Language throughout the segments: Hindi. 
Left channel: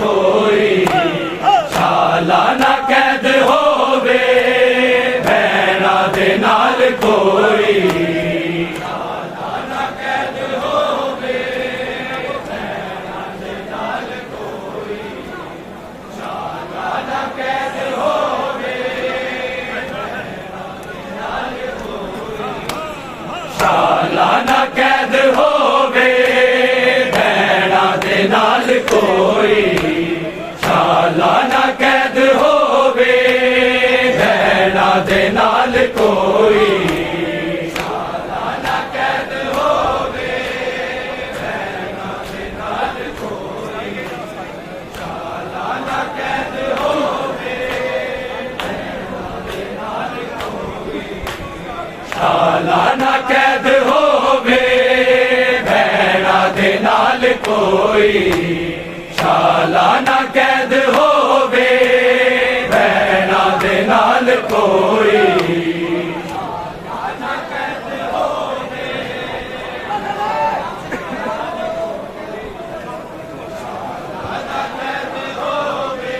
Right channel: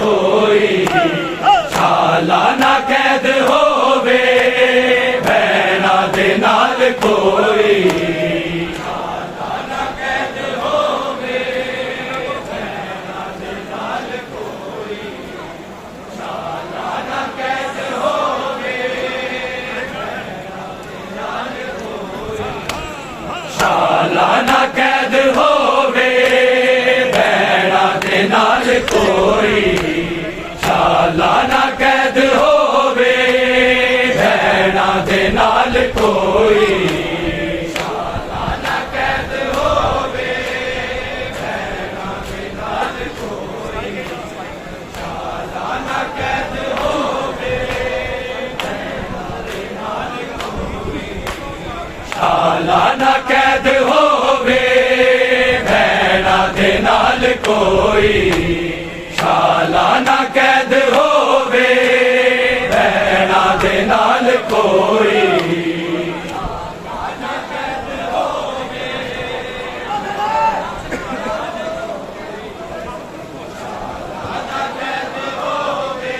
कोई सालाना कैद होवे भैणा दे नाल कोई सालाना कैद होवे भैणा दे नाल कोई सालाना कैद होवे भैणा दे नाल कोई सालाना कैद होवे भैणा दे नाल कोई सालाना कैद होवे भैणा दे नाल कोई सालाना कैद होवे भैणा दे नाल कोई सालाना कैद होवे भैणा दे नाल कोई सालाना कैद होवे भैणा दे नाल कोई सालाना कैद होवे भैणा दे नाल कोई सालाना कैद होवे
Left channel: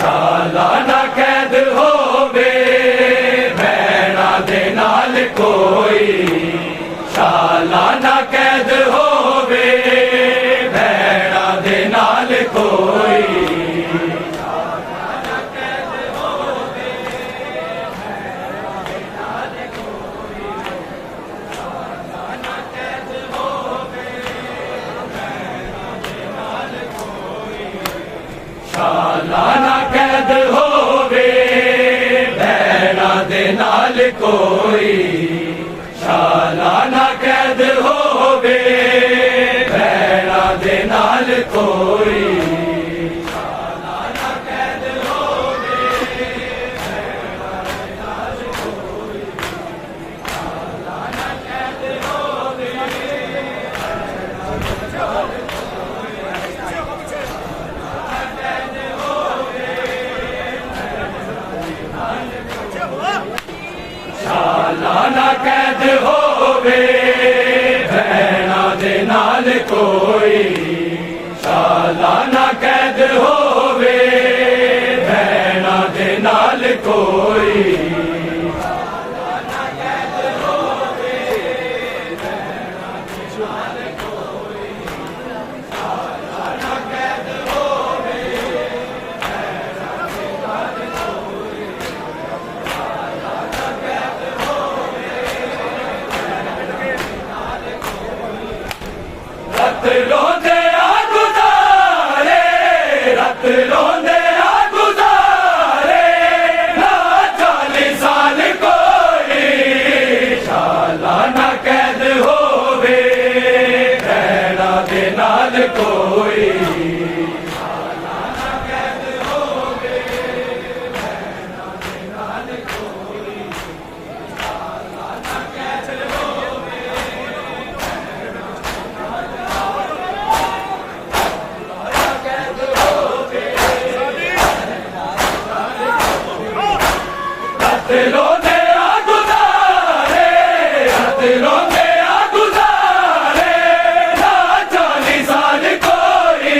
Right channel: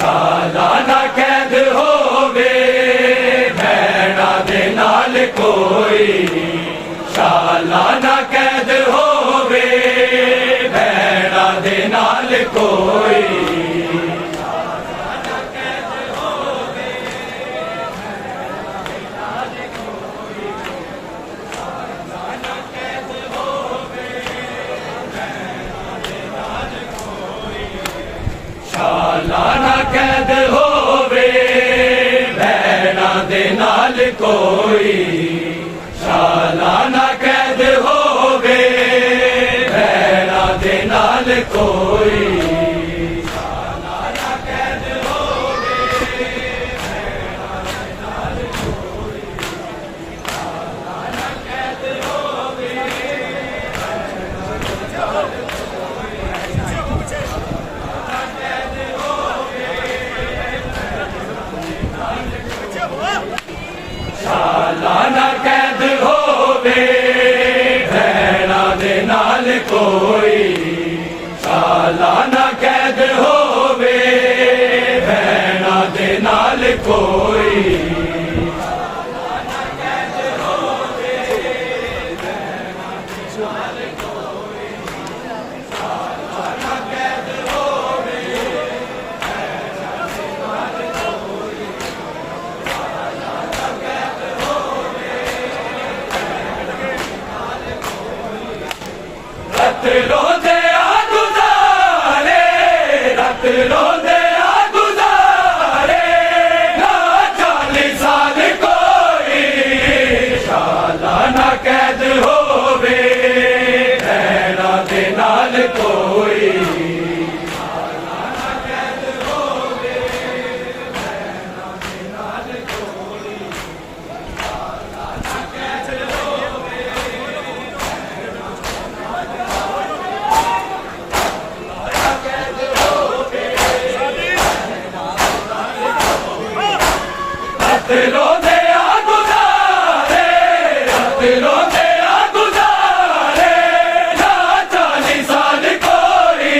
सालाना कैद होवे भैणा दे नाल कोई सालाना कैद होवे भैणा दे नाल कोई सालाना कैद होवे भैणा दे नाल कोई सालाना कैद होवे भैणा दे नाल कोई सालाना कैद होवे भैणा दे नाल कोई सालाना कैद होवे भैणा दे नाल कोई सालाना कैद होवे भैणा दे नाल कोई सालाना कैद होवे भैणा दे नाल कोई सालाना कैद होवे भैणा दे नाल कोई सालाना कैद होवे सालाना कैद होवे भैणा दे नाल कोई सालाना कैद होवे भैणा दे नाल कोई सालाना कैद होवे भैणा दे नाल कोई सालाना कैद होवे भैणा दे नाल कोई सालाना कैद रत रोंदे आ गुज़ारे रत रोंदे आ गुज़ारे ना 40 साल कोई सालाना कैद होवे भैणा दे नाल कोई सालाना कैद होवे भैणा दे नाल कोई सालाना कैद होवे रत रोंदे आ गुज़ारे रत रोंदे आ गुज़ारे ना 40 साल कोई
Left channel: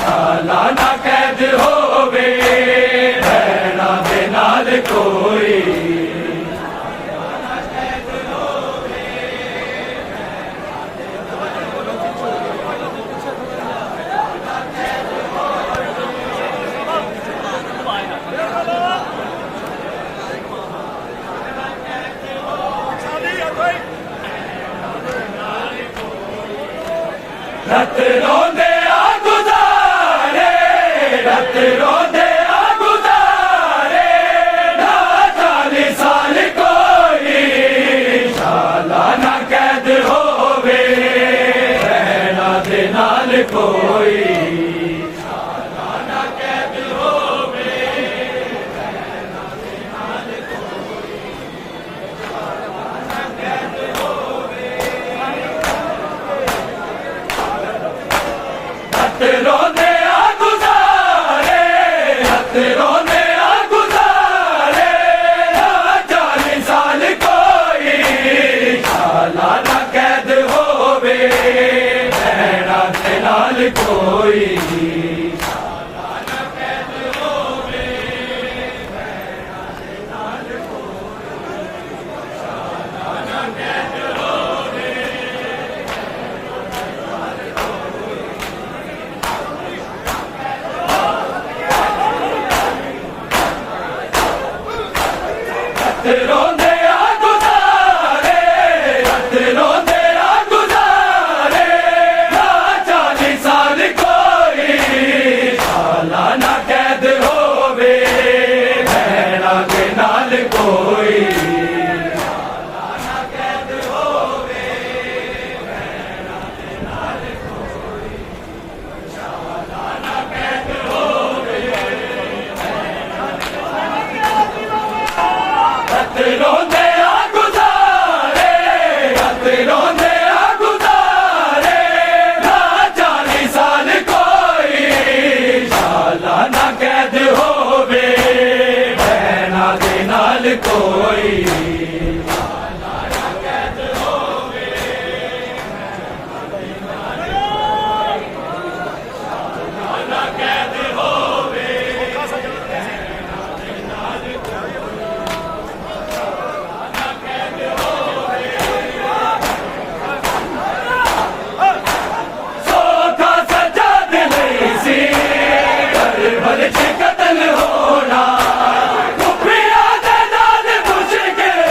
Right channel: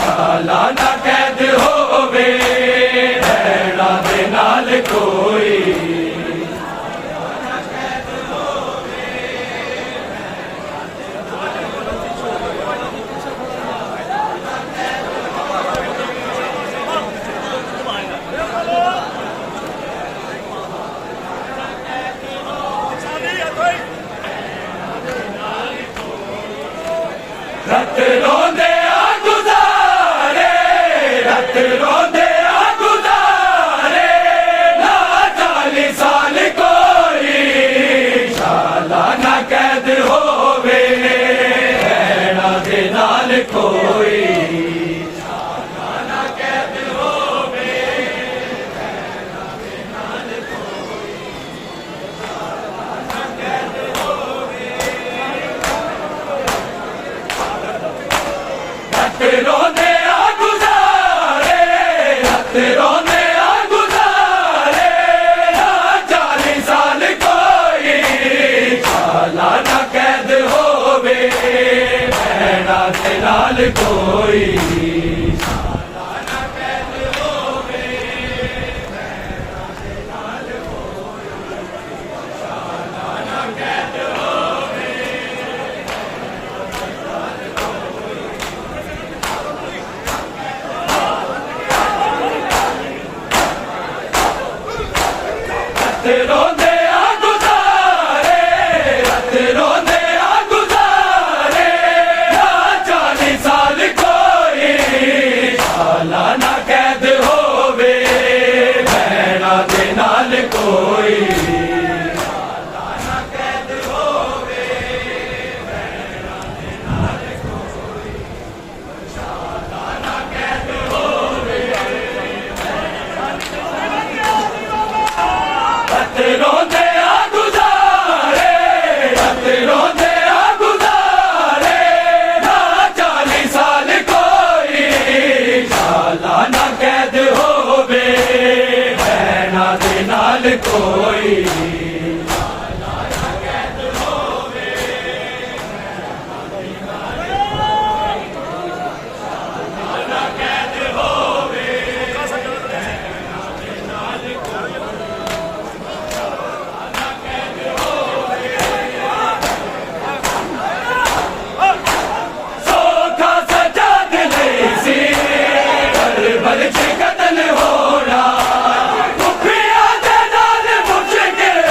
सालाना कैद होवे भैणा दे नाल कोई सालाना कैद होवे भैणा दे नाल रत रोंदे आ गुज़ारे रत रोंदे आ गुज़ारे ना 40 साल कोई सालाना कैद होवे भैणा दे नाल कोई ਕੋਈ ਸਾਲਾ ਨਾ ਕੈਦ ਹੋਵੇ ਭੈਣਾਂ ਦੇ ਨਾਲ ਕੋਈ ਸਾਲਾ ਨਾ ਕੈਦ ਹੋਵੇ ਹੱਥ ਰੋਂਦੇ ਆ ਗੁਜ਼ਾਰੇ ਹੱਥ ਰੋਂਦੇ ਆ ਗੁਜ਼ਾਰੇ ਨਾ 40 ਸਾਲ ਕੋਈ ਸਾਲਾ ਨਾ ਕੈਦ ਹੋਵੇ ਭੈਣਾਂ ਦੇ ਨਾਲ ਕੋਈ ਸਾਲਾ ਨਾ ਕੈਦ ਹੋਵੇ ਭੈਣਾਂ ਦੇ ਨਾਲ ਕੋਈ ਸਾਲਾ ਨਾ ਕੈਦ ਹੋਵੇ ਹੱਥ ਰੋਂਦੇ ਆ ਗੁਜ਼ਾਰੇ ਹੱਥ ਰੋਂਦੇ ਆ ਗੁਜ਼ਾਰੇ ਨਾ 40 ਸਾਲ ਕੋਈ ਸਾਲਾ ਨਾ ਕੈਦ ਹੋਵੇ ਭੈਣਾਂ ਦੇ ਨਾਲ ਕੋਈ ਸਾਲਾ ਨਾ ਕੈਦ ਹੋਵੇ ਭੈਣਾਂ ਦੇ ਨਾਲ ਕੋਈ ਸਾਲਾ ਨਾ ਕੈਦ ਹੋਵੇ ਹੱਥ ਰੋਂਦੇ ਆ ਗੁਜ਼ਾਰੇ ਹੱਥ ਰੋਂਦੇ ਆ ਗੁਜ਼ਾਰੇ ਨਾ 40 ਸਾਲ ਕੋਈ ਸਾਲਾ ਨਾ ਕੈਦ ਹੋਵੇ ਭੈਣਾਂ ਦੇ ਨਾਲ ਕੋਈ ਸਾਲਾ ਨਾ ਕੈਦ ਹੋਵੇ ਭੈਣਾਂ ਦੇ ਨਾਲ ਕੋਈ ਸਾਲਾ ਨਾ ਕੈਦ ਹੋਵੇ ਭੈਣਾਂ ਦੇ ਨਾਲ ਕੋਈ ਸੌਖਾ ਸਜ਼ਾ ਨਹੀਂ ਸੀ ਕਰਬਲ ਚ ਕਤਲ ਹੋਣਾ ਕੁੱਫੀਆਂ ਦੇ ਨਾਲ ਮੁਸ਼ਕਿਲ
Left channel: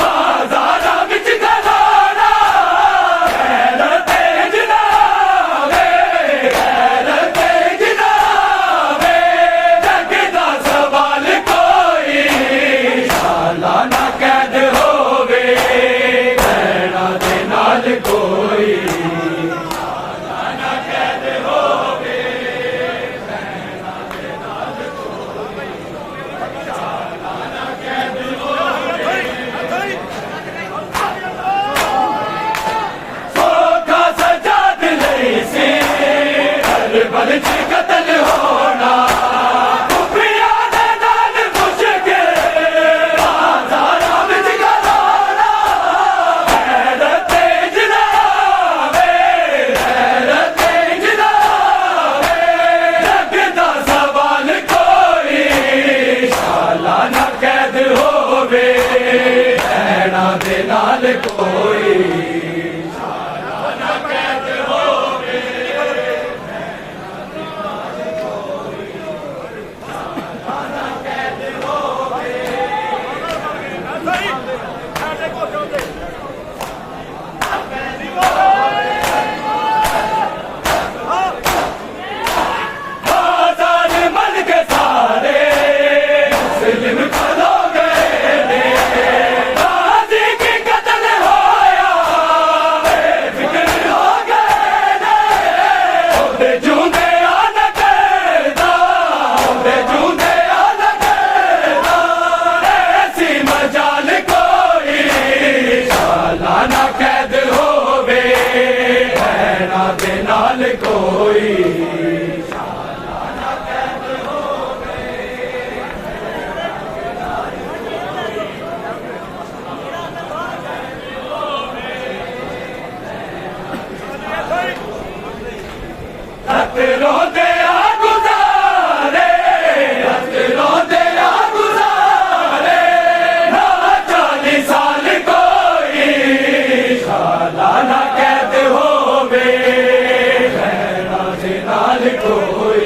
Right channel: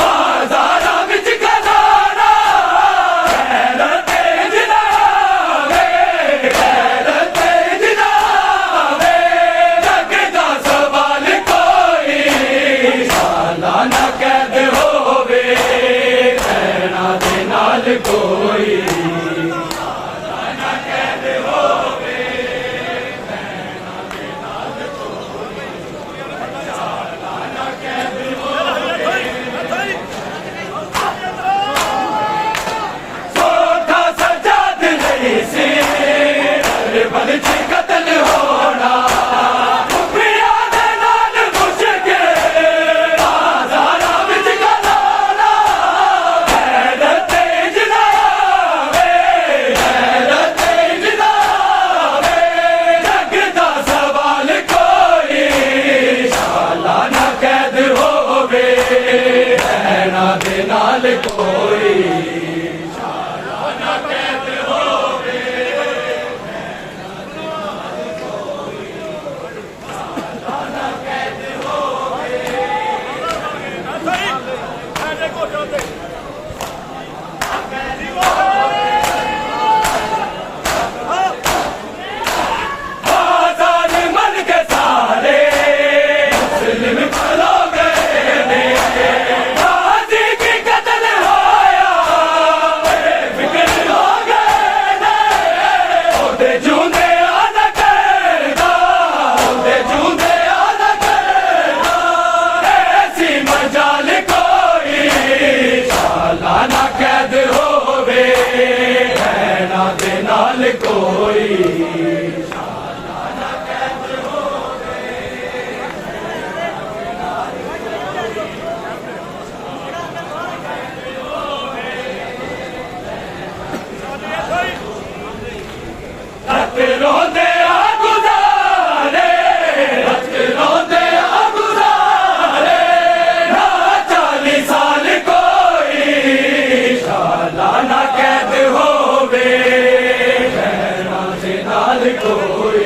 ਬਾਜ਼ਾਰਾਂ ਵਿੱਚ ਗਜ਼ਾਰਾ ਗੈਰ ਤੇਜ ਨਾਵੇ ਗੈਰ ਤੇਜ ਨਾਵੇ ਜੱਗ ਦਾ ਸਵਾਲ ਕੋਈ ਸਾਲਾ ਨਾ ਕੈਦ ਹੋਵੇ ਭੈਣਾਂ ਦੇ ਨਾਲ ਕੋਈ ਸੌਖਾ ਸਜ਼ਾ ਨਹੀਂ ਸੀ ਕਰਬਲ ਚ ਕਤਲ ਹੋਣਾ ਕੁੱਫੀਆਂ ਦੇ ਨਾਲ ਮੁਸ਼ਕਿਲ ਬਾਜ਼ਾਰਾਂ ਵਿੱਚ ਗਜ਼ਾਰਾ ਗੈਰ ਤੇਜ ਨਾਵੇ ਗੈਰ ਤੇਜ ਨਾਵੇ ਜੱਗ ਦਾ ਸਵਾਲ ਕੋਈ ਸਾਲਾ ਨਾ ਕੈਦ ਹੋਵੇ ਭੈਣਾਂ ਦੇ ਨਾਲ ਕੋਈ ਸਾਲਾ ਨਾ ਕੈਦ ਹੋਵੇ ਭੈਣਾਂ ਦੇ ਨਾਲ ਕੋਈ ਸਾਲਾ ਨਾ ਕੈਦ ਹੋਵੇ बाजार मन के सारे मुस्लिम खलो गए ने गाजी की कत्ल होया बेफिक्र हो गए ने ओदे जूंदे आना करदा ओदे जूंदे आना करदा ऐसी मजाल कोई साला ना कैद होवे भैणा दे नाल कोई हथ रोंदे आ गुज़ारे हथ रोंदे आ गुज़ारे ना 40 साल कोई साला ना कैद होवे भैणा दे नाल कोई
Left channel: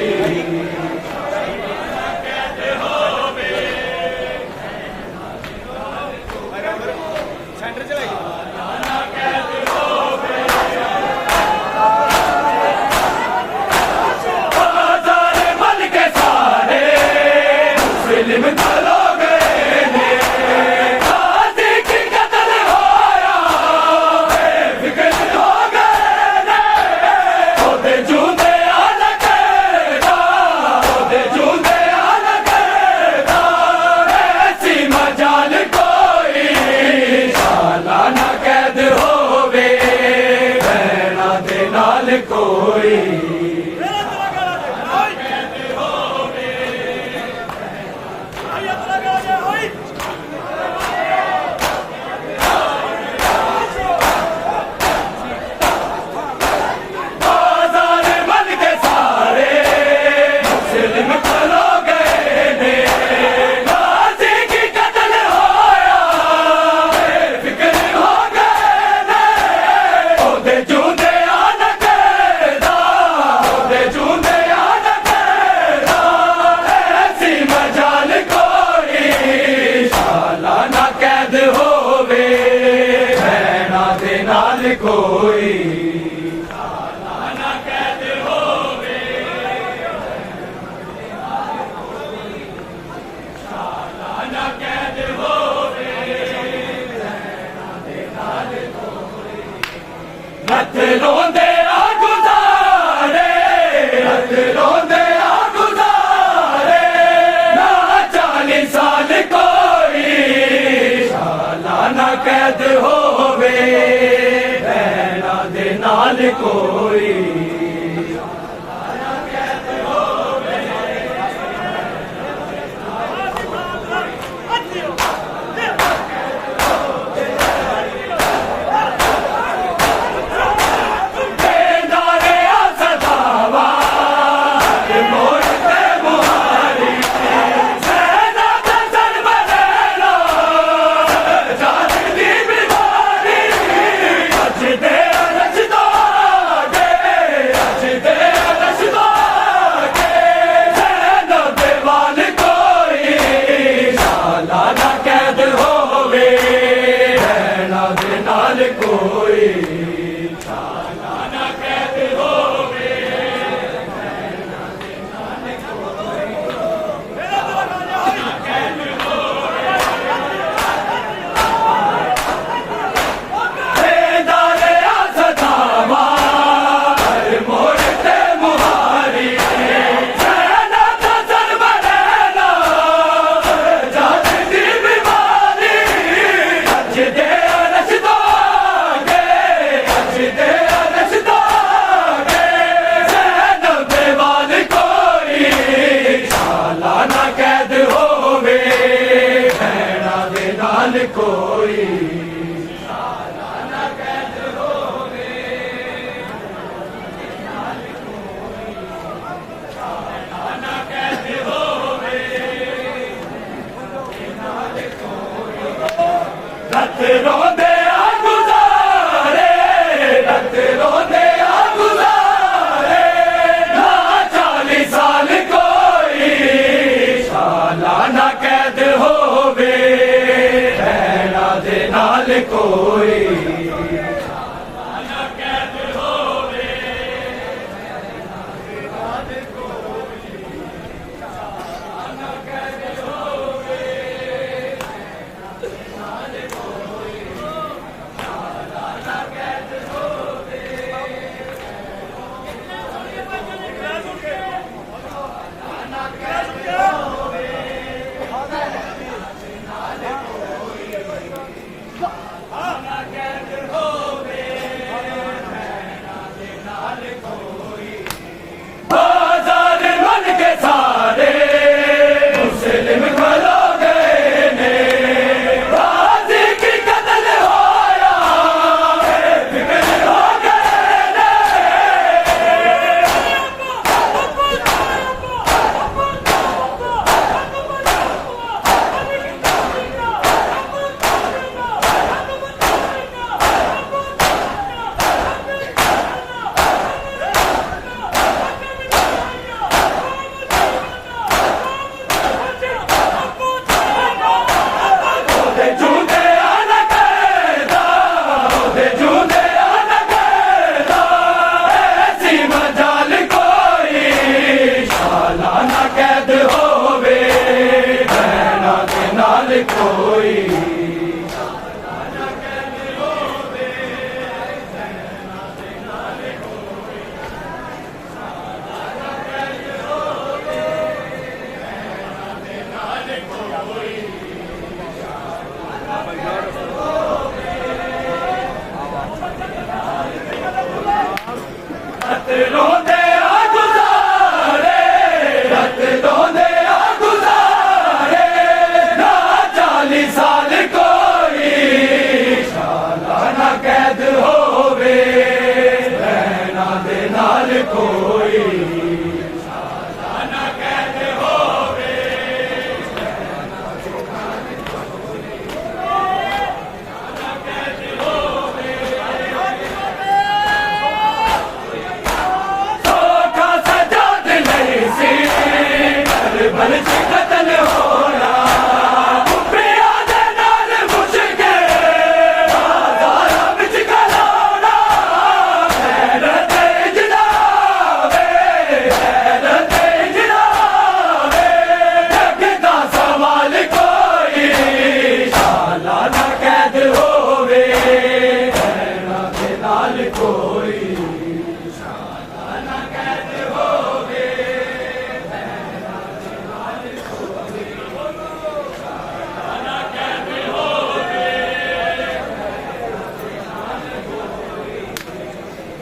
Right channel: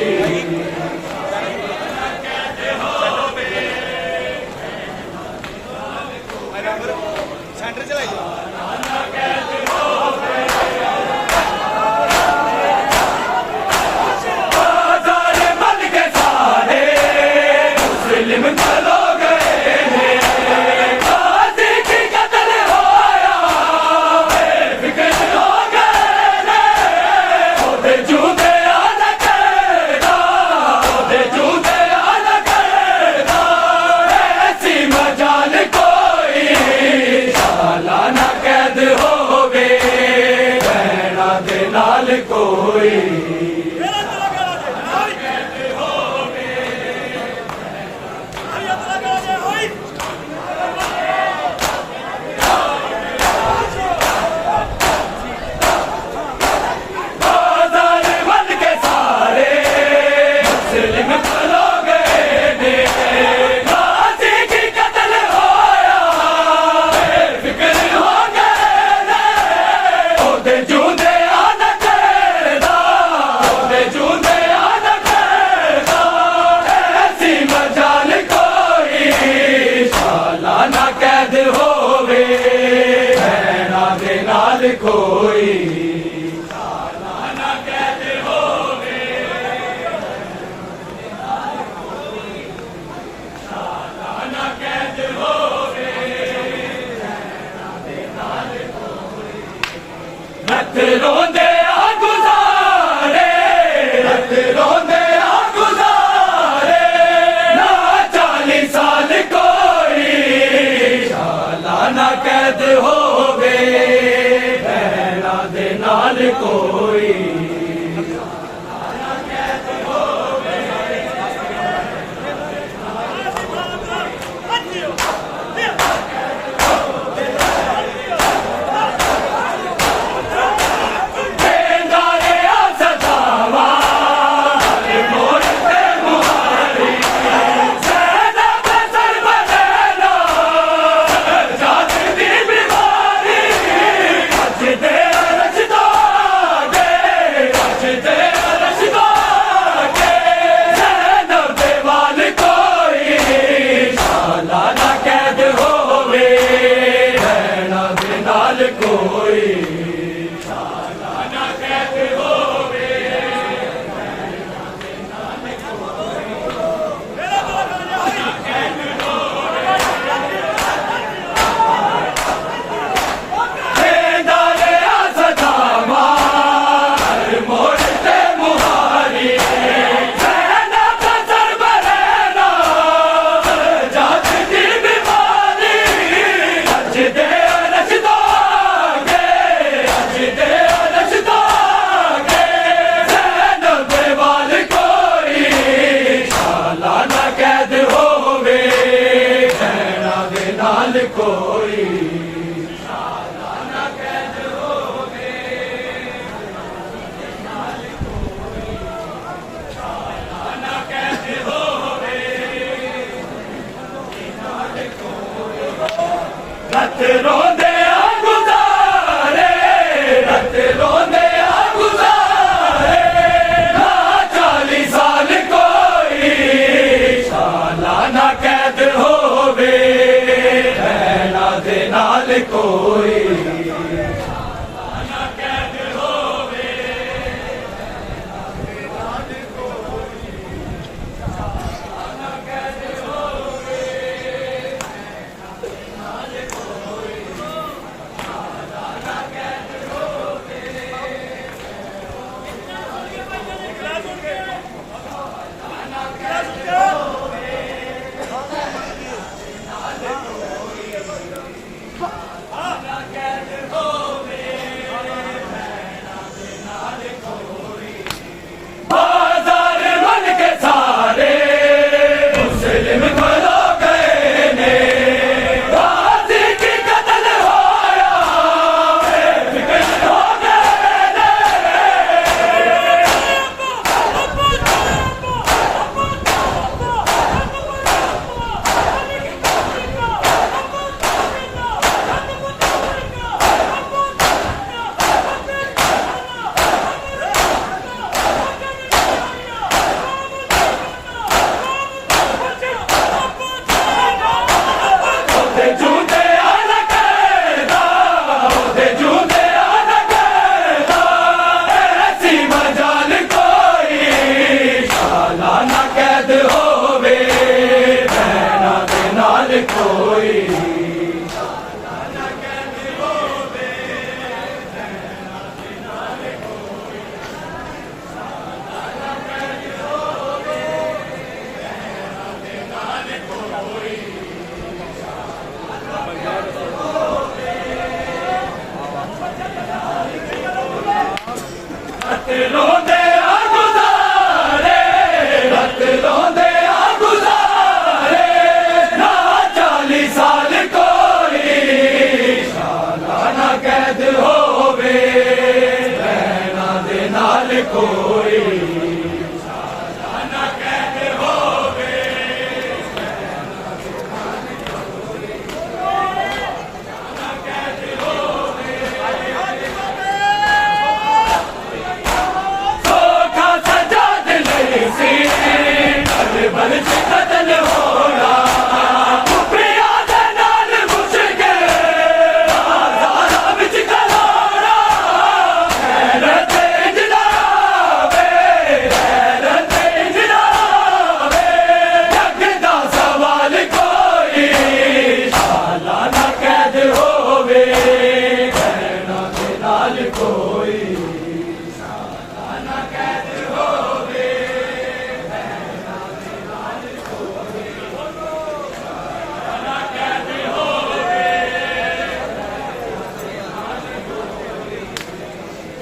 बाजार मन के सारे मुस्लिम खलो गए ने गाजी की कत्ल होया बेफिक्र हो गए ने ओदे जूंदे बाजार बन के सारे मुस्लिम खलो गए ने गाजी की कत्ल होया फिक्र हो गए ने ओदे जूंदे आन कैदा ओदे जूंदे आन कैदा ऐसी मजाल कोई शाला ना कैद होवे भैना दे नाल कोई रत रोंदे आ गुजारे रत रोंदे आ गुजारे ना 40 साल कोई शाला ना कैद होवे भैना दे नाल कोई कोई शाला ना कैद होवे बेदारे आ सदावा मोड़ते मुहारी सेना कसर बरेना जात दी बीमारी अज दे कोई शाला ना कैद होवे शाला ना कैद होवे रत रोंदे आ गुजारे रत रोंदे आ गुजारे ना 40 साल कोई शाला ना कैद होवे दे नाल कोई ना कैद होवे ना कैद होवे नाल कोई ना कैद होवे ना कैद होवे Oh,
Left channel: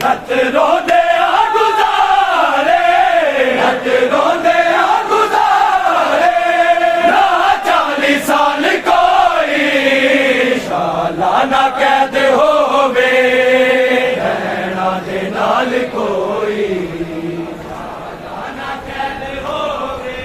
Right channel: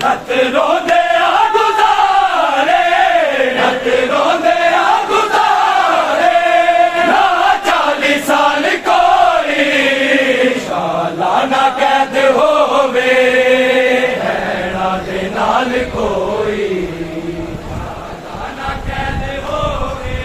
रत रोंदे आ गुज़ारे, रत रोंदे आ गुज़ारे, ना 40 साल कोई सालाना कैद होवे, रहना दे नाल कोई सालाना कैद होवे,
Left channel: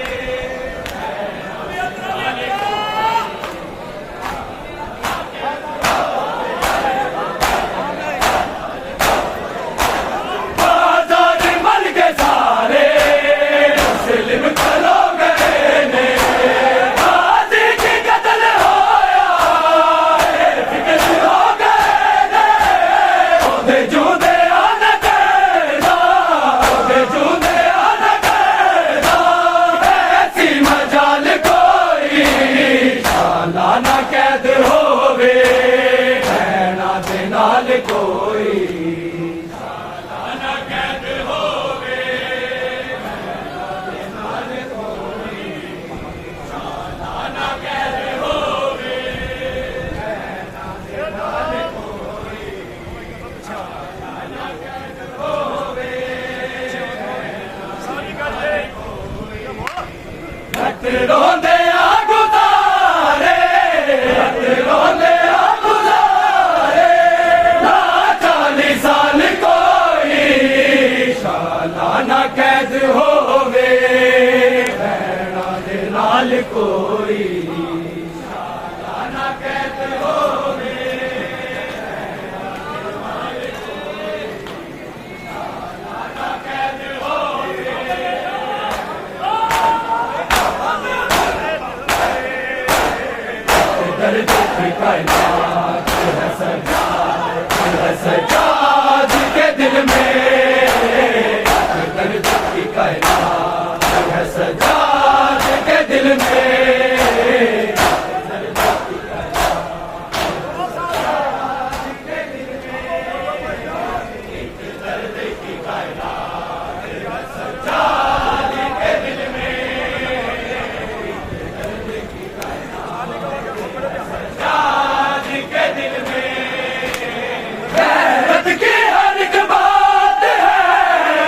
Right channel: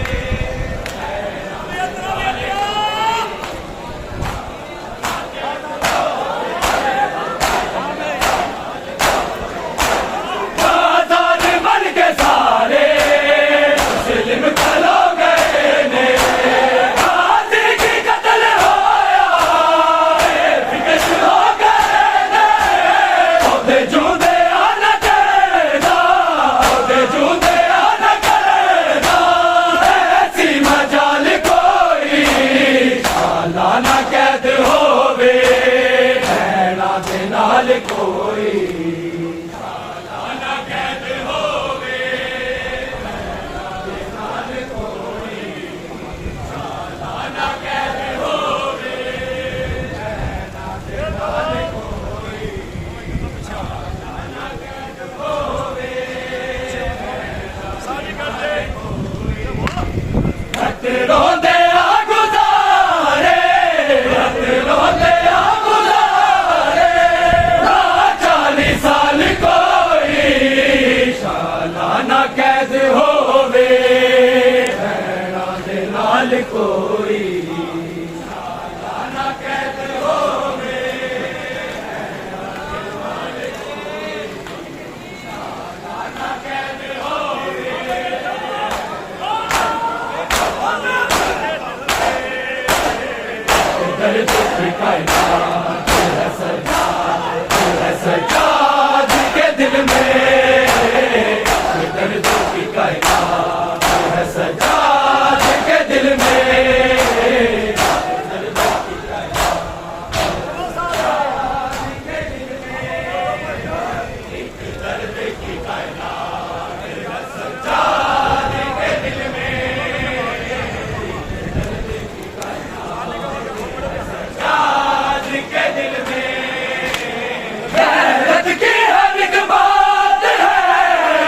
आजाद मन के सारे मुस्लिम चलो गए ने, गाजी की कत्ल होया फिक्र हो गए ने, ओदे जूदे आन कैदा, ओदे जूदे आन कैदा, ऐसी मजाल कोई सालाना कैद होवे, रहना दे नाल कोई सालाना कैद होवे, रहना दे नाल कोई सालाना कैद होवे, रहना दे नाल कोई सालाना कैद होवे, सारी करते रत रोंदे आ गुज़ारे, रत रोंदे आ गुज़ारे, ना 40 साल कोई सालाना कैद होवे, रहना दे नाल कोई सालाना कैद होवे, रहना दे नाल कोई सालाना कैद होवे, दर्द की कायनात है सजाद के दिल में, दर्द की कायनात है सजाद के दिल में, दर्द की कायनात सजाद के दिल में, एक दर्द की कायनात है सजाद के दिल में, आज के दिल में गैरत की हर एक बात है,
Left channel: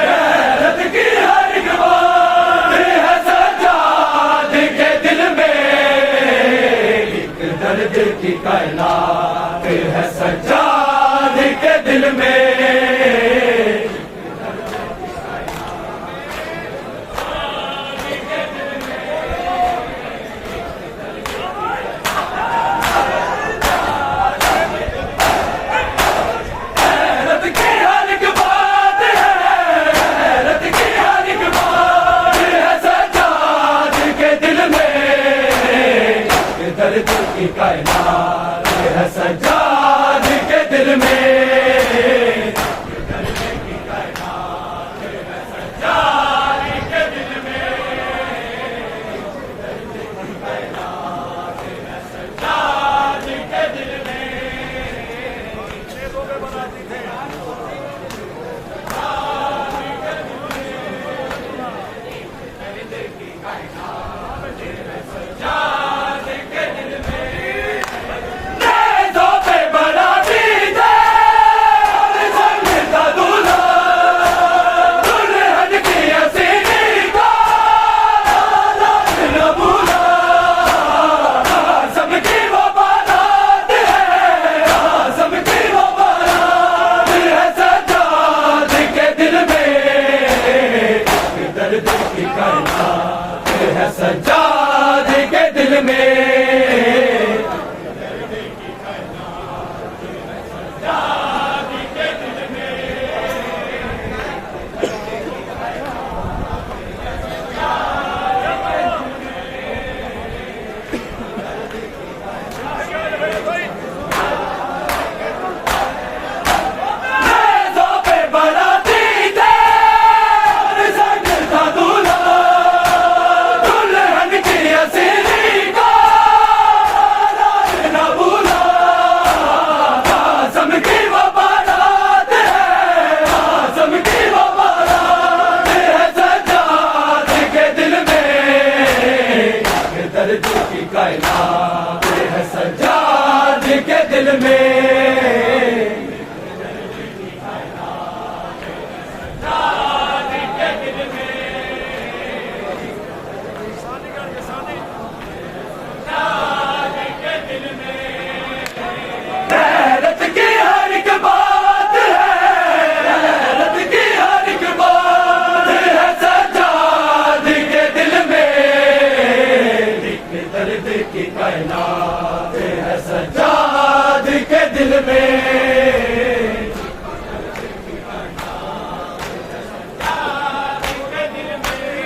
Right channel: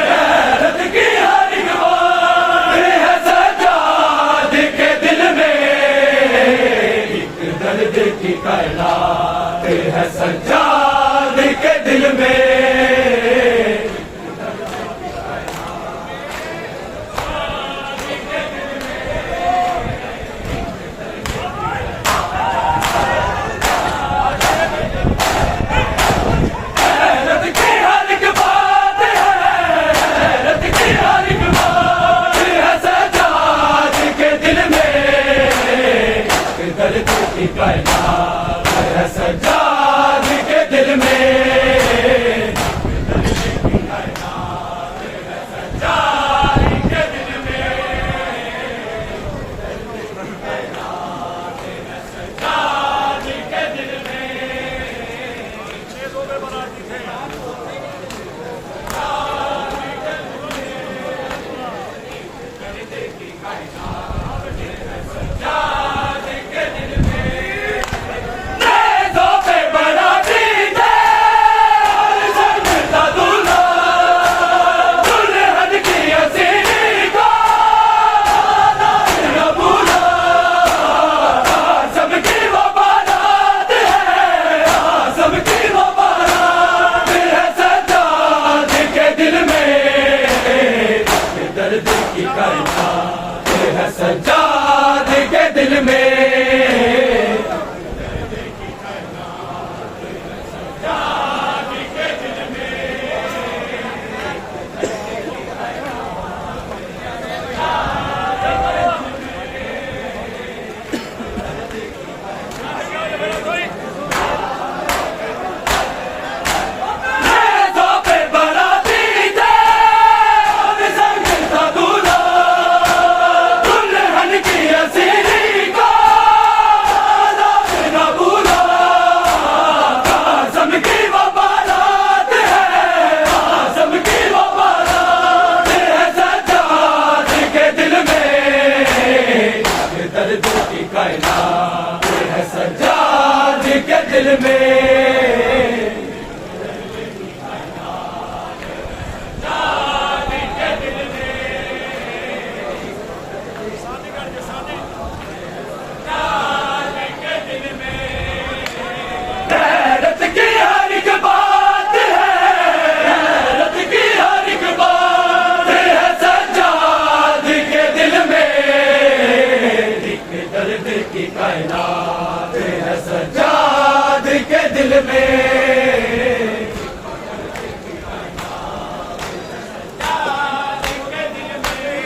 गैरत की हर एक बात है सजाद के दिल में, एक दर्द की कायनात है सजाद के दिल में, गैरत की हर एक बात है, गैरत की हर एक बात है सजाद के दिल में, एक दर्द की कायनात है सजाद के दिल में, एक दर्द की कायनात है सजाद के दिल में, एक दर्द की कायनात है सजाद के दिल में, सजाद के दिल में, नेज़ों पे बराती थे और ज़मींदा दूल्हा, दुल्हन की हसीनी का लाज न भूला, आज़म की वो बारात है, आज़म की वो बारात है सजाद के दिल में, की कायनात है सज्जाद के दिल में। दर्द की कायनात है सज्जाद के दिल में। गैरत की हर एक बात है, गैरत की हर एक बात है सज्जाद के दिल में। दर्द की कायनात है सज्जाद के दिल में। दर्द की कायनात है सज्जाद के दिल में।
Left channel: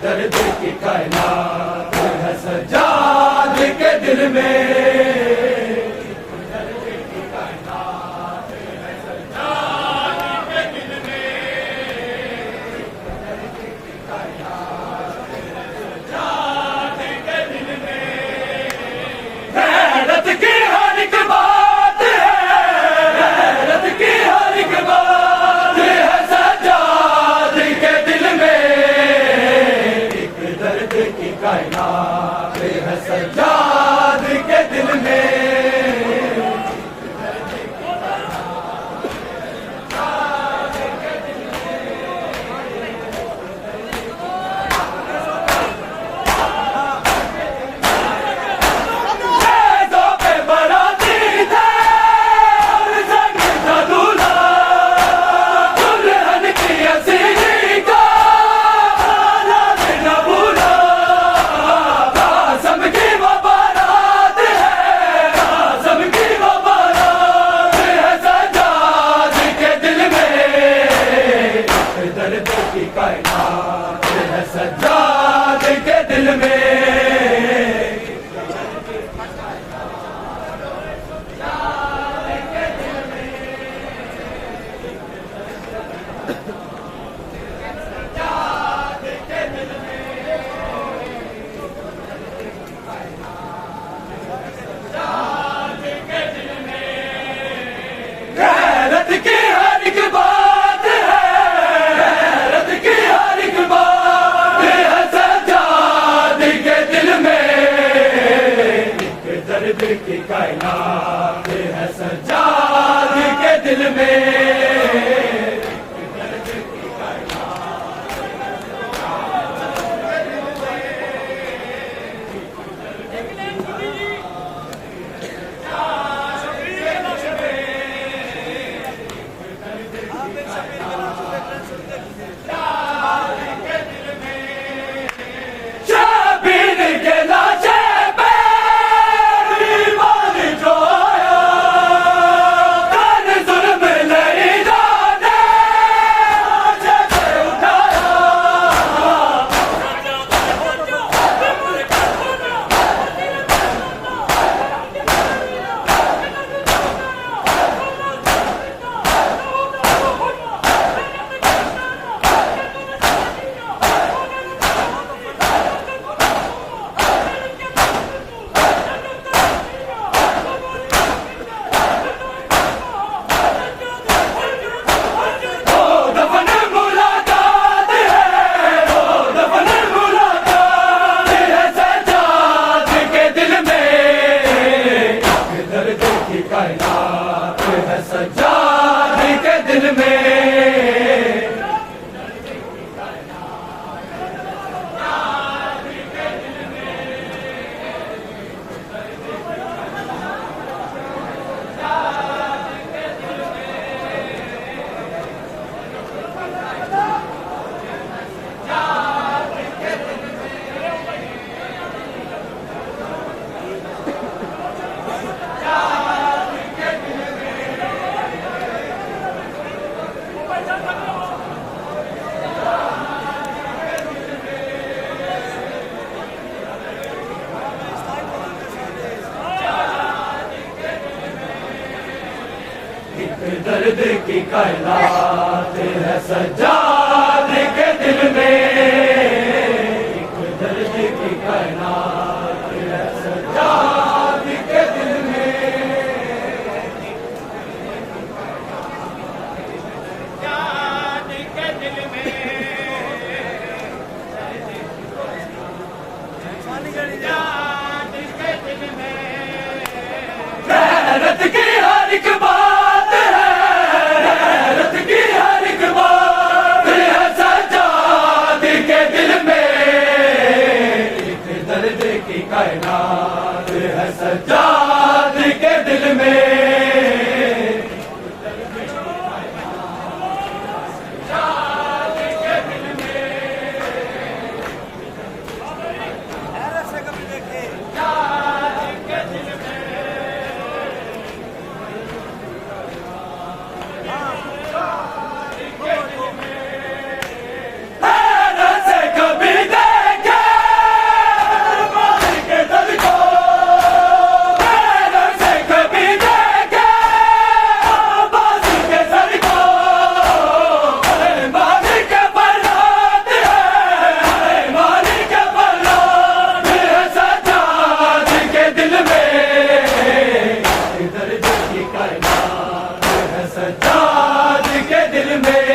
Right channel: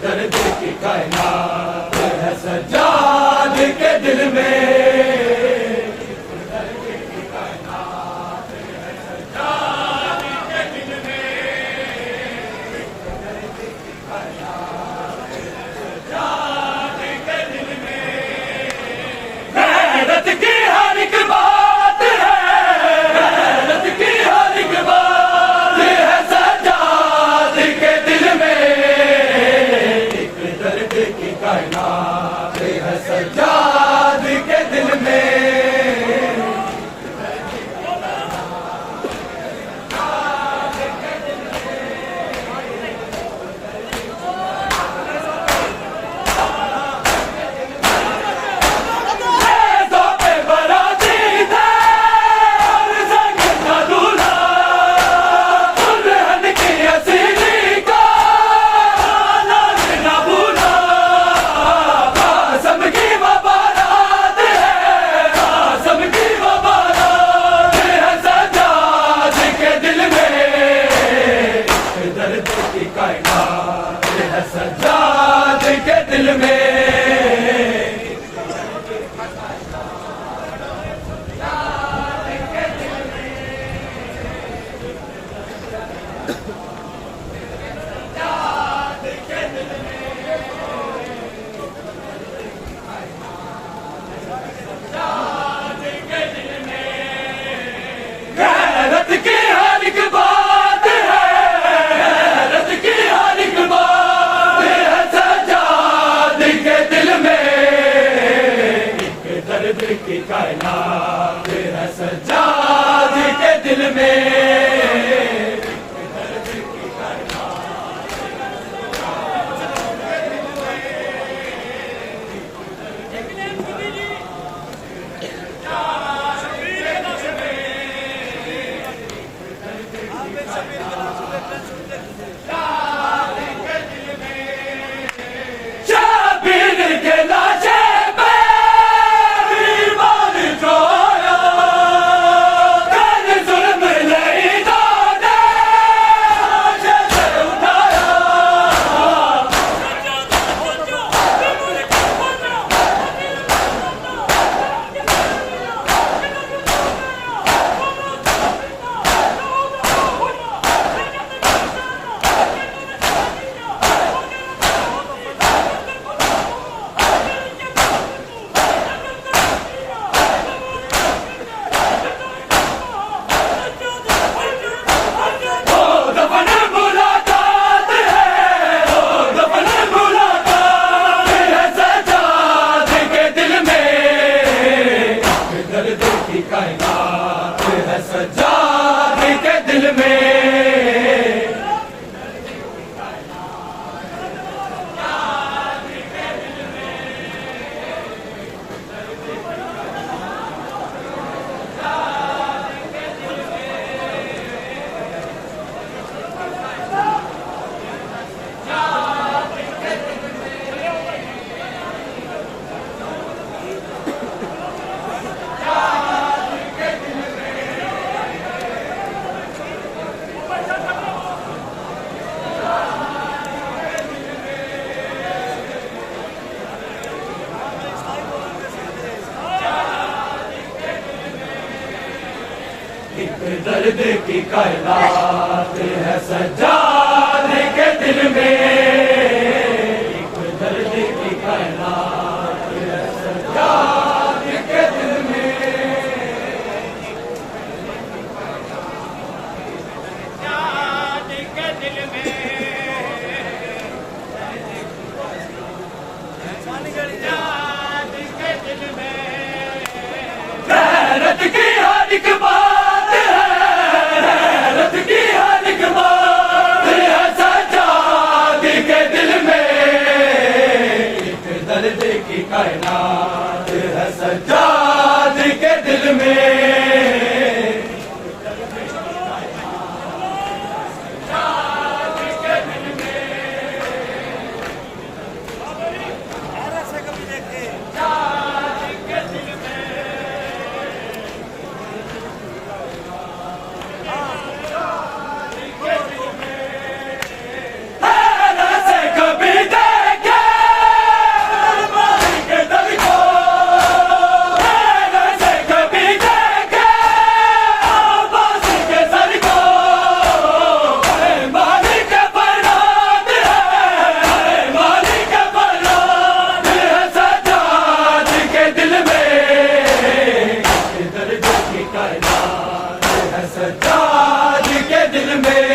दर्द की कायनात है सज्जाद के दिल में। दर्द की कायनात है सज्जाद के दिल में। गैरत की हर एक बात है, गैरत की हर एक बात है सज्जाद के दिल में। दर्द की कायनात है सज्जाद के दिल में। दर्द की कायनात है सज्जाद के दिल में। गैरत की हर एक बात है, गैरत की हर एक बात है सज्जाद के दिल में। दर्द की कायनात है सज्जाद के दिल में। शबीर के लाशे पे दीवान जो दर्द की कायनात है सज्जाद के दिल में, दर्द की कायनात है सज्जाद के दिल में, सज्जाद के दिल में, सज्जाद के दिल में। गैरत की हर एक बात है, गैरत की हर एक बात है सज्जाद के दिल में, एक दर्द की कायनात है सज्जाद के दिल में, ऐसे कभी देखे के दिल में। ऐसे कभी देखे मार के दल को, ऐसे कभी देखे आवाज के सर को, मालिक बरसात है, मालिक बरसात है सज्जाद के दिल में, दर्द की कायनात है सज्जाद के दिल में,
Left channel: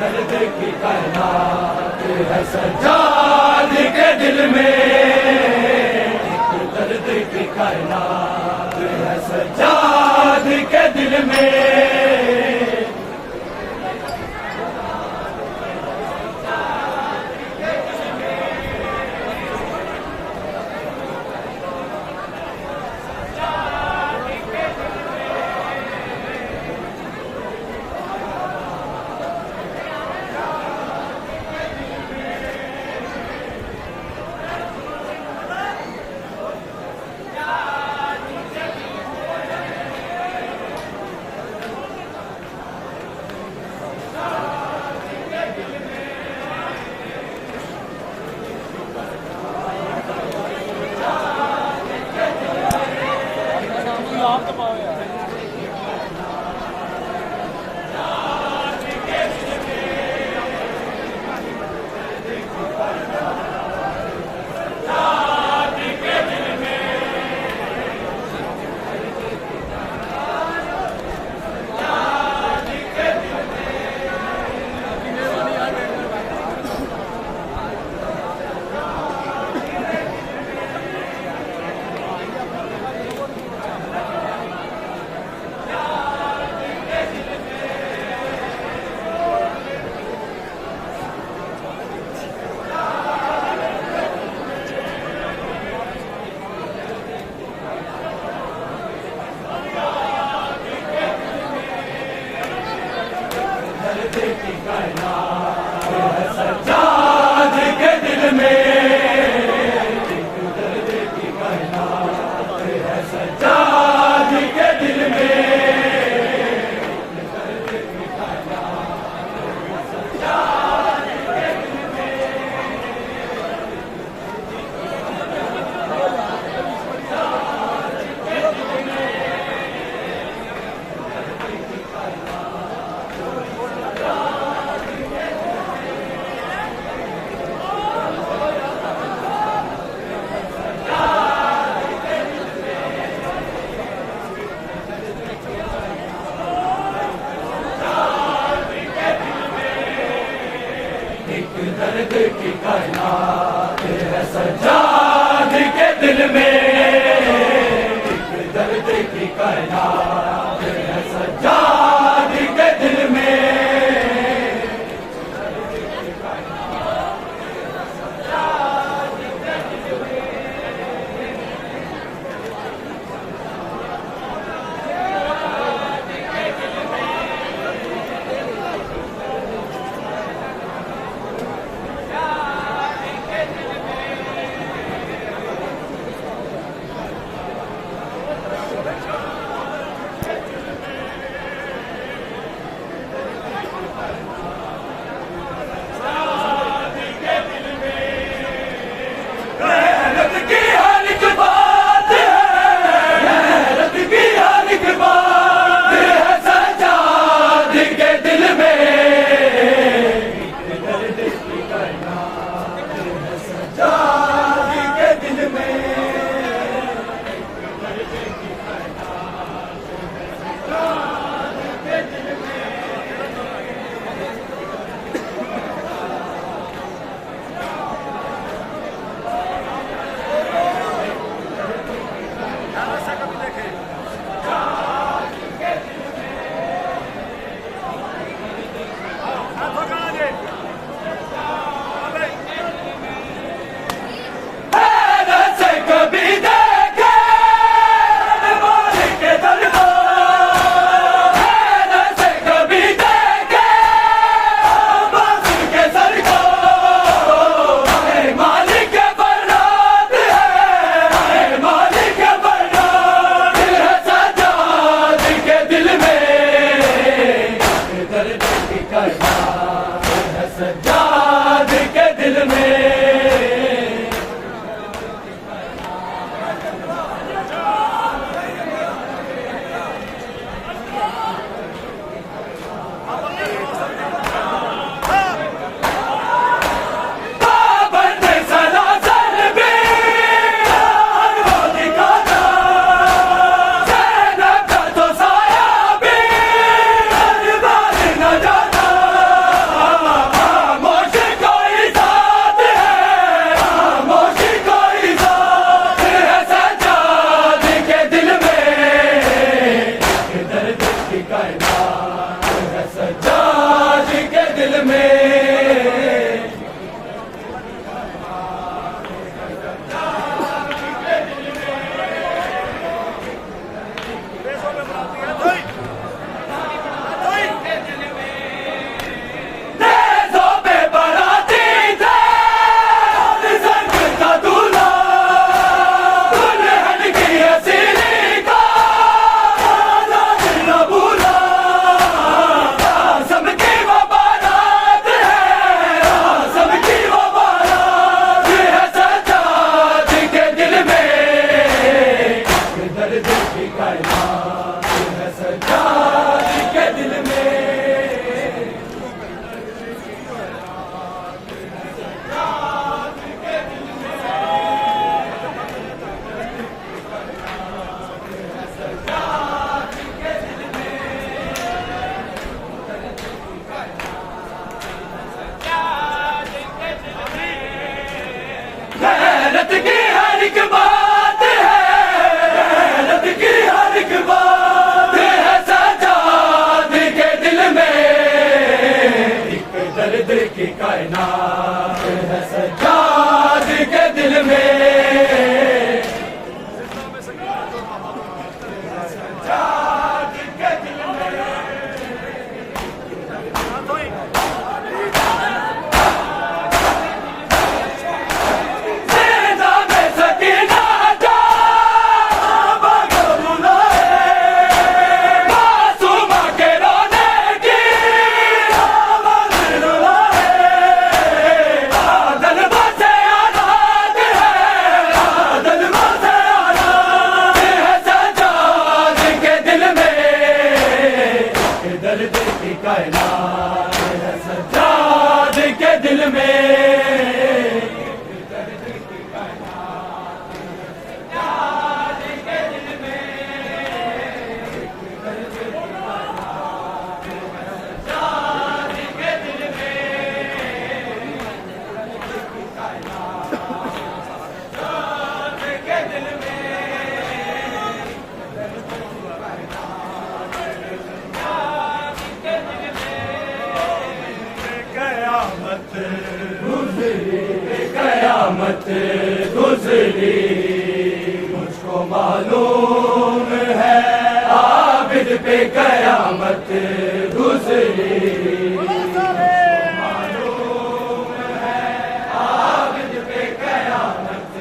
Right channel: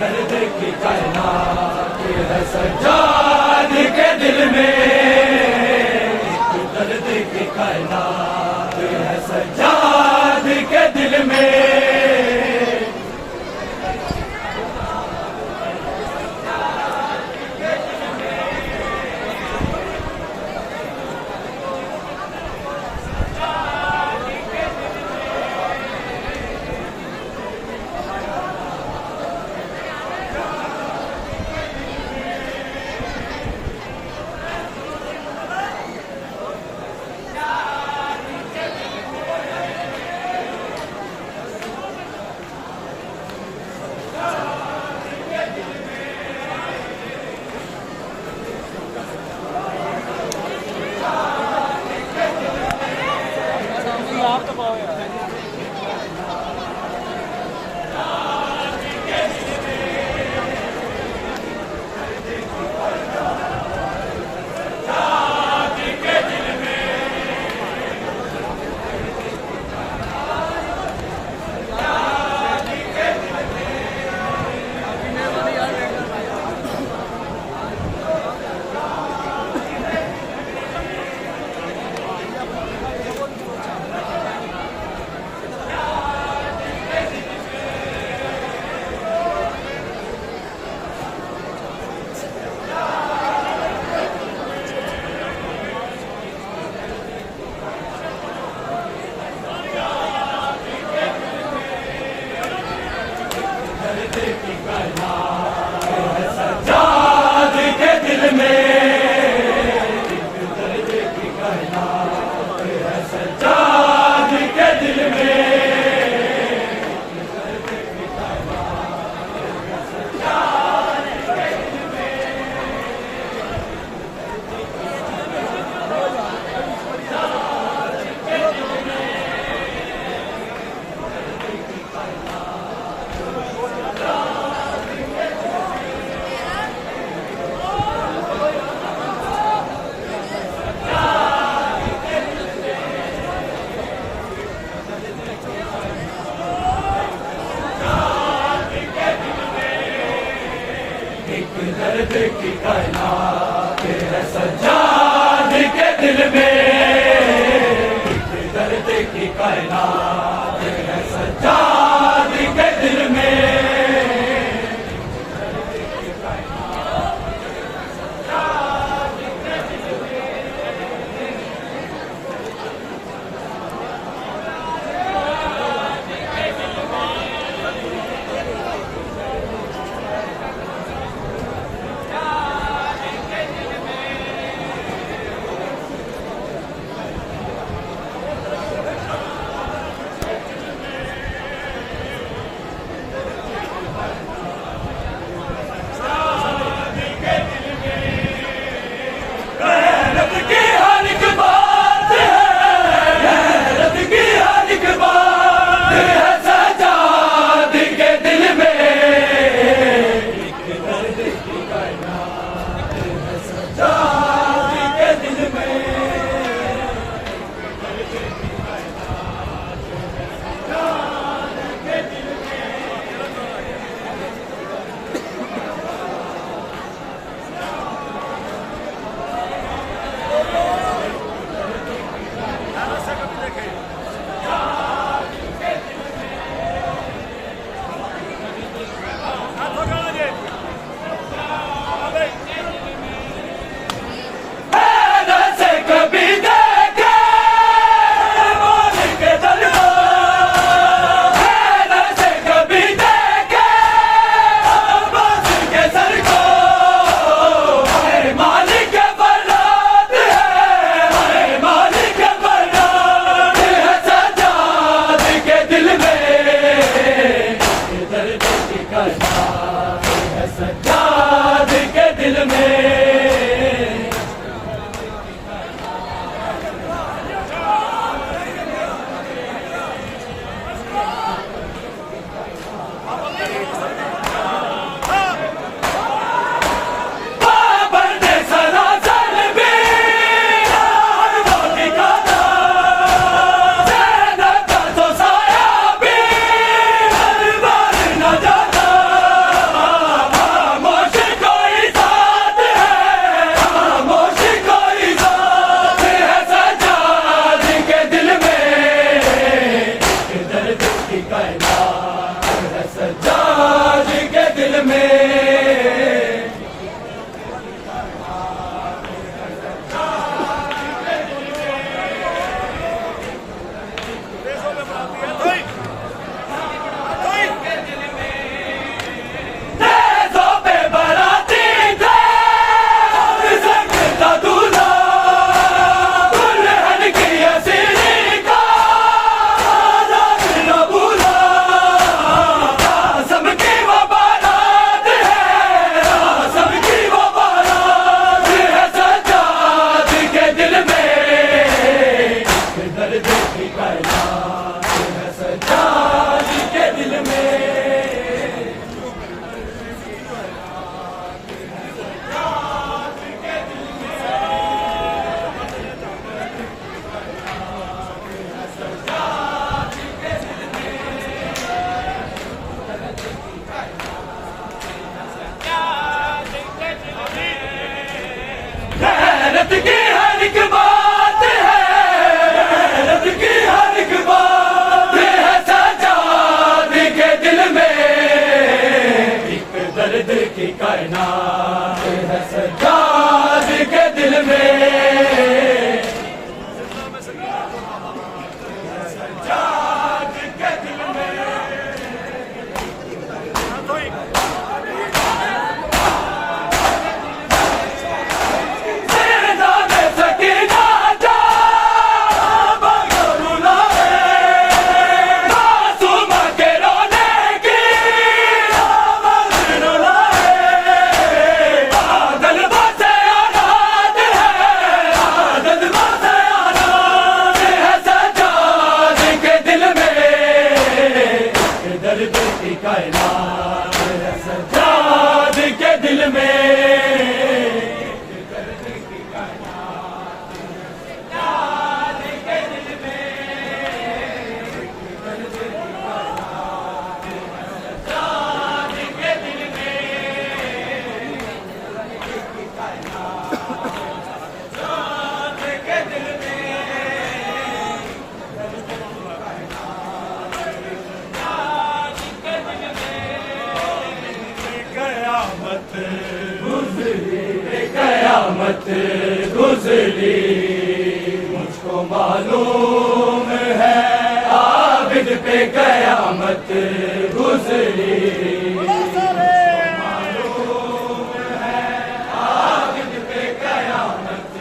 दर्द की कायनात है सज्जाद के दिल में, दर्द की कायनात है सज्जाद के दिल में, दर्द की कायनात है सज्जाद के दिल में, एक दर्द की कायनात है सज्जाद के दिल में, एक दर्द की कायनात है सज्जाद के दिल में। एक दर्द की कायनात है सज्जाद के दिल में, एक दर्द की कायनात है सज्जाद के दिल में, एक दर्द की कायनात है सज्जाद के दिल में। गैरत की हर एक बात है, गैरत की हर एक बात है सज्जाद के दिल में, एक दर्द की कायनात है सज्जाद के दिल में, एक दर्द की कायनात है सज्जाद के दिल में। कभी देखे मालिक दर को, से कभी देखे बादल के सर को, मालिक बरात है, मालिक बरात है सज्जाद के दिल में, दर्द की कायनात है सज्जाद के दिल में। कायनात है सज्जाद के दिल में, देशों पे बराती थे और संग था दूल्हा, दुल्हन की हसीनी का राज न भूला, सबकी वो बारात है, सबकी वो बारात है सज्जाद के दिल में, दर्द की कायनात है सज्जाद के दिल में। गैरत की हर एक बात है, गैरत की हर एक बात है सज्जाद के दिल में, एक दर्द की कायनात है सज्जाद के दिल में, सज्जाद के दिल में। दर्द की कायनात है सज्जाद के दिल में, दर्द की कायनात है सज्जाद के दिल में, दर्द की कायनात है सज्जाद के दिल में, दर्द की कायनात सज्जाद के दिल में, कयामत गुजरी मुझको मालूम है आबिद पे कयामत गुजरी, मालूम है आबिद पे कयामत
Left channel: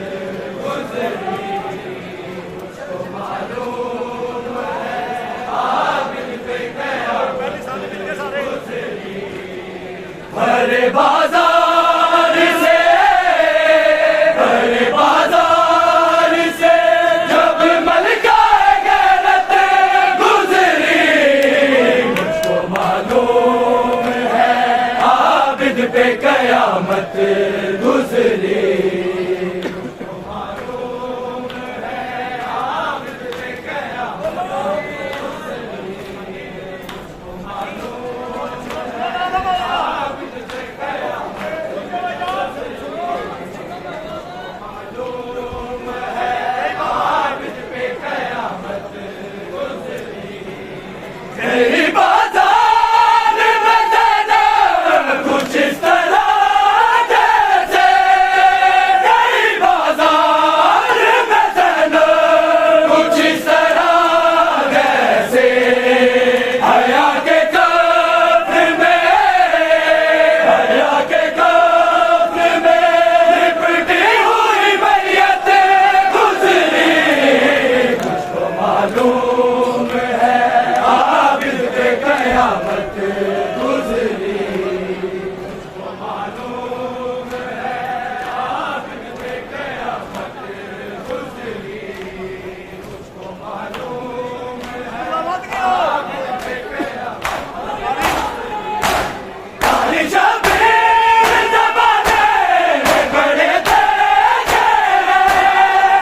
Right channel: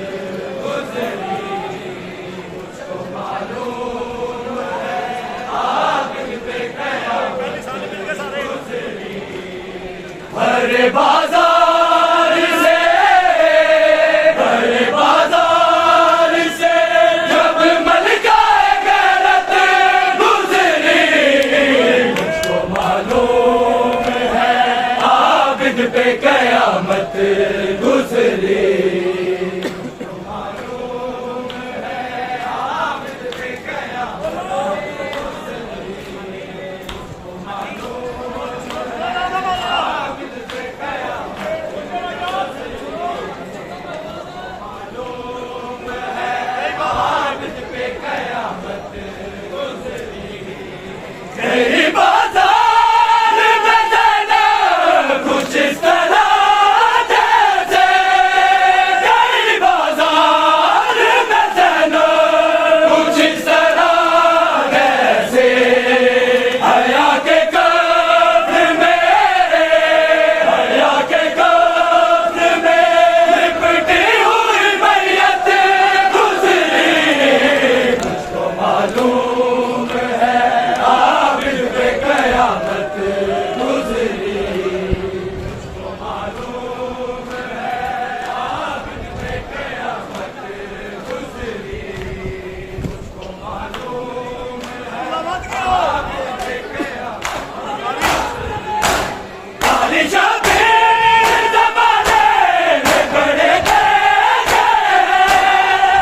गुजरी, मुझको मालूम है आबिद पे कयामत गुजरी, भरे बाजार से जब मलका गैरत गुजरी, मुझको मालूम है आबिद पे कयामत गुजरी, मुझको मालूम है आबिद पे कयामत गुजरी, मुझको मालूम है आबिद पे कयामत गई बाजार में जाना कुछ इस तरह जैसे, गई बाजार में जाना कुछ इस तरह जैसे, हया के कब्र में, हया के कब्र में लिपटी हुई मैयत गुजरी, मुझको मालूम है आबिद पे कयामत गुजरी, मुझको मालूम है आबिद पे कयामत गुजरी, मुझको मालूम है आबिद पे कयामत काली शबीर ज़माने में खड़े थे,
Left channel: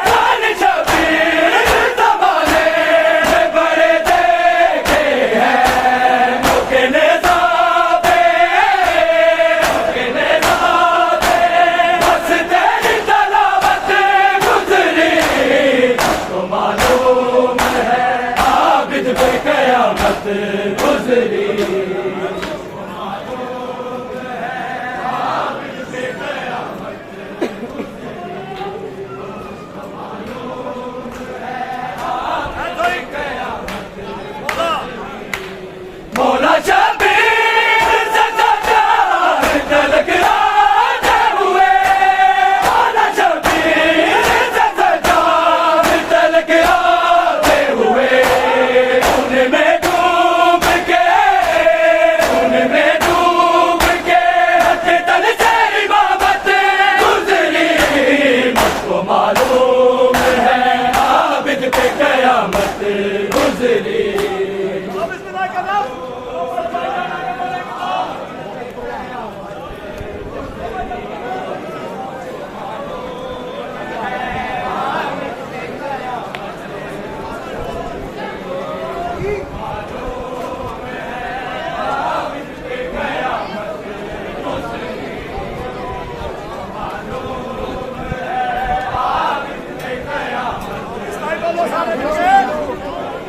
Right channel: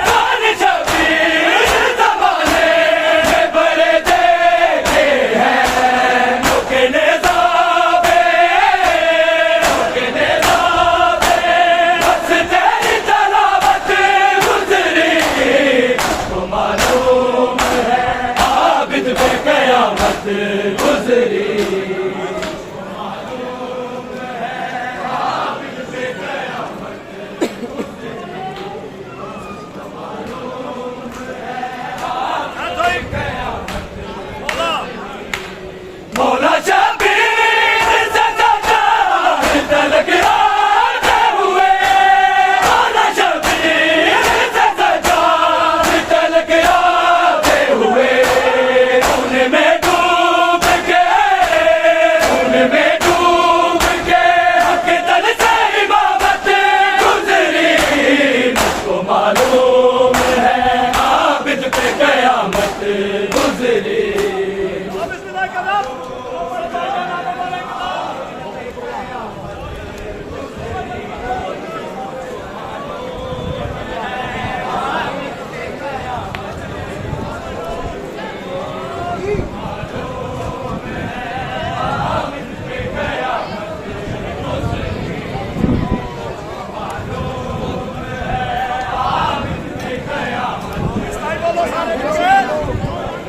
काली शबीर ज़माने में बड़े देखे हैं, मुकने जाबे बस तेरी तलावत गुजरी, मुझको मालूम है आबिद पे कयामत गुजरी, मुझको मालूम है आबिद पे कयामत गुजरी, मुझको मालूम है आबिद पे कयामत मौला शबीर से सरकार तलक आते हुए, मौला शबीर से सरकार तलक आते हुए, उनमें डूब के हक तल से इमामत गुजरी, मुझको मालूम है आबिद पे कयामत गुजरी,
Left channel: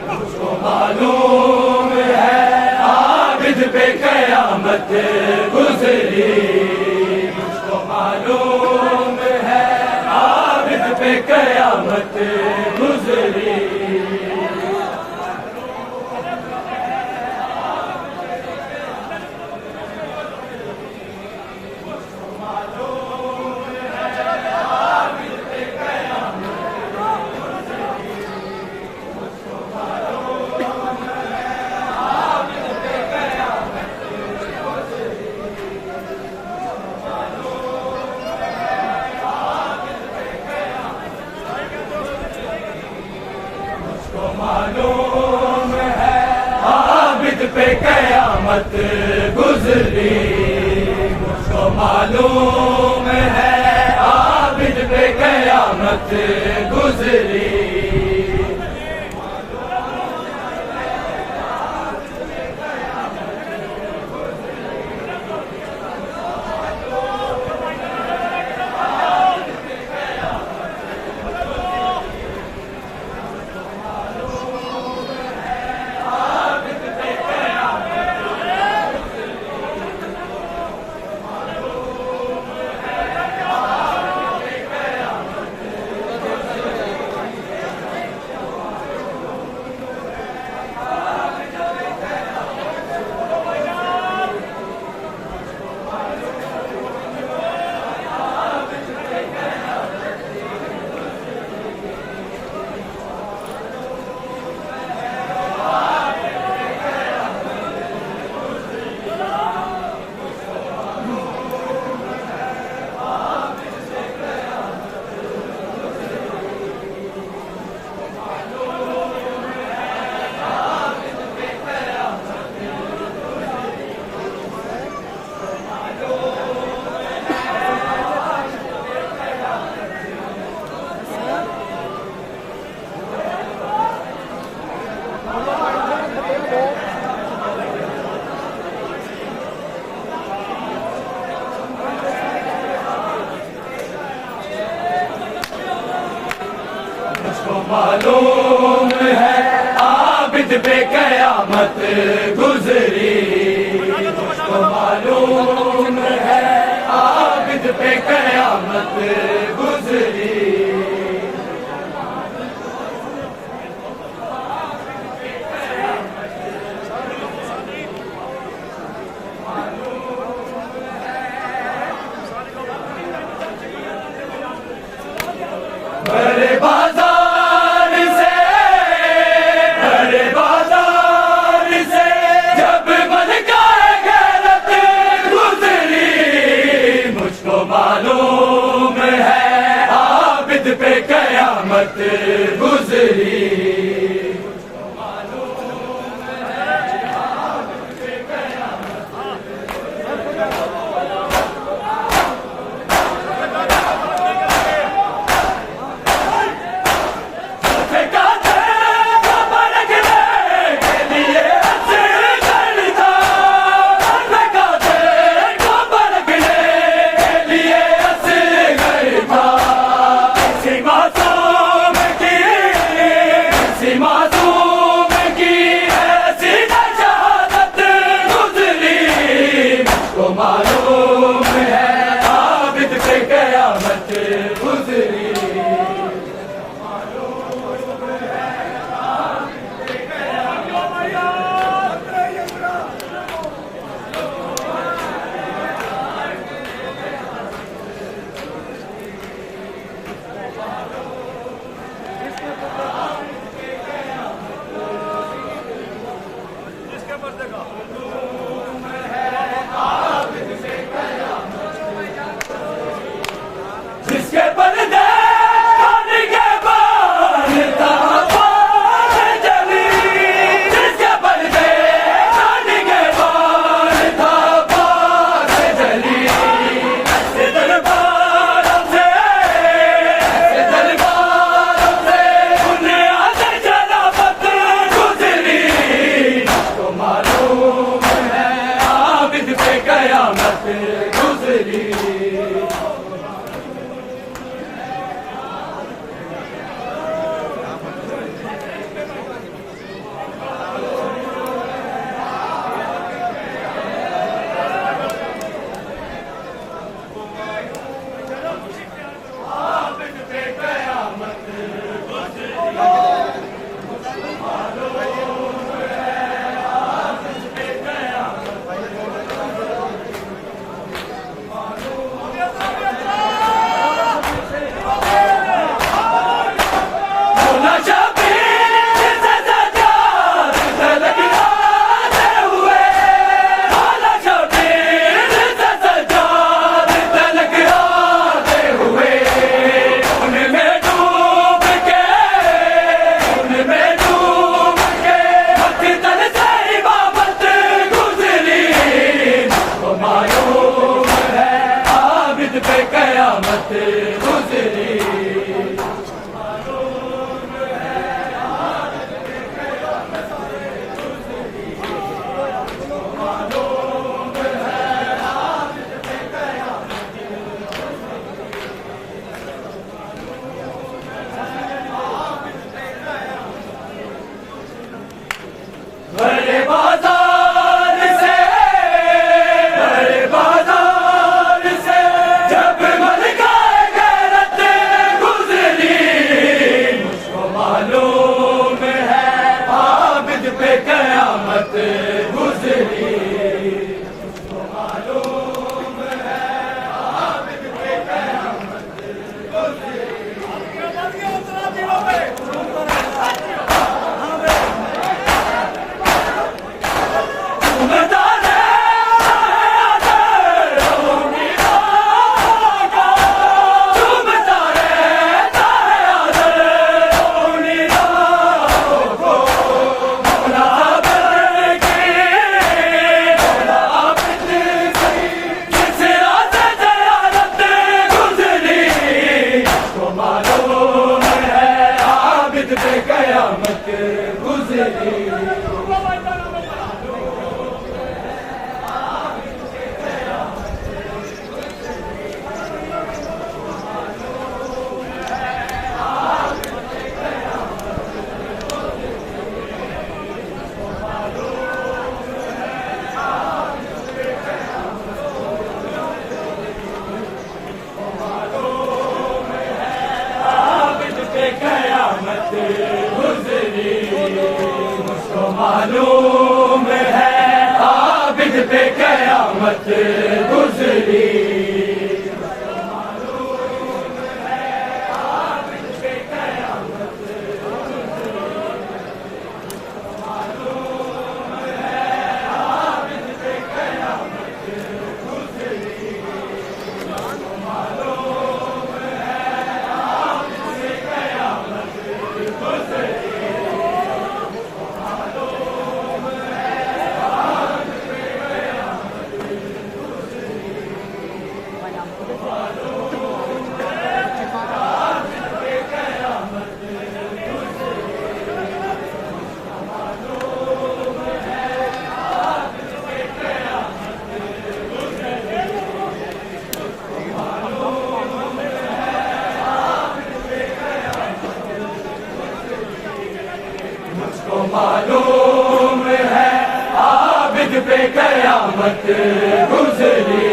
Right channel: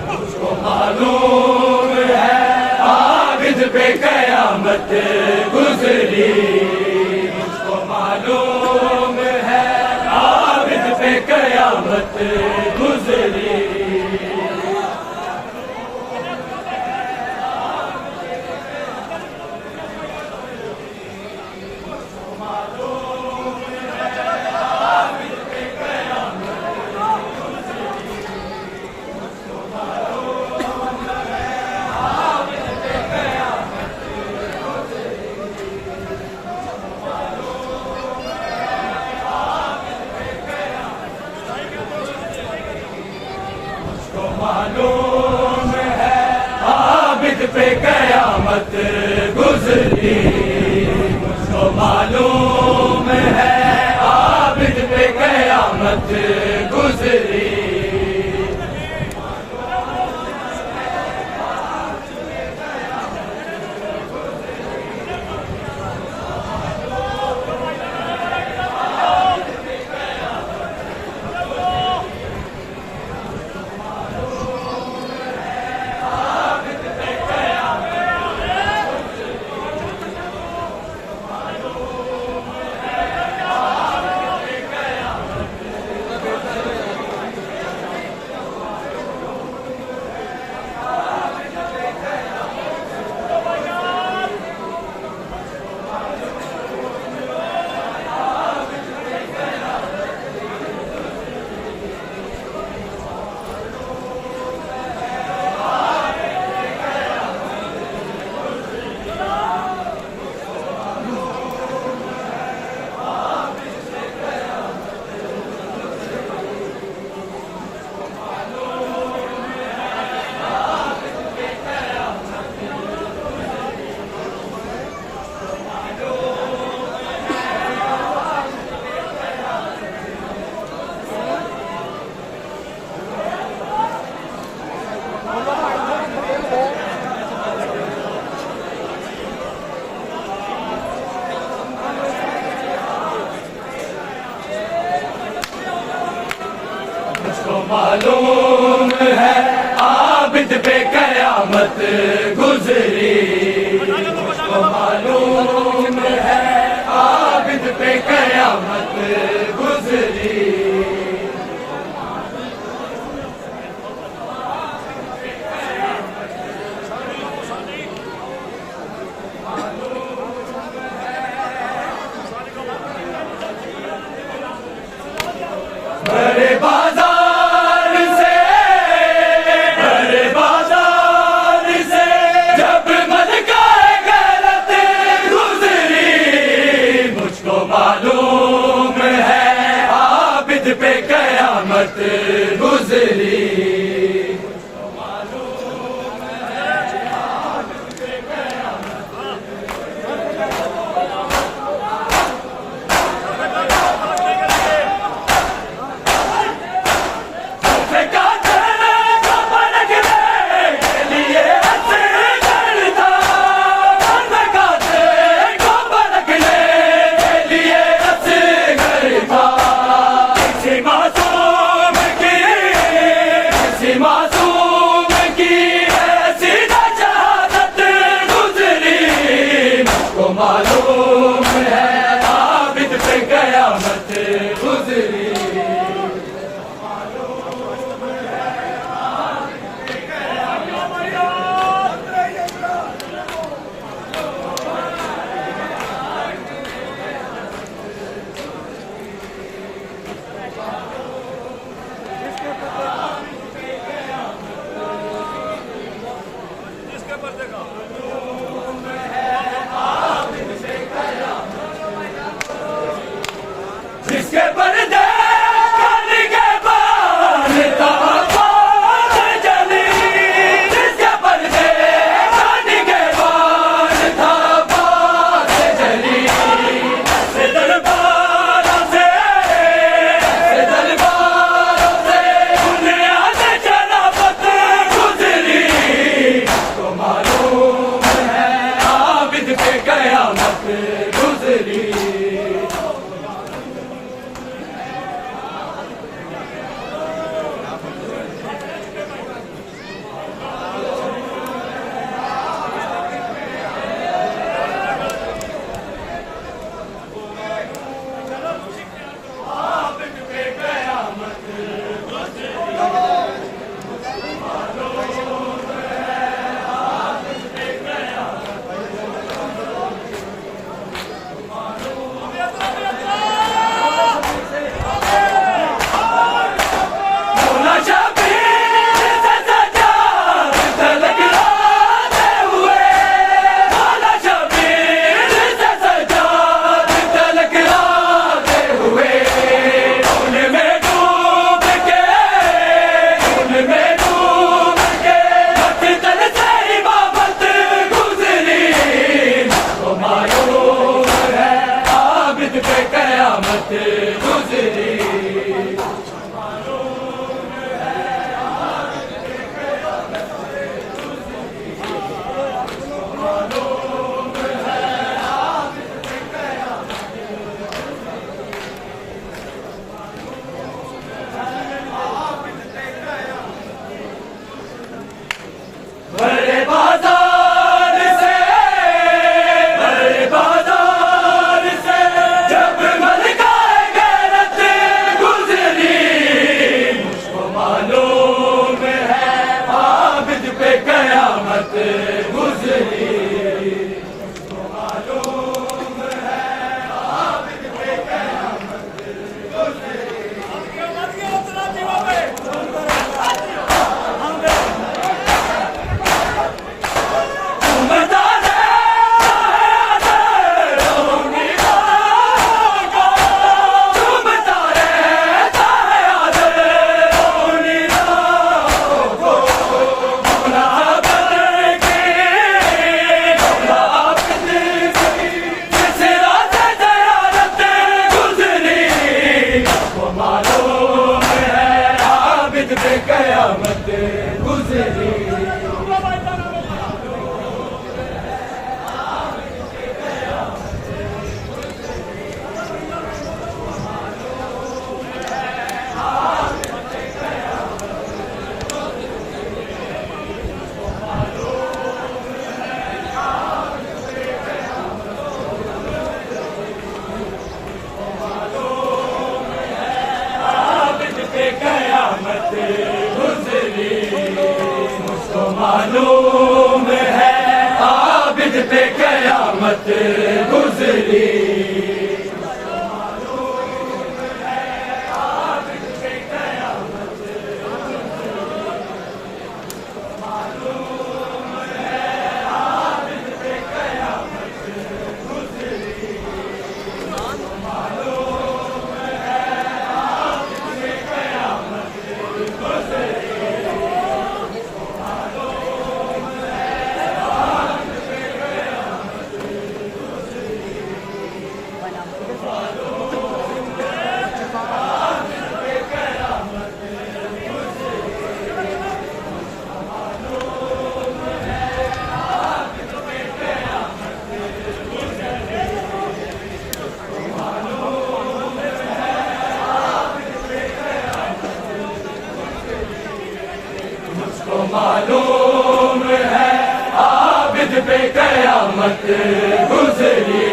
मुझको मालूम है आबिद पे कयामत गुजरी, मुझको मालूम है आबिद पे कयामत गुजरी, आबिद पे कयामत गुजरी, मुझको मालूम है आबिद पे कयामत गुजरी। मुझको मालूम है आबिद पे कयामत गुजरी, मुझको मालूम है आबिद पे कयामत गुजरी। बड़े बाजार से जब मन का गैरत गुजरी, मुझको मालूम है आबिद पे कयामत गुजरी। मासूम की ऐसी शहादत गुजरी, मुझको मालूम है आबिद पे कयामत गुजरी। जिसके पर्दे कान के बाल था बात जली, जिसके पर्दे कान के बाल था बात जली। ऐसे दरबारों से उन्हें आगे शराबत गुजरी, तो मालूम है आबिद पे कयामत गुजरी। गुजरी कयामत गुजरी कयामत गुजरी मुझको मालूम है आबिद पे कयामत गुजरी मुझको मालूम है आबिद पे कयामत गुजरी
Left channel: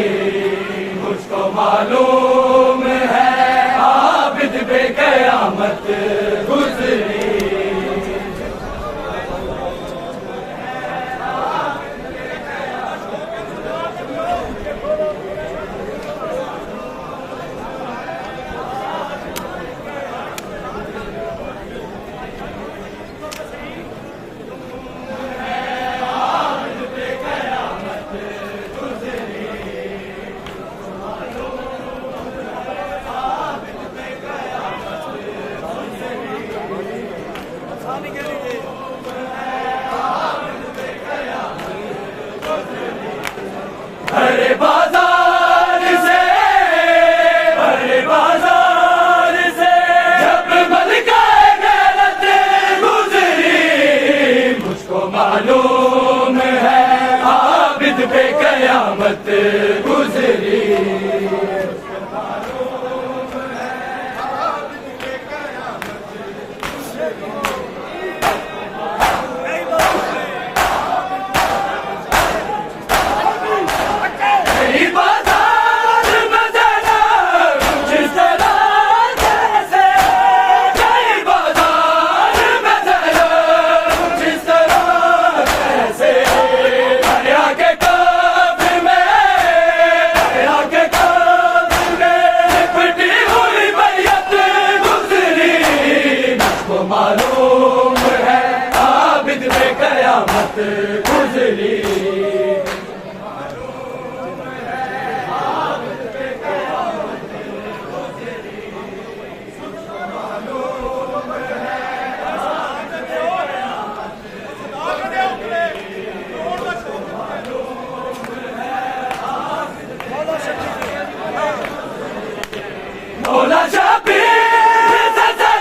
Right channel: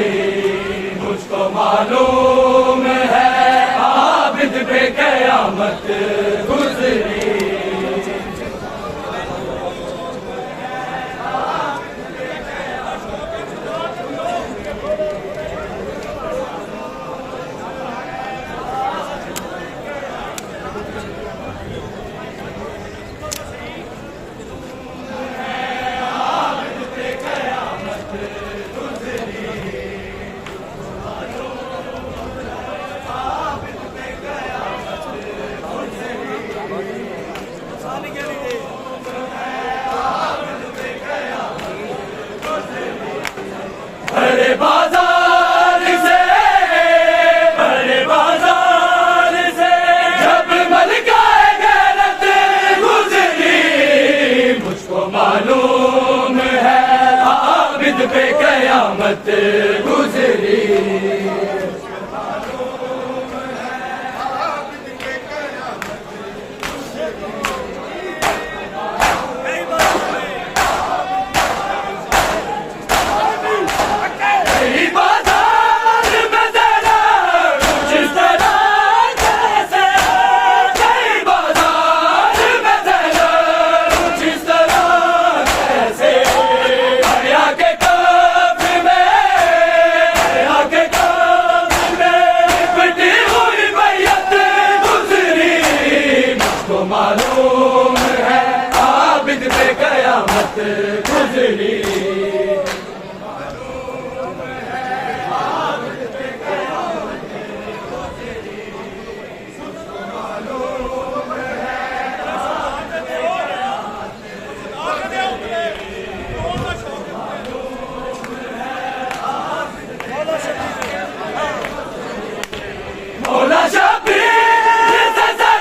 मुझको मालूम है आबिद पे कयामत गुजरी बड़े बाजार से जब मलकाए गैरत गुजरी मुझको मालूम है आबिद पे कयामत गुजरी मालूम है आबिद पे कयामत गुजरी मौला शबीर सजा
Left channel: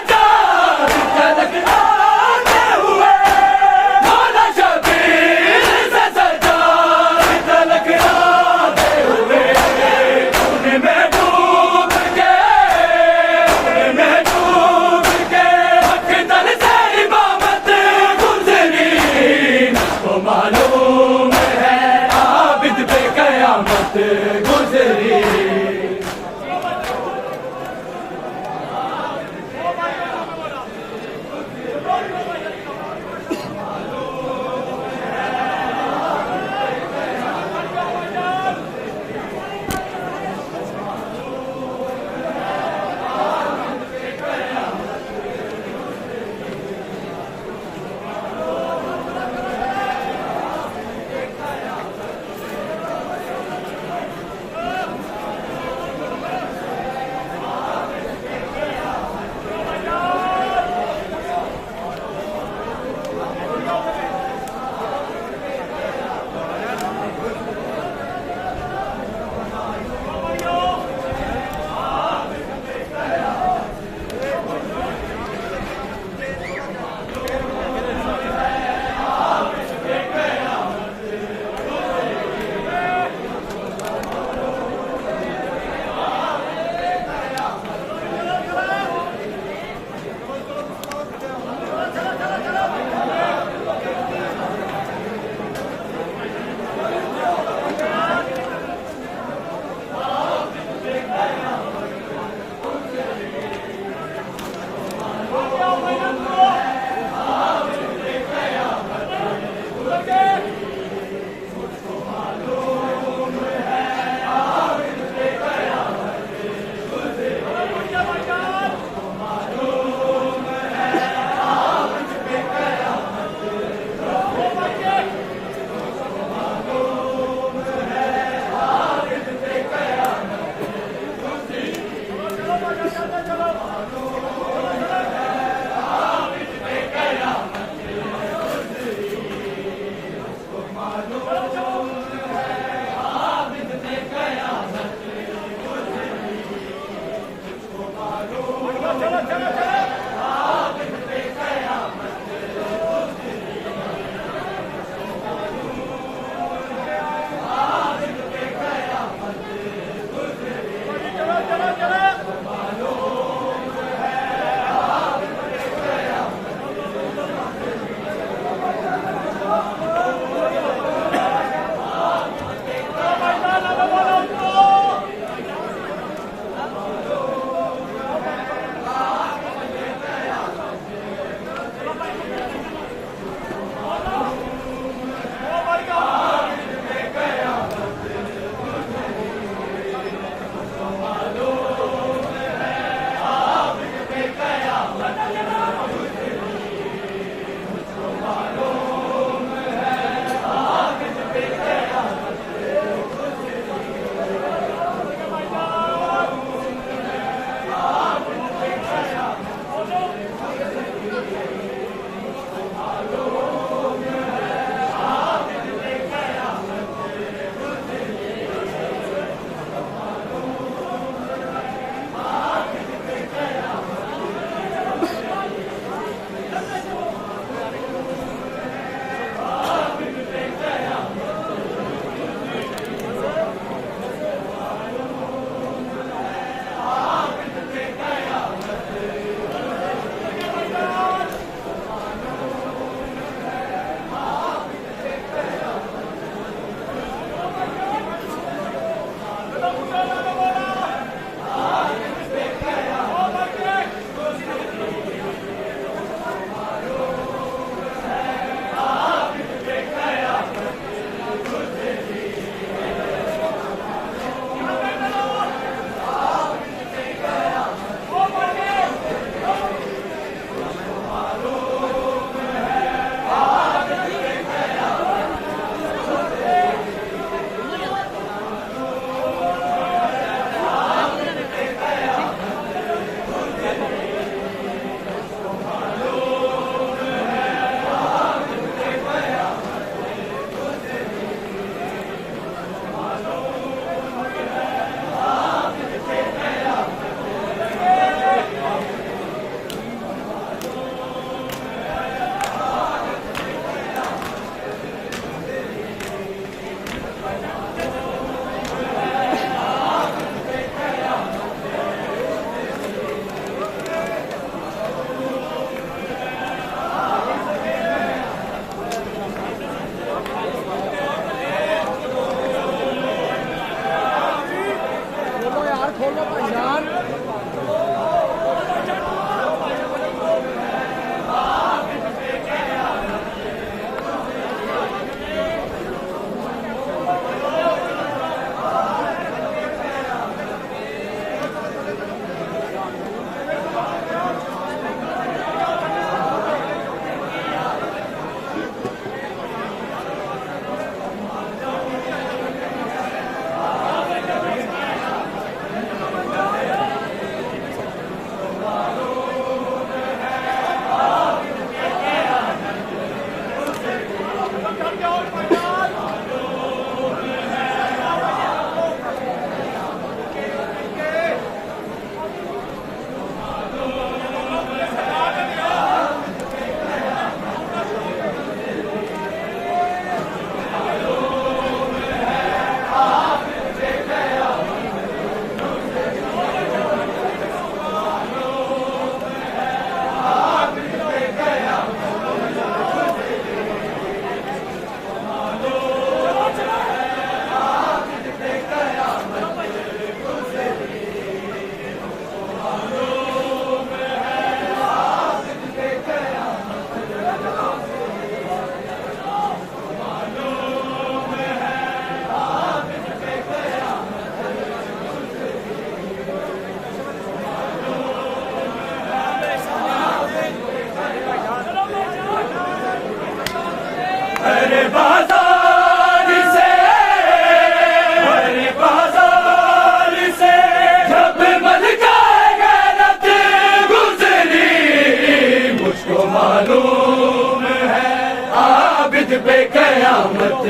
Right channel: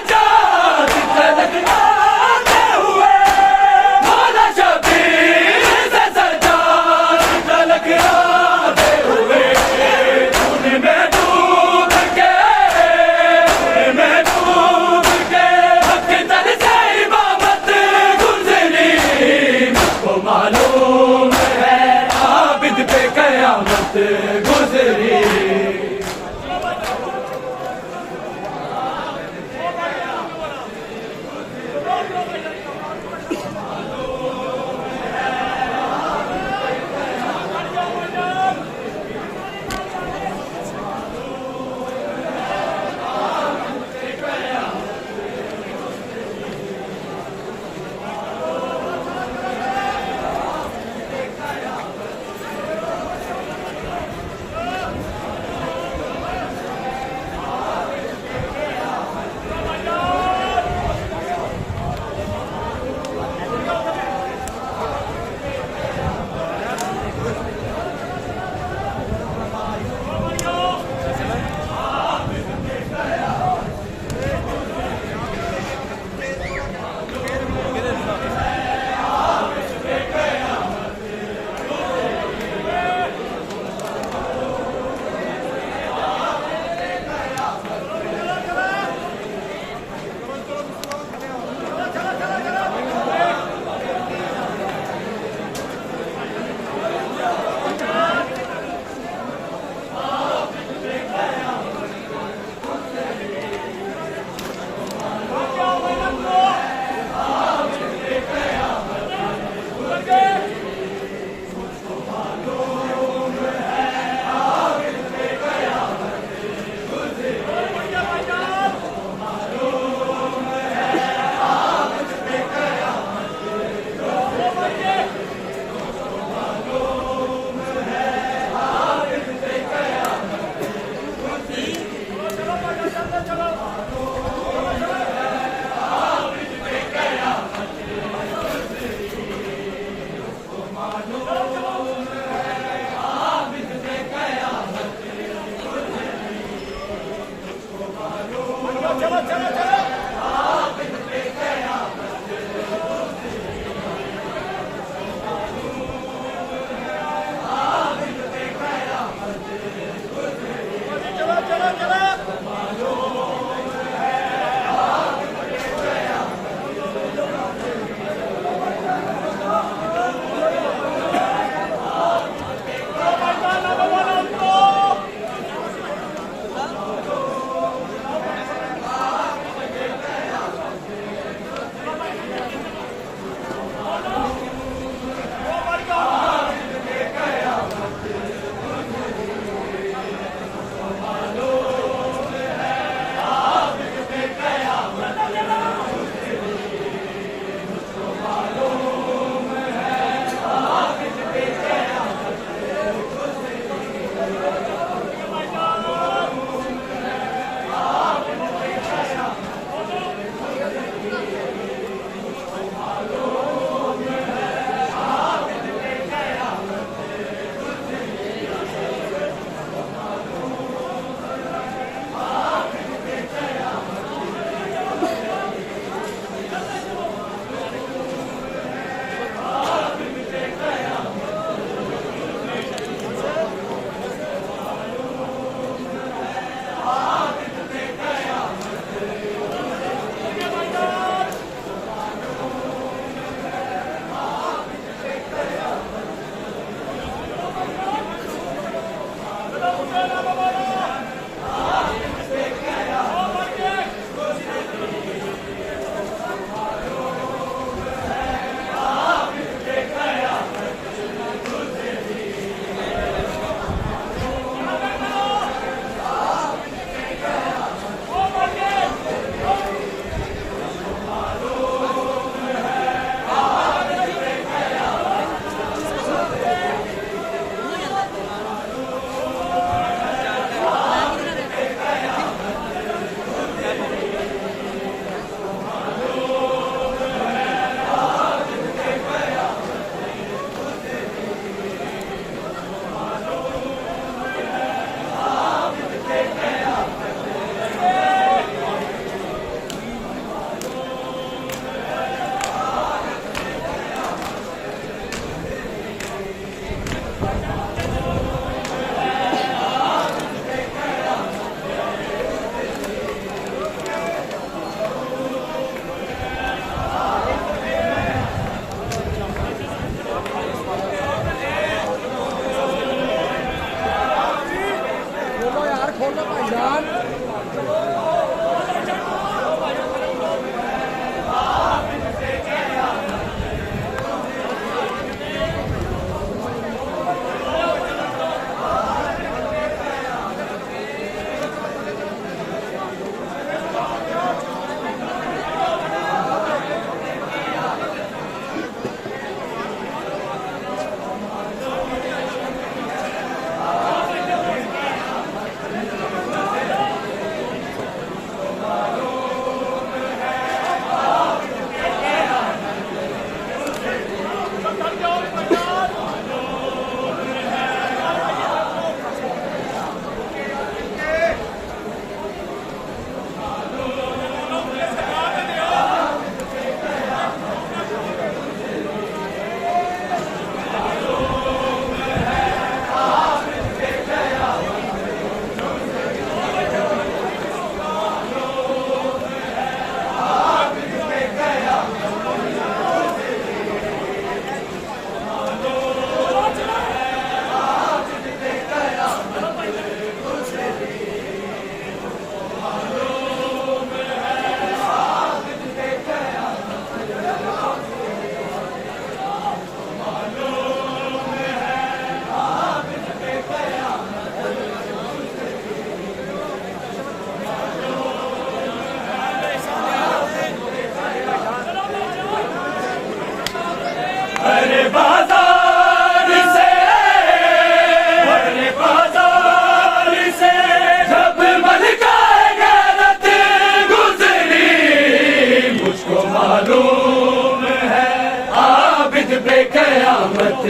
कयामत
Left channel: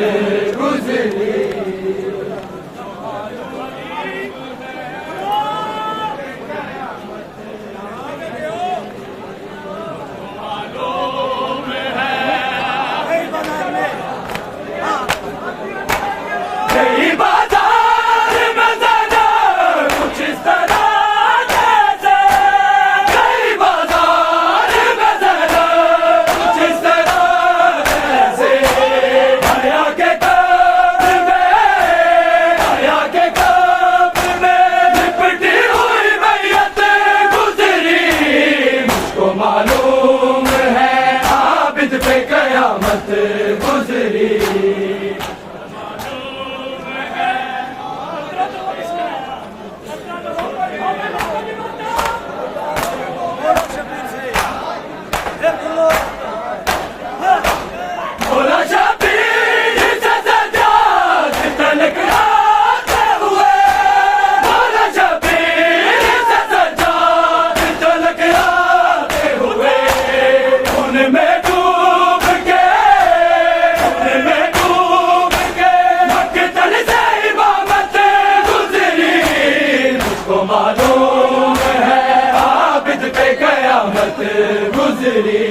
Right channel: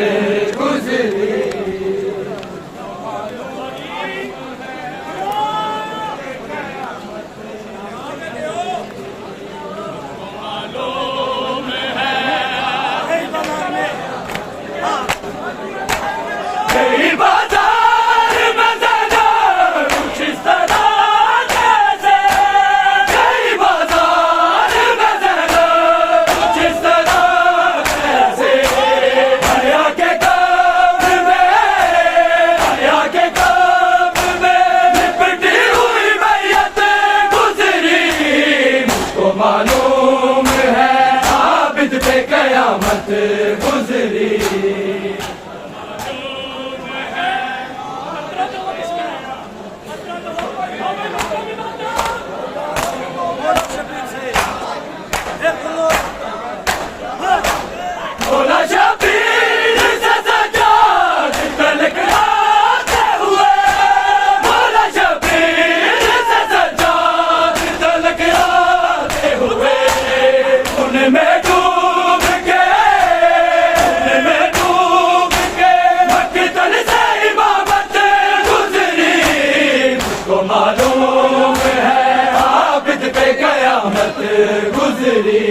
गुजरी। गई बाजार में ज़रा कुछ इस तरह जैसे, गई बाजार में ज़रा कुछ इस तरह जैसे, हया के कब्र में लिपटी हुई मैयत गुजरी। मुझको मालूम है आबिद पे कयामत गुजरी। भोला शबीर से सजाद तलक आते हुए, भोला शबीर से सजाद तलक आते हुए, उनमें डूब के मक्तल से इमामत गुजरी। मुझको मालूम है आबिद पे कयामत गुजरी।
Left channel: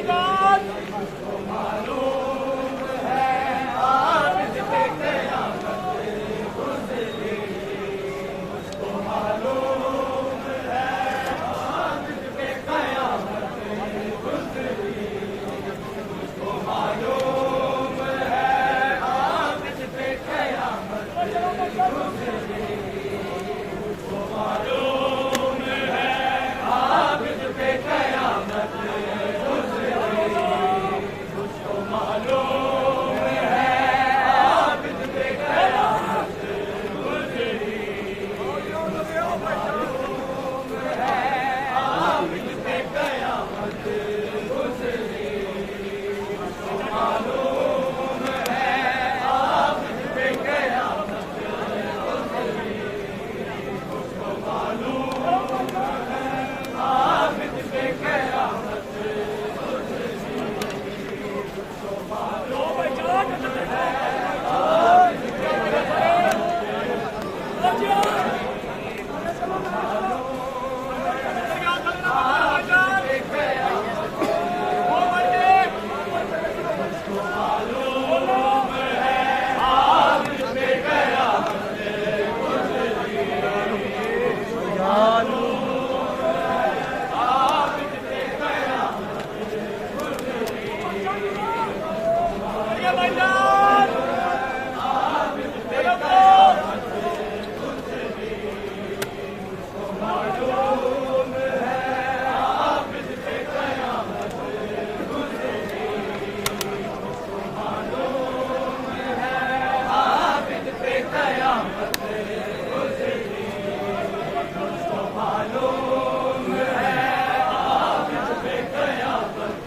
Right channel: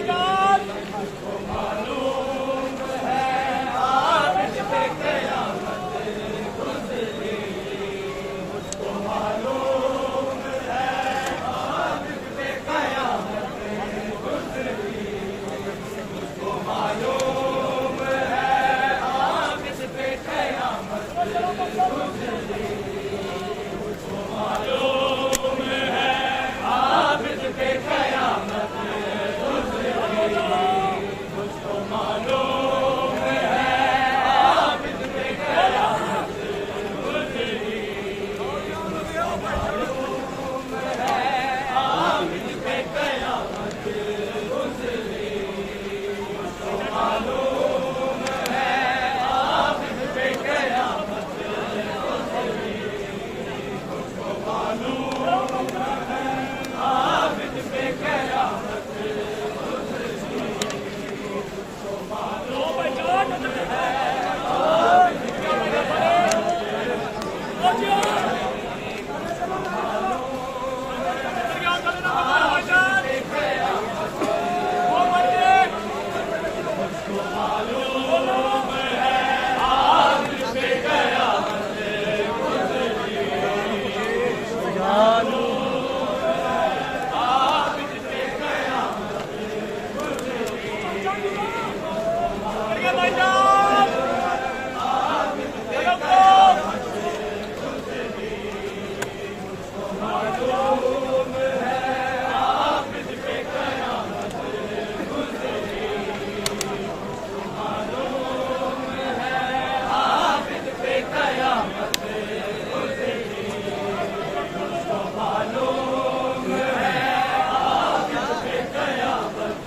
भाईजान मालूम है आबिद पे क़यामत गुज़री मुझको मालूम है आबिद पे क़यामत गुज़री मुझको मालूम है आबिद पे क़यामत गुज़री मुझको मालूम है आबिद पे क़यामत मुझको मालूम है आबिद पे क़यामत गुज़री मालूम है आबिद पे क़यामत गुज़री मुझको मालूम है आबिद पे क़यामत गुज़री मुझको मालूम है आबिद पे क़यामत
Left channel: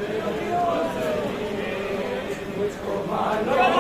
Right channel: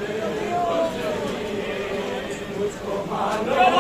मुझको मालूम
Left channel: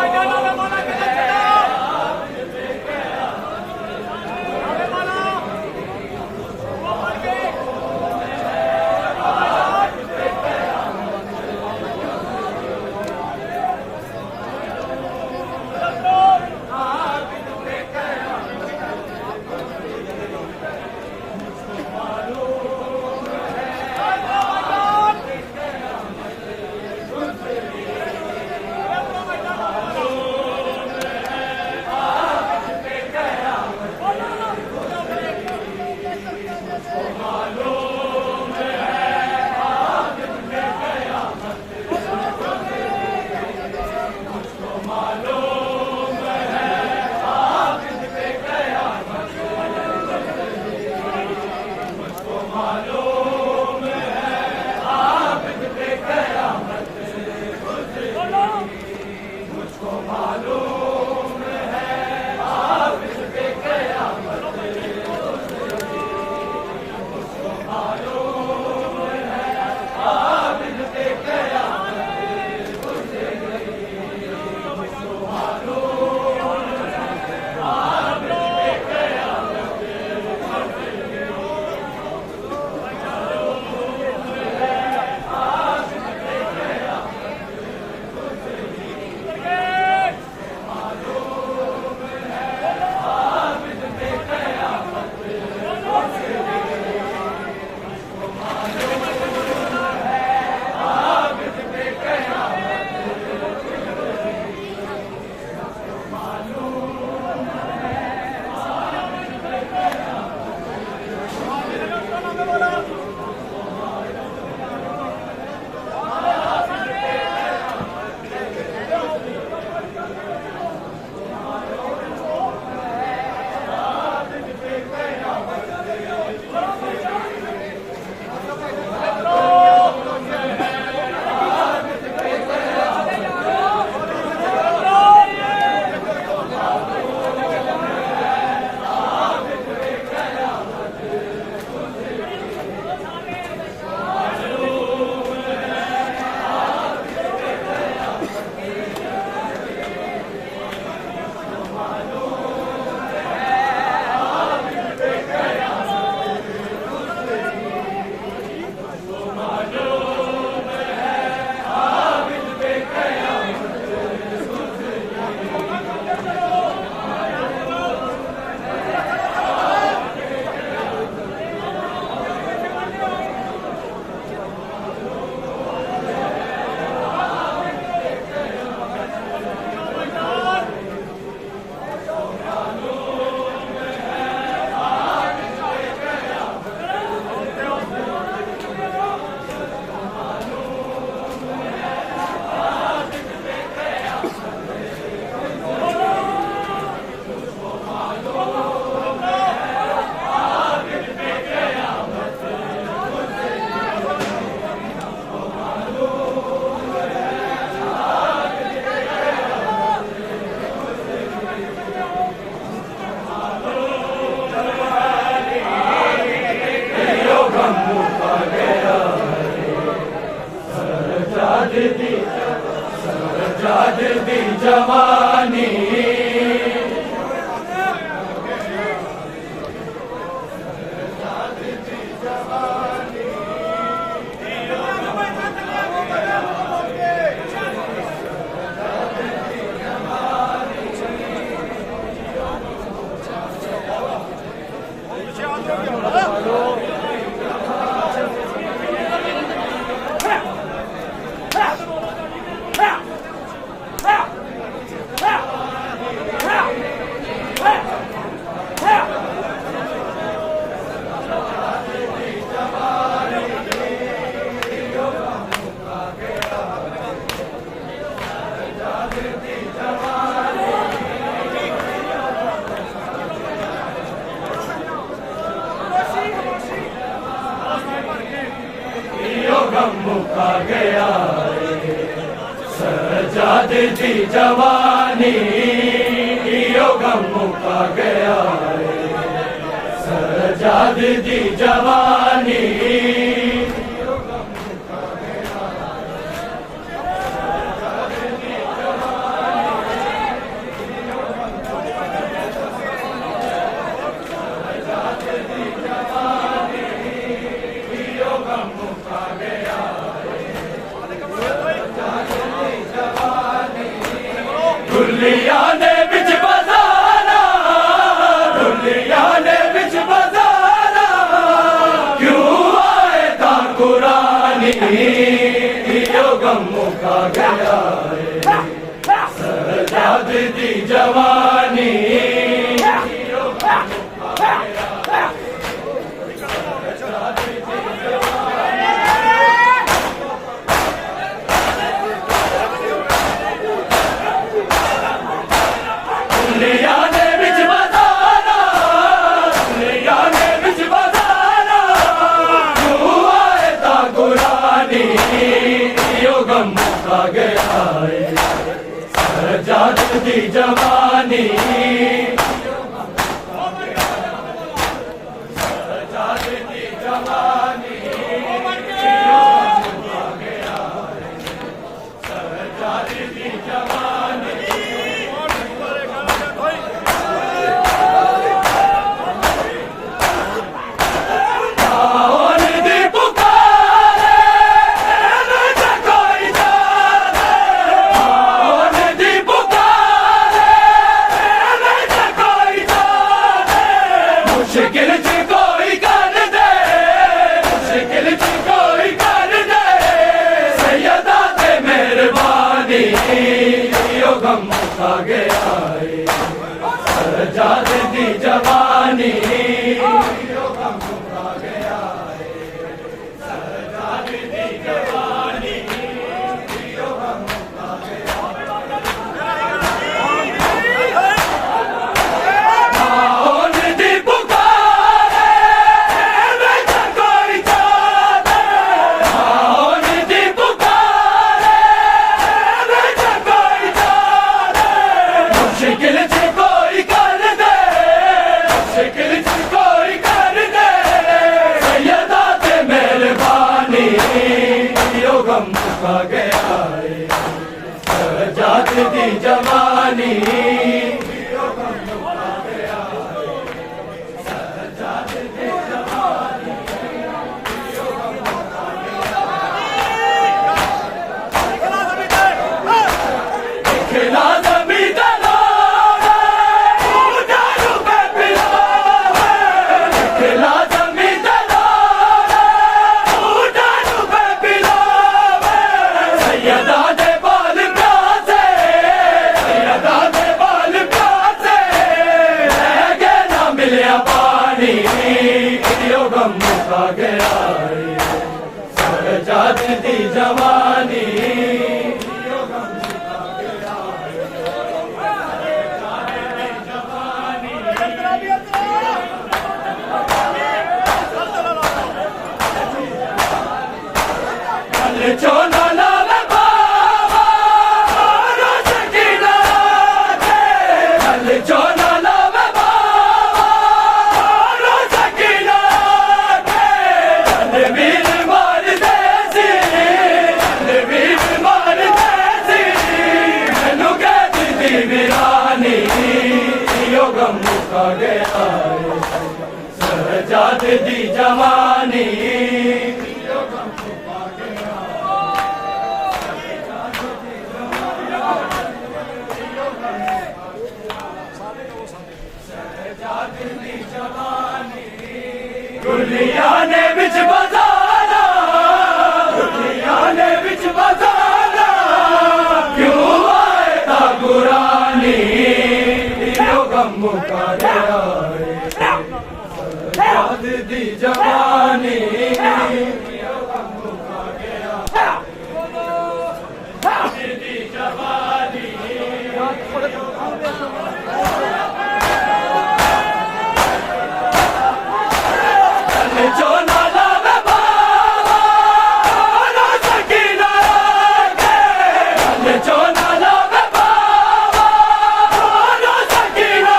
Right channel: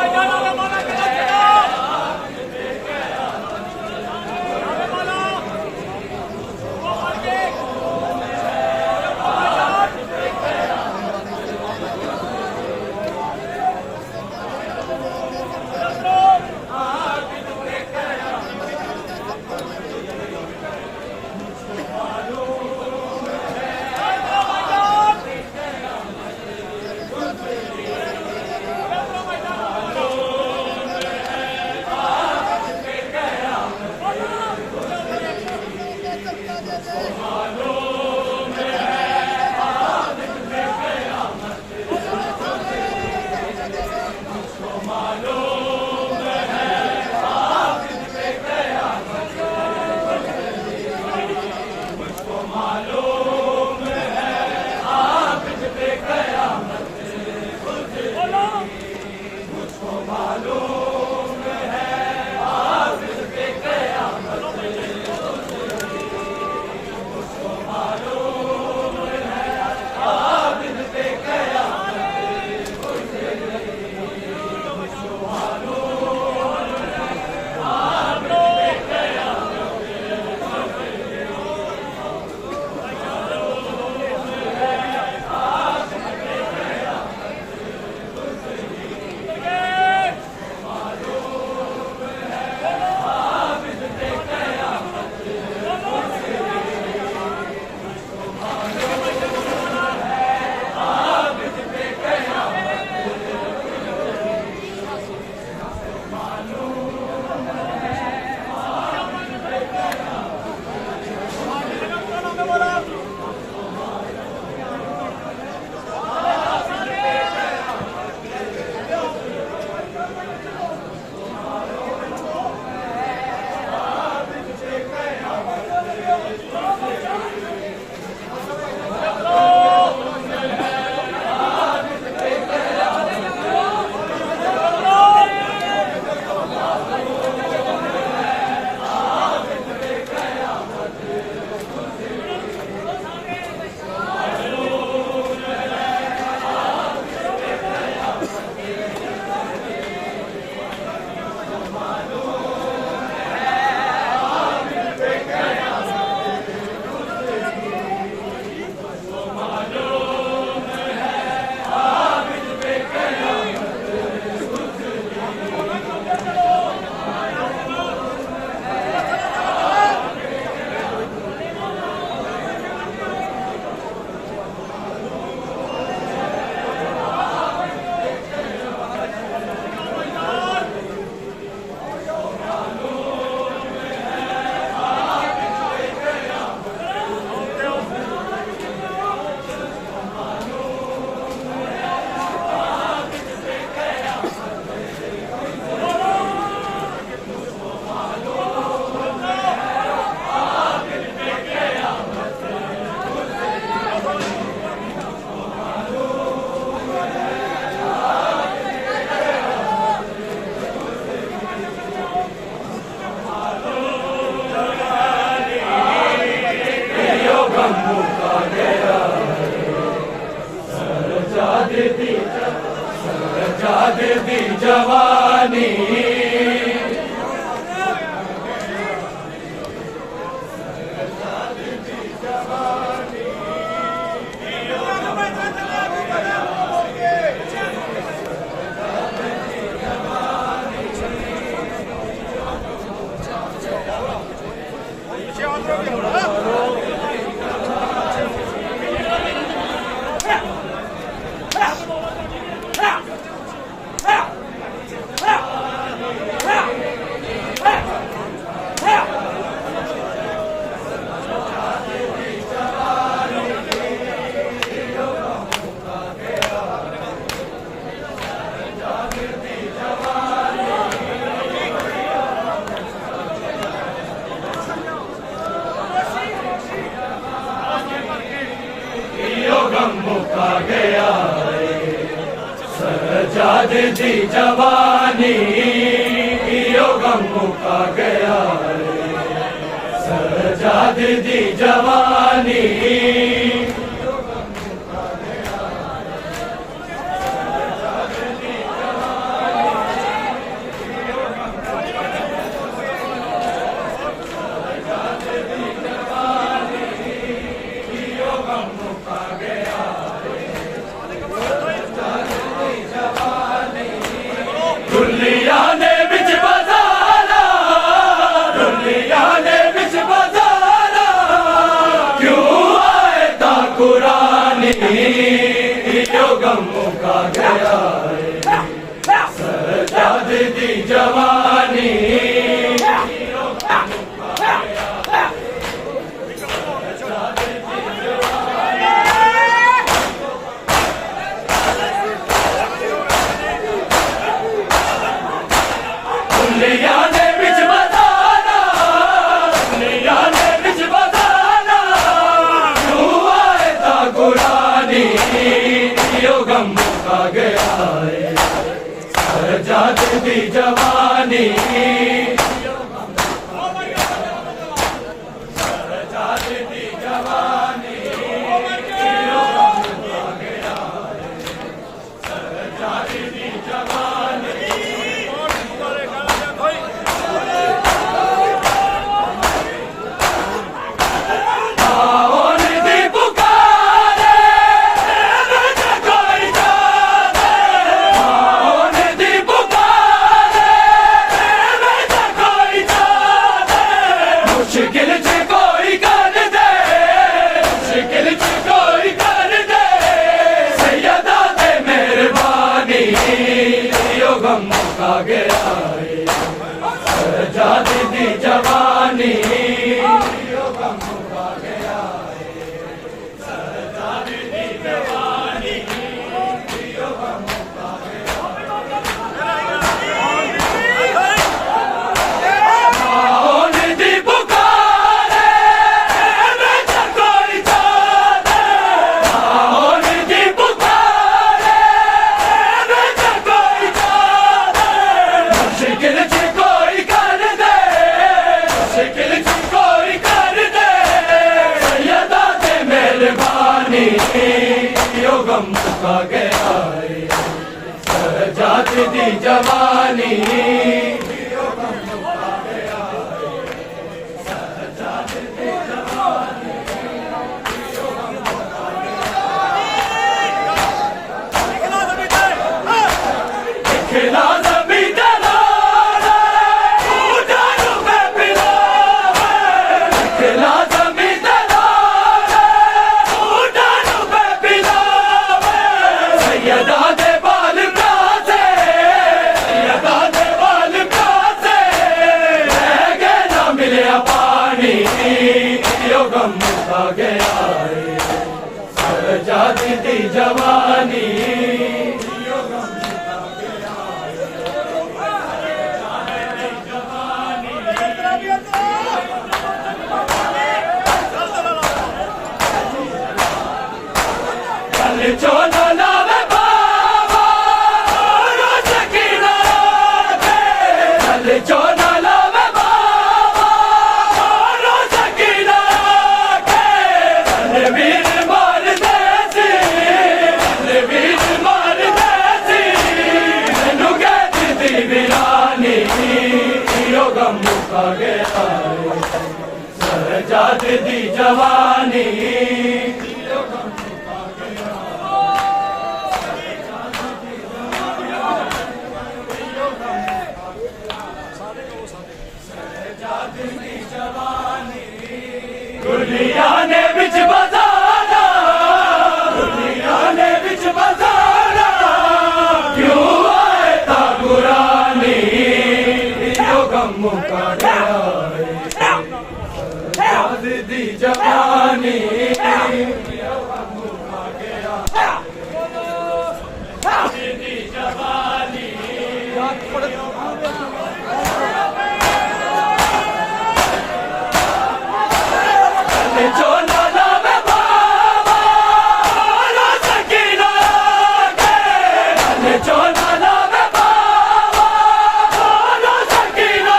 सजाद दी जवानी गम मुका गया सजाद दी जवानी यो गम मुका गया सजाद दी जवानी दुनिया ने बिच बजाना दुनिया ने बिच बजाना क्यों आए ता कुरानी यो गम मुका गया सजाद दी जवानी यो गम मुका गया सजाद दी जवानी दुनिया ने बिच बजाना दुनिया ने बिच बजाना क्यों आए ता कुरानी यो गम मुका गया सजाद दी जवानी सजाद दी जवानी यो गम मुका गया सजाद दी जवानी मुश्किल च कोई कर दे मुश्किल च कोई कर दे सैयदा ते मेहरबानी यो गम मुका गया सजाद दी जवानी यो गम मुका गया सजाद दी जवानी यो गम मुका गया मुश्किल च कोई कर दे मुश्किल च कोई कर दे सैयदा ते मेहरबानी यो गम मुका गया सजाद दी जवानी यो गम मुका गया सजाद दी जवानी यो गम मुका गया दिखला यो गम मुका गया सजाद दी जवानी यो गम मुका गया सजाद दी जवानी चल चोला लावे बाबा रोज की रात चल चोला लावे बाबा रोज की रात चल वीर मार देसी चल वीर सजाद दी जवानी दुनिया ने बिच बजाना दुनिया ने बिच बजाना क्यों आए ता गुरानी यो गम मुका गया सजाद दी जवानी यो गम मुका गया सजाद दी जवानी जो नाला में बाबा ना सकीना के जो नाला में बाबा ना सकीना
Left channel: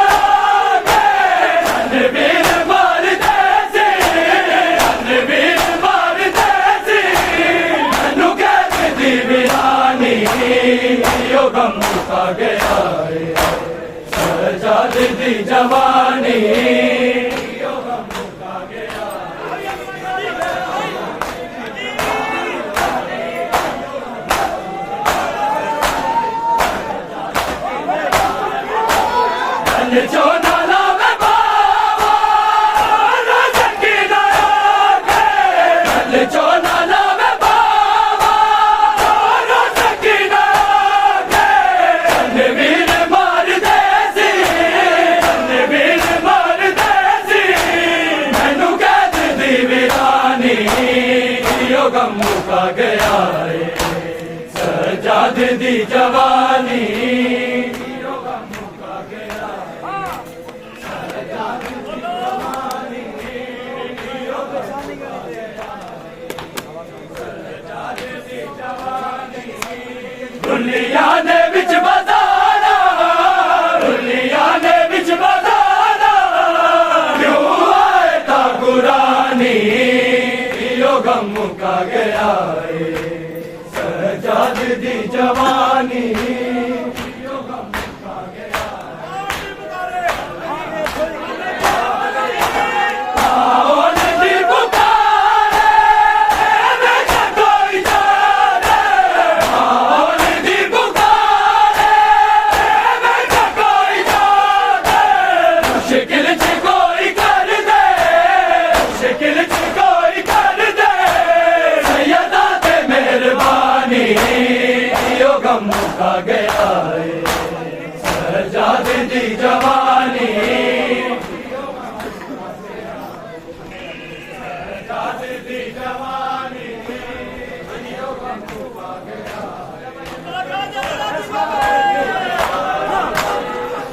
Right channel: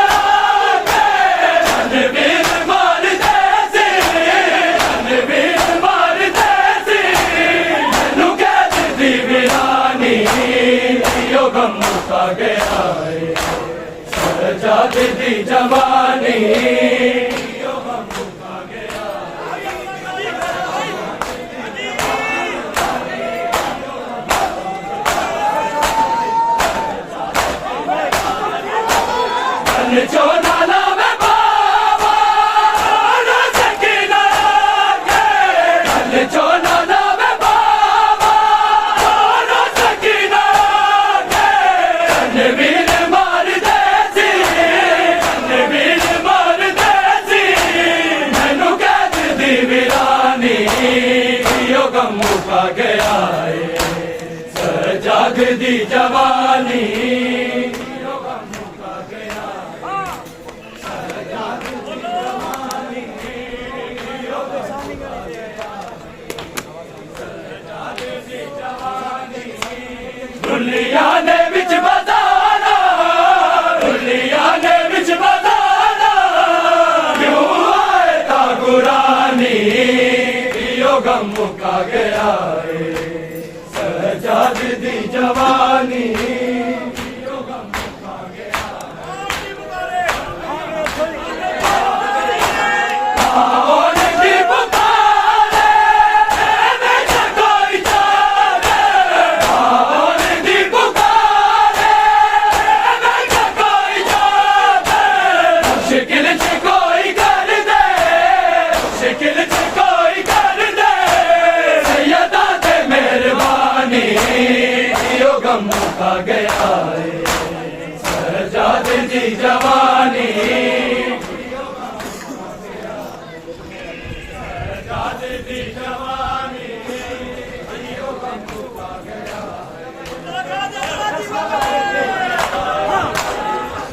के बीर मार देसी बीर मार देसी मैनू कह दी वीरानी यो गम मुका गया सजाद दी जवानी यो गम मुका गया जो नाला में बाबा ना सकीना के जो नाला में बाबा ना सकीना के वीर मार देसी वीर मार देसी मैनू कह दी वीरानी यो गम मुका गया सजाद दी जवानी दुनिया ने बिच बजाना दुनिया ने बिच बजाना क्यों आए ता गुरानी यो गम मुका गया सजाद दी जवानी यो गम मुका गया आओन दी पुकारे मैं कोई जाने आओन दी पुकारे मैं कोई जाने मुश्किल से कोई कर दे मुश्किल से कोई कर दे सैयदा ते मेहरबानी यो गम मुका गया सजाद दी जवानी सजाद दी जवानी यो गम मुका गया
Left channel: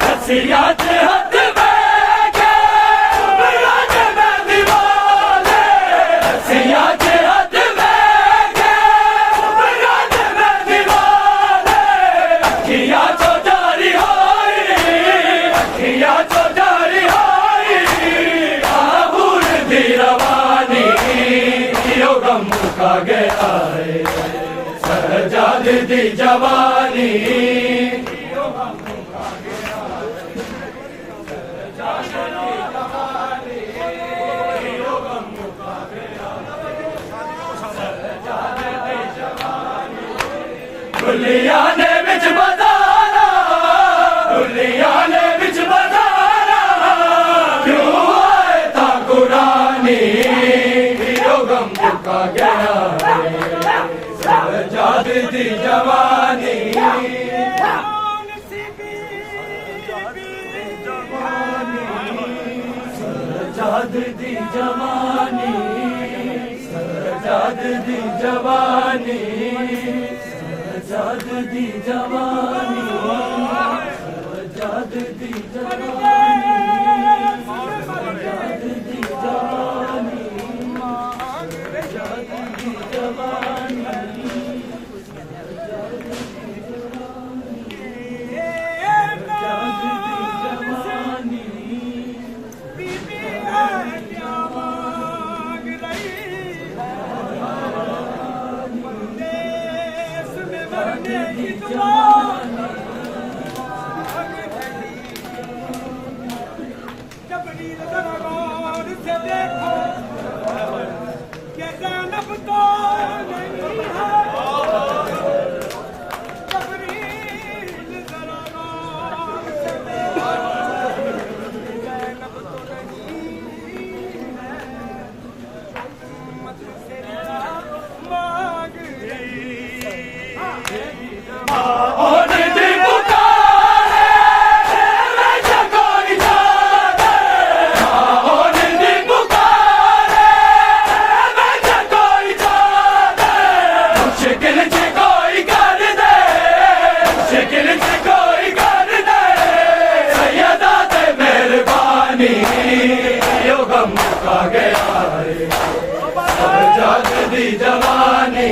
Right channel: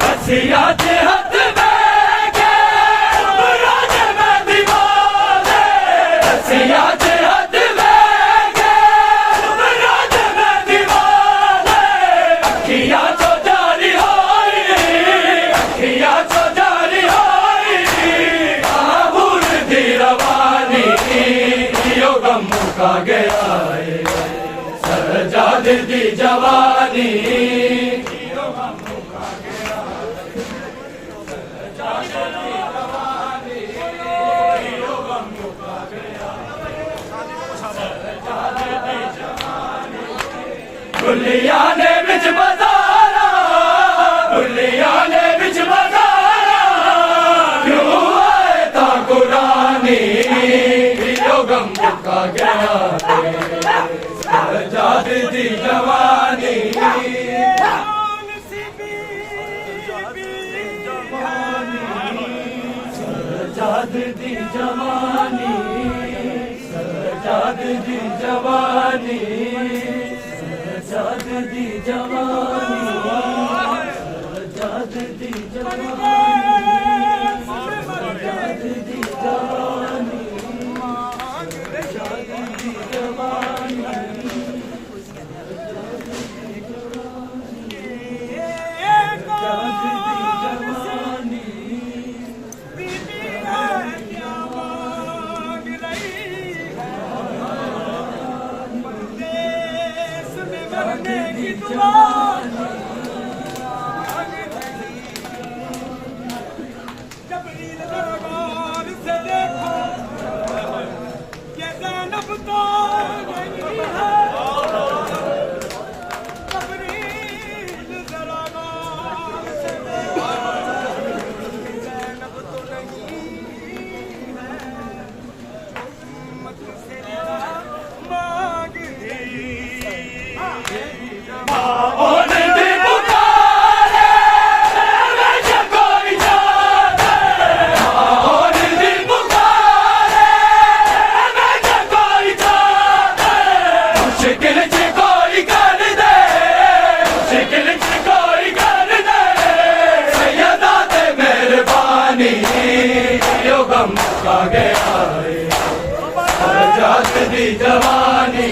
हसिया ते हाथ में के राज में दीवाने हसिया ते हाथ में के राज में दीवाने अखियां तो जारी होई अखियां तो जारी होई आबूर दी रवानी यो गम मुका गया सजाद दी जवानी यो गम मुका गया सजाद दी जवानी यो गम मुका गया सजाद दी जवानी दुनिया ने बिच बजाना दुनिया ने बिच बजाना क्यों आए ता गुरानी यो गम मुका गया सजाद दी जवानी सजाद दी जवानी सजाद दी जवानी सजाद दी जवानी सजाद दी जवानी सजाद दी जवानी सजाद दी जवानी जबरील दरबार से देखो ये ज़ैनब तो नहीं है, जबरील ज़रा गौर से देखो ये ज़ैनब तो नहीं है, उम्मत से रिदा मांग रही। और दिल पुकारे हमेशा कोई जाने, और दिल पुकारे हमेशा कोई जाने, मुश्किल से कोई कर दे, मुश्किल से कोई कर दे, सैयदा ते मेहरबानी यो गम का गया रे, जात दी जवानी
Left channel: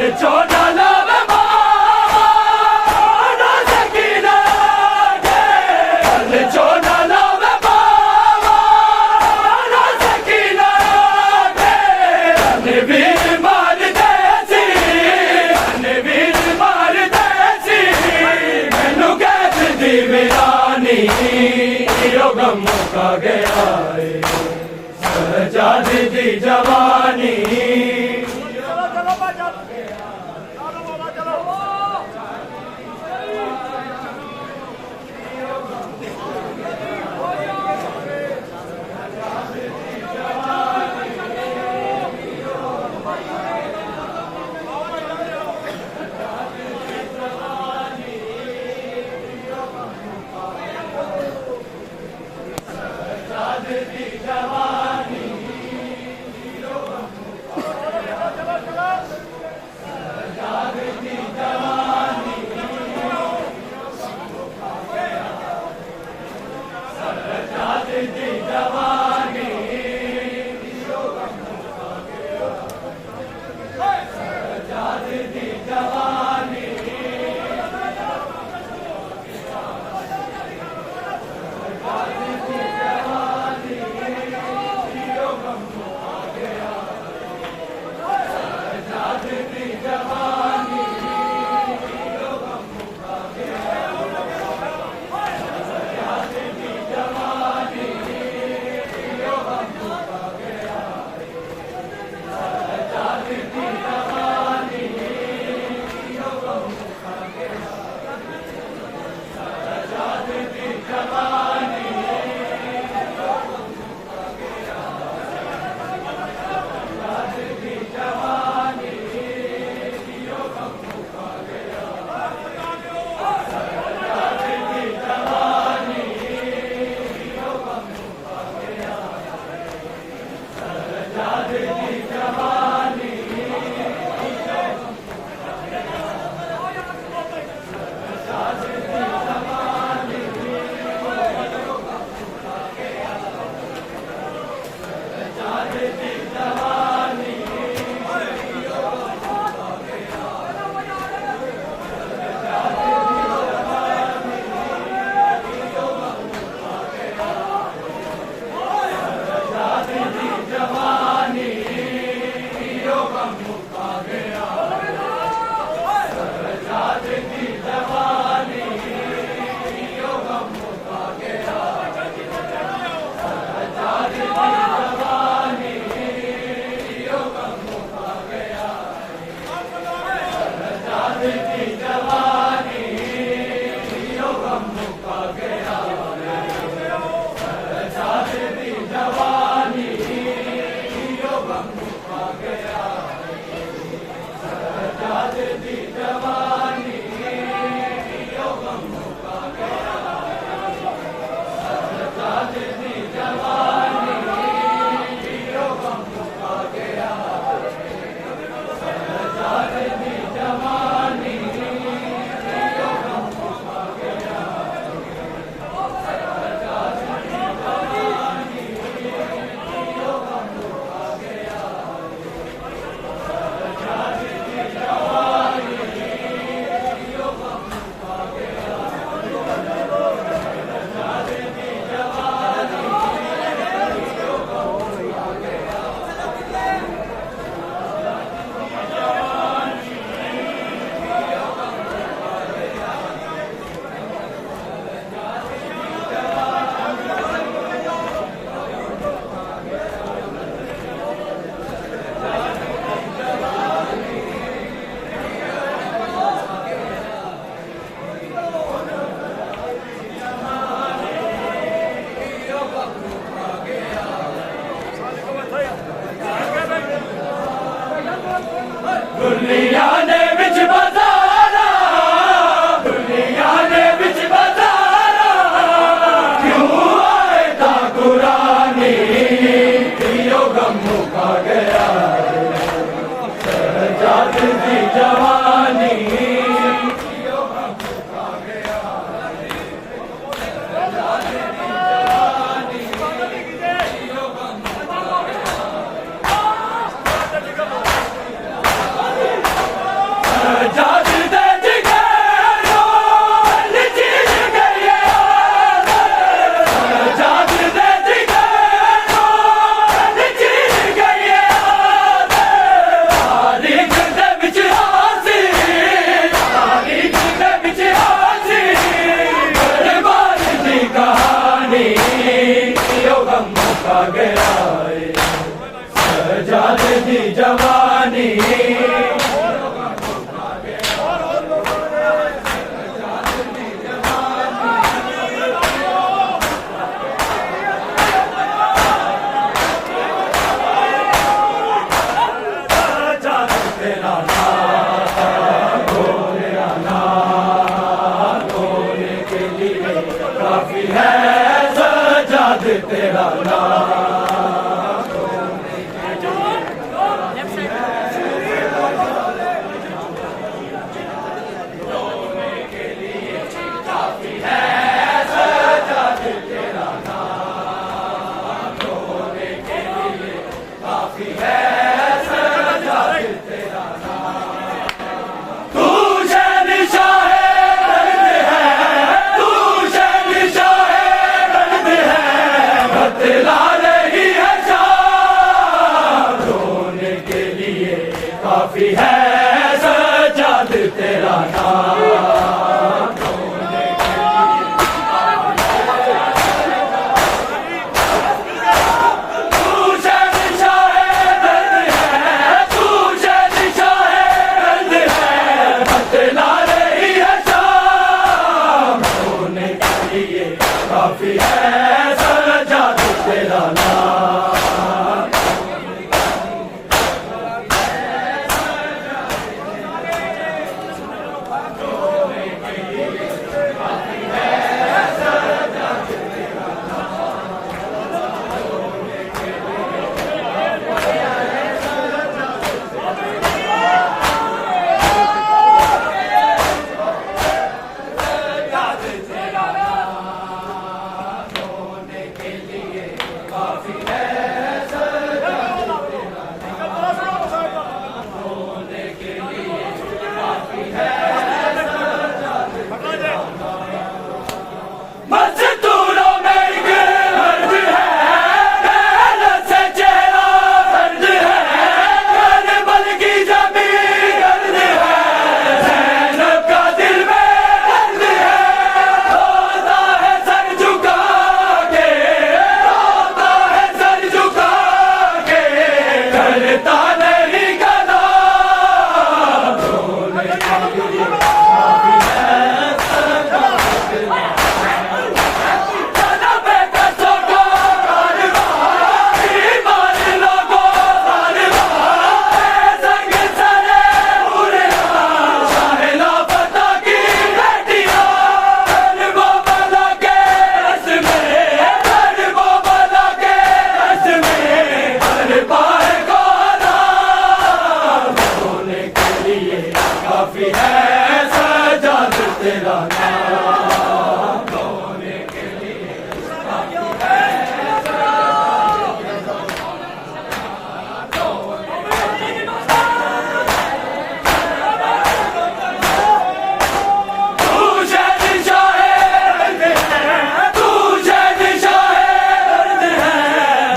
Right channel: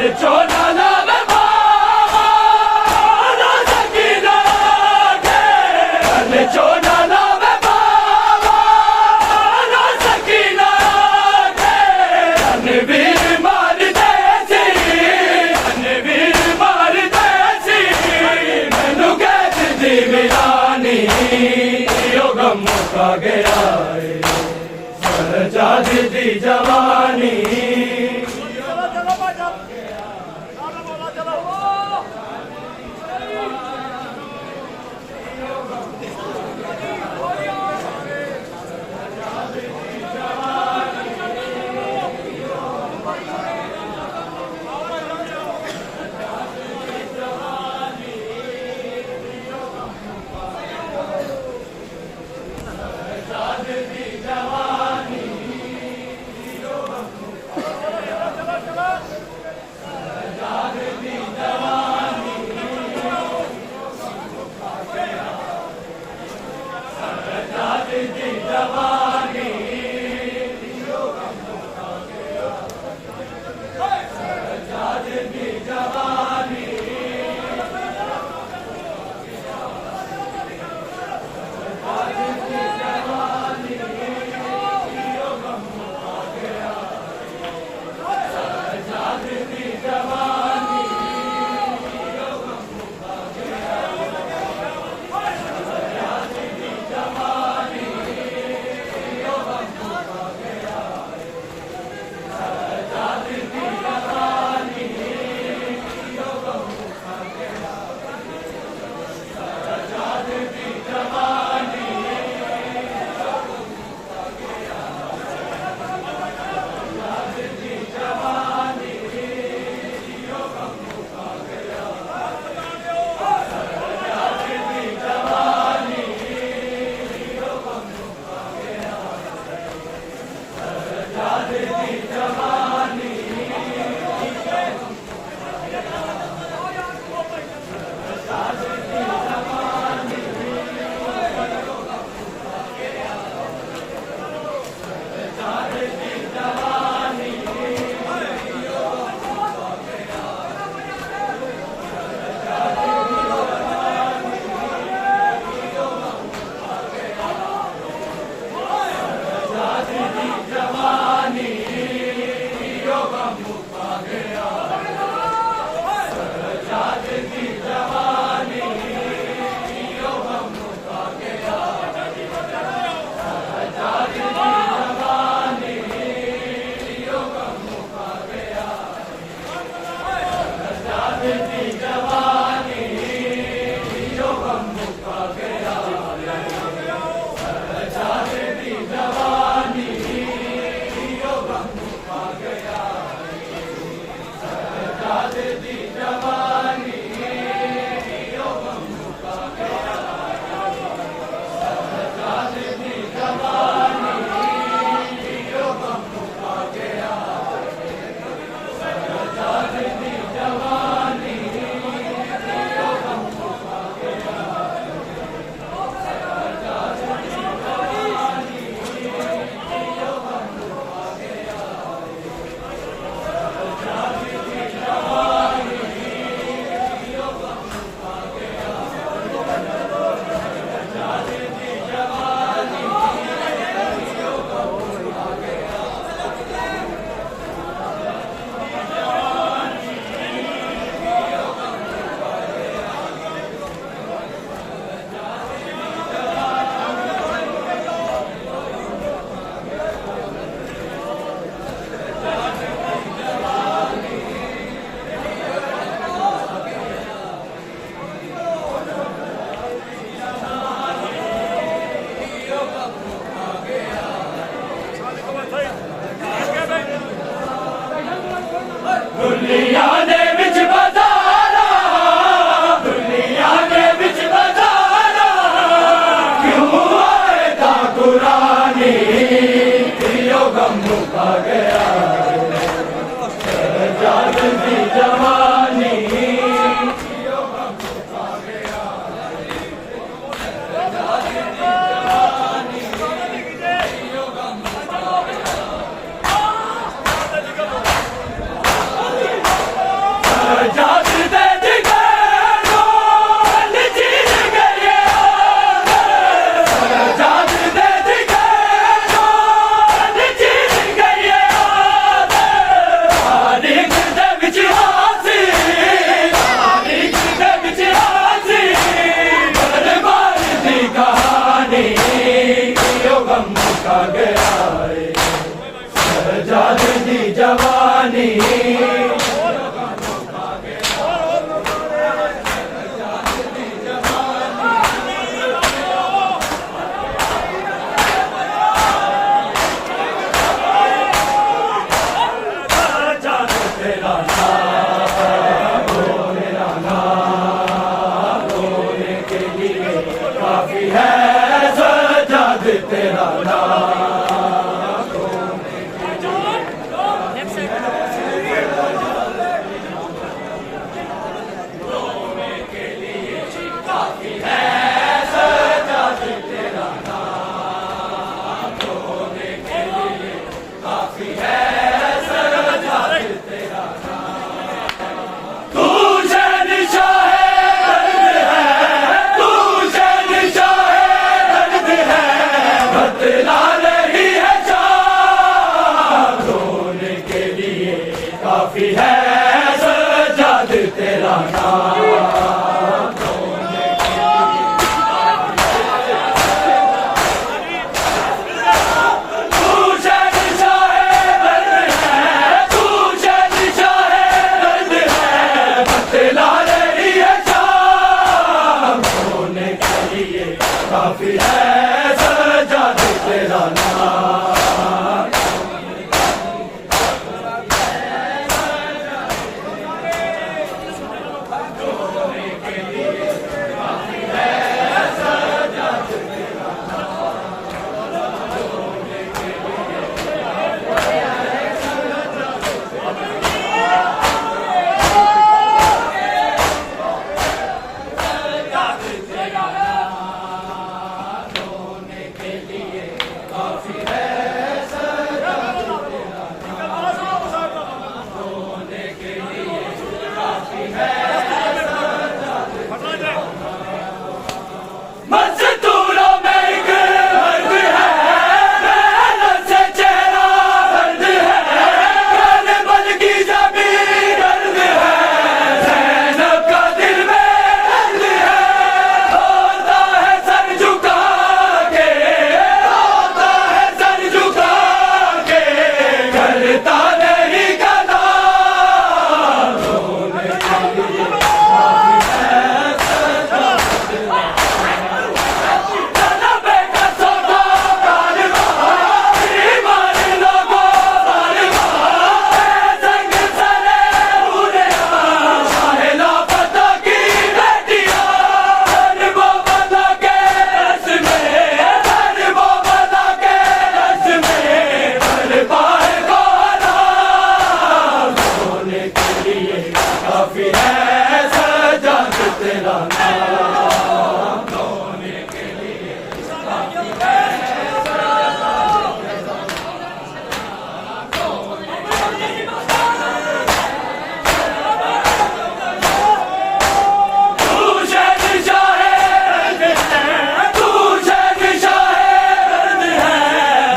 चोना लावे बाबा ना सकीना के चोना लावे बाबा ना सकीना के रणवीर मार देसी रणवीर मार देसी मैनू कैद दी वीरानी यो गम मुका गया सजा दी जवानी चलो चलो भाई चलो बोला चलो दुनिया ने बिच बताना दुनिया ने बिच बताना क्यों आए था कुरानी यो गम मुका गया जात दी जवानी यो गम मुका गया जात दी जवानी यो गम मुका गया जवानी काफी है सजाद तेरा काफी है सजाद तेरा नाम तू शहंशाह दर्द है तू शहंशाह दर्द है बतला रही है शाम होने के लिए काफी है सजाद तेरा नाम काफी है सजाद तेरा नाम होने के लिए काफी है तू शहंशाह तू शहंशाह दर्द है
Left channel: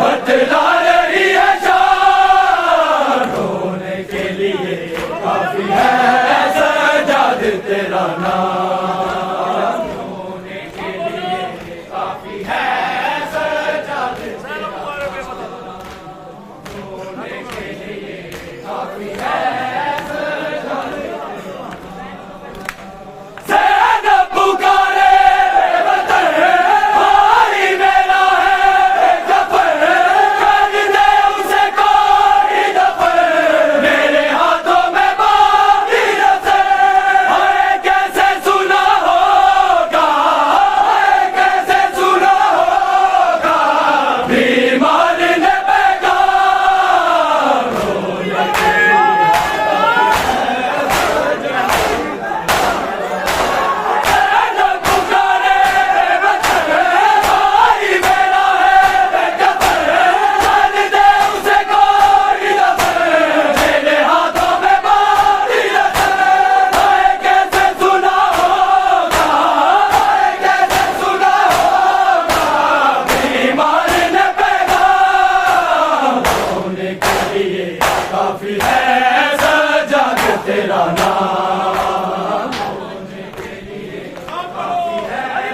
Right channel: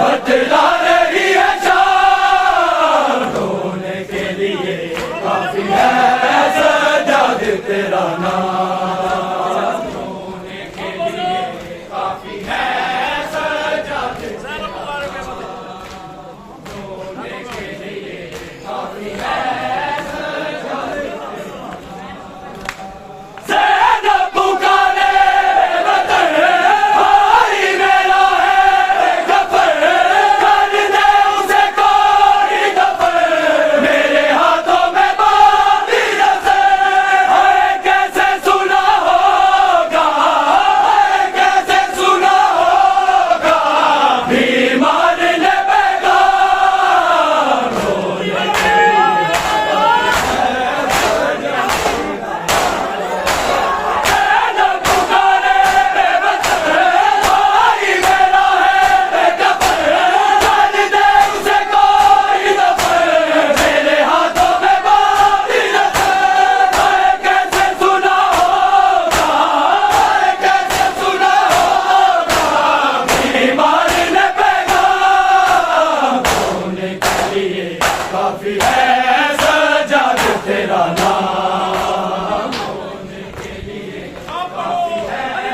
बतला रही है शाम होने के लिए काफी है तेरा नाम होने के लिए काफी है सजाद होने के लिए काफी है सेना पुकारे वतन भाई मेरा है गफर कर दे उसे कोई दफर मेरे हाथों में बांधी नजर काफी है सजाद तेरा नाम होने के लिए काफी है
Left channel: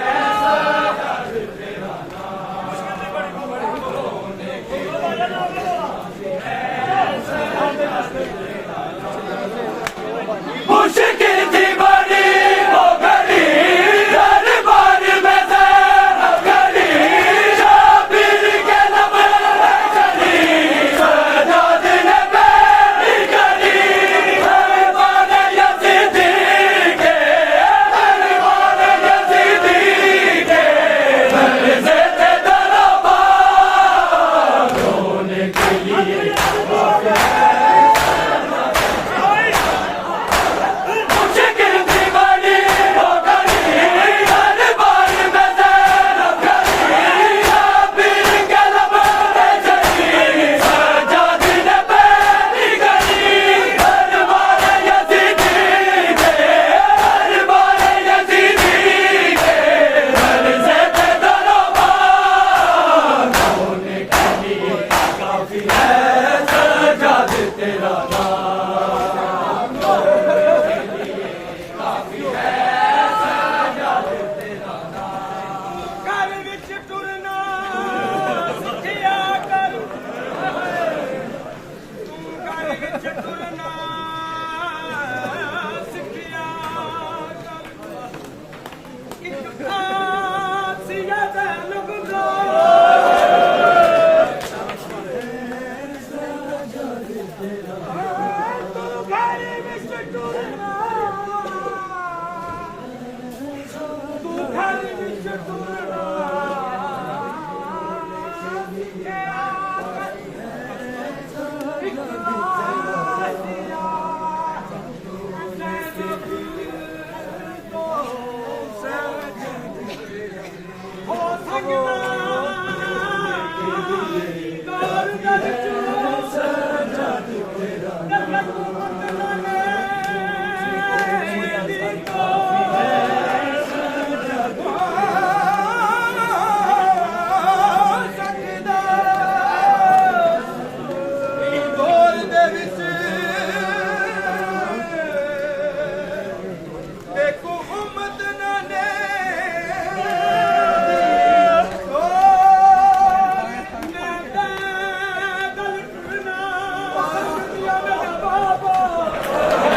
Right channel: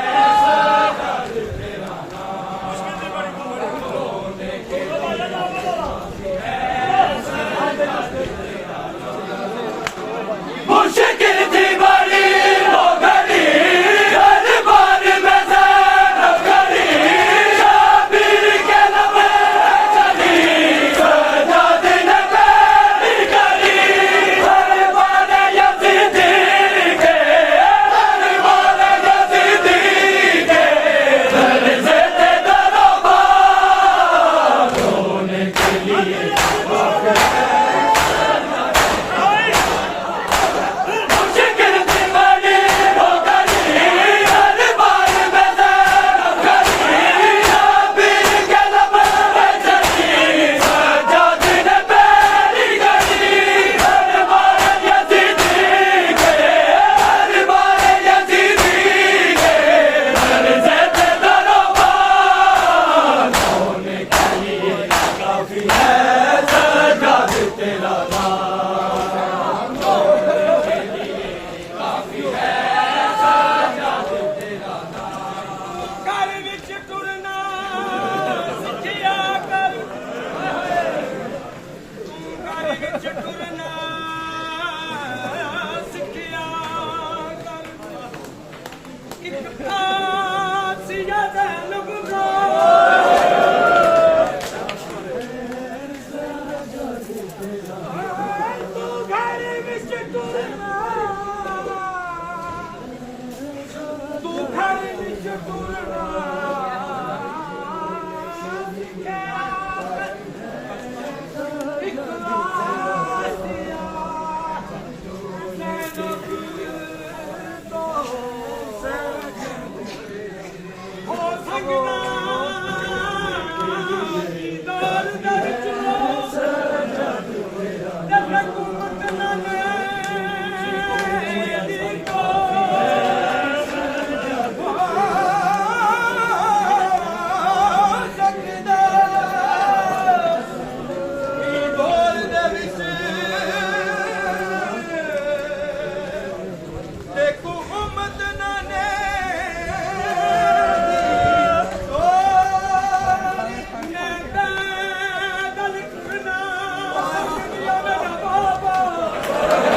सजाद तेरा नाम होने के लिए काफी है तेरा नाम काफी है सजाद तेरा नाम घर विच टुरना सिखिया कर तू घर विच टुरना सिखिया कर एक खासिया दे लगना तू घर विच टुरना तू घर विच टुरना सिखिया कर इखलासिया ज़ैनब तो हो सकदा दीदार दर हुकूमत नाले बाबा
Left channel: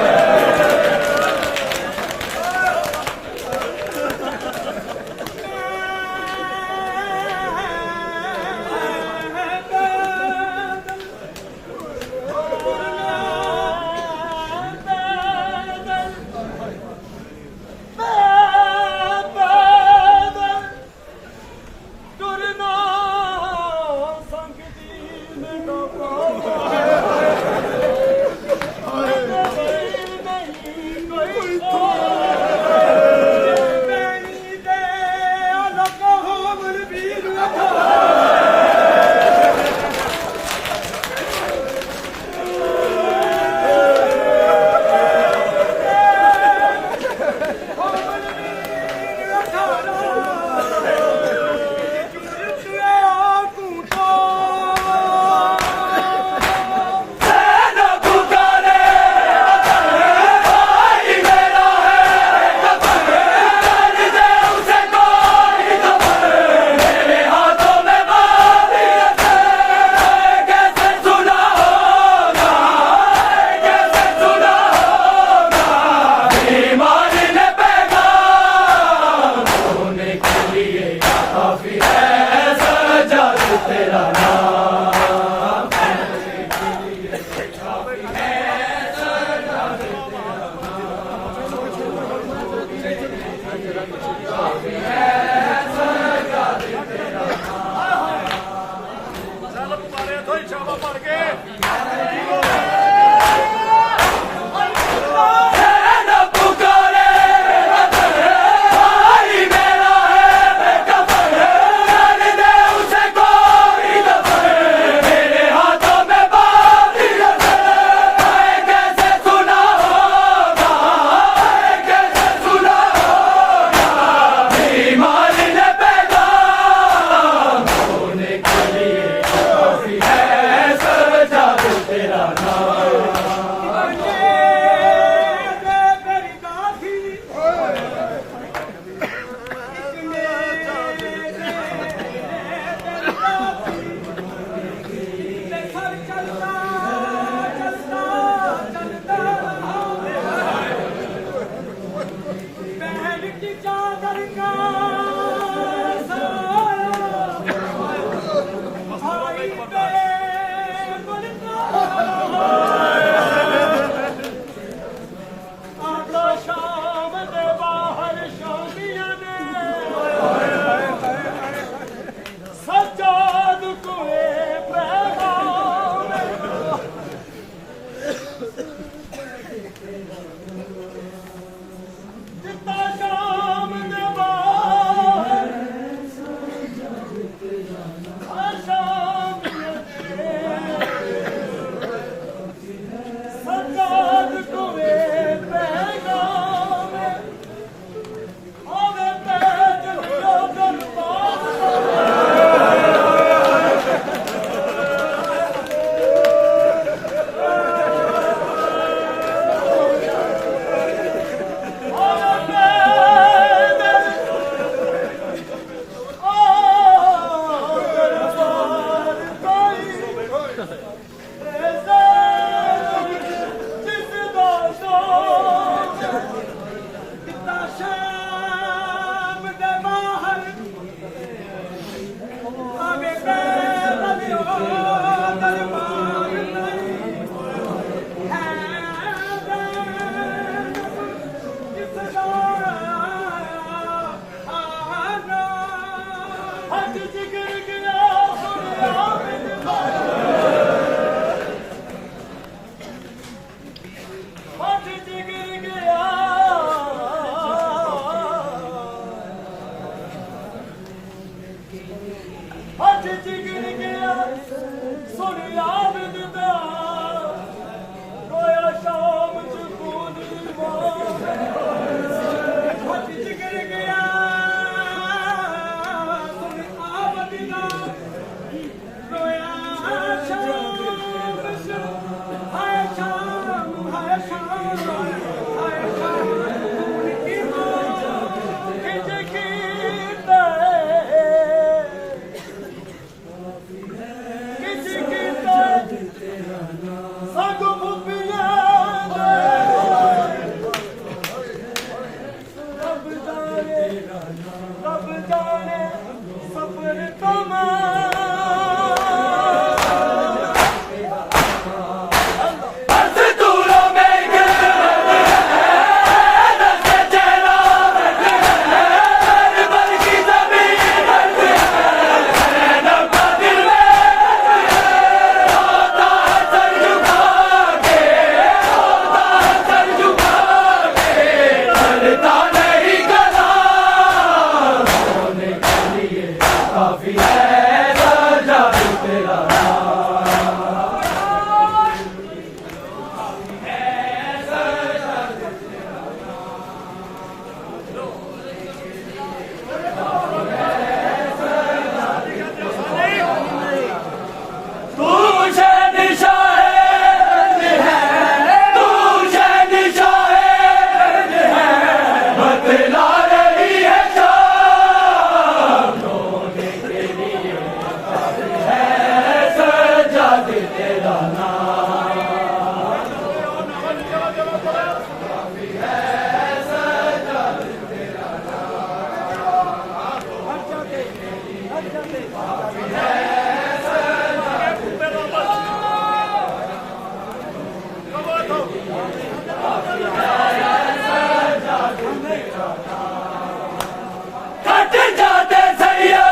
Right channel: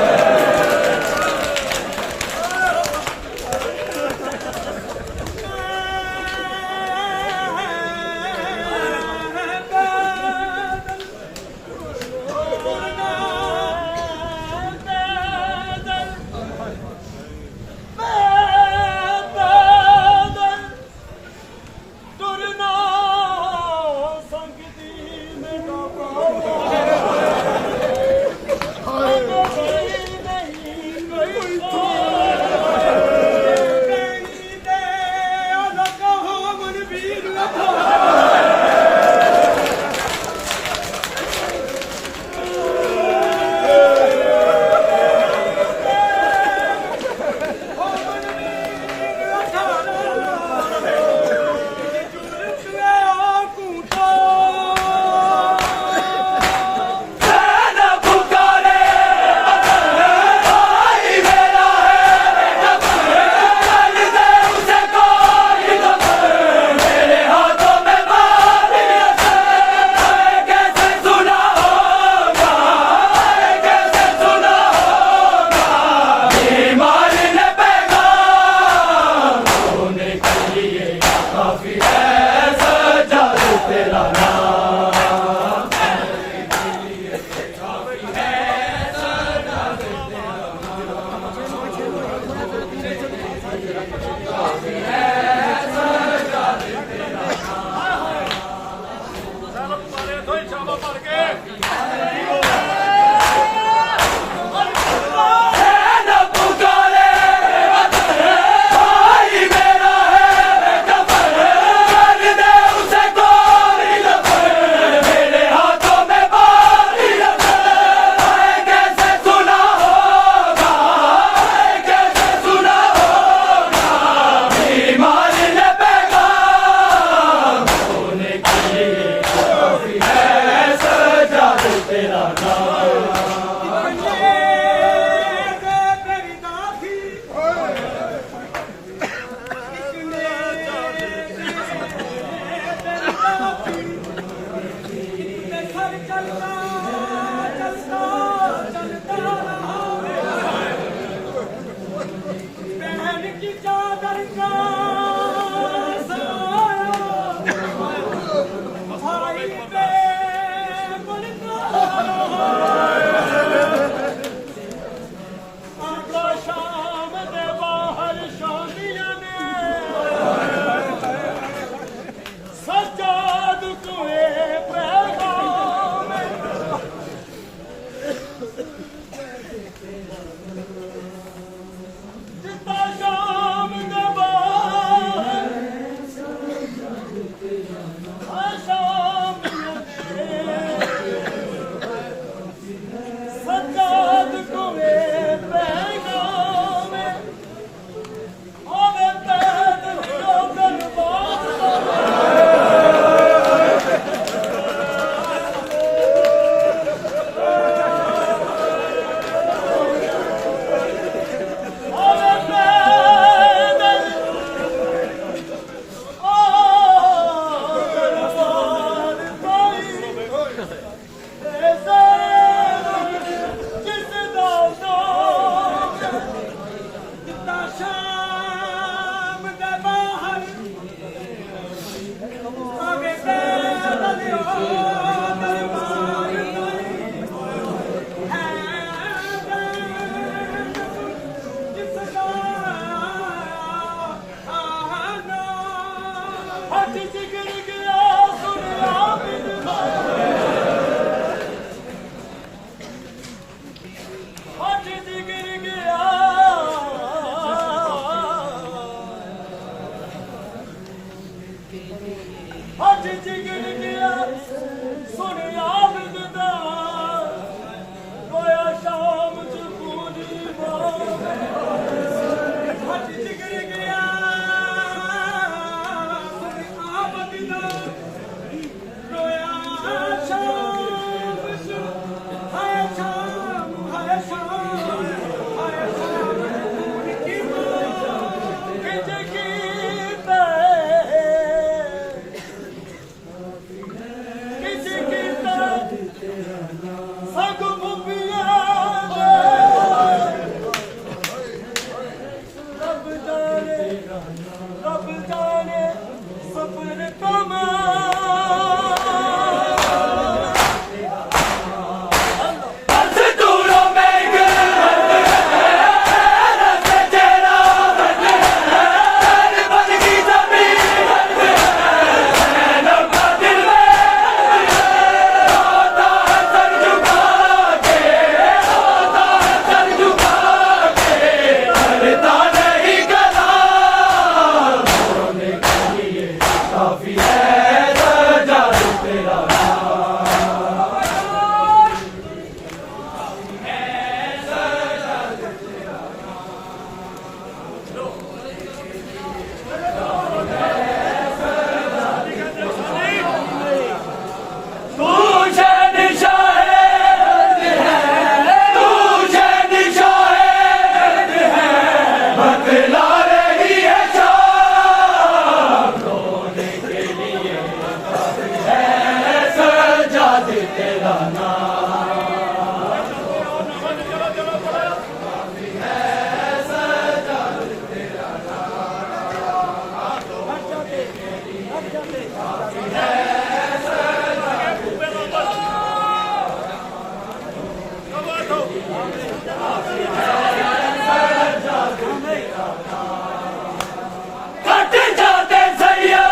कट जाते सैया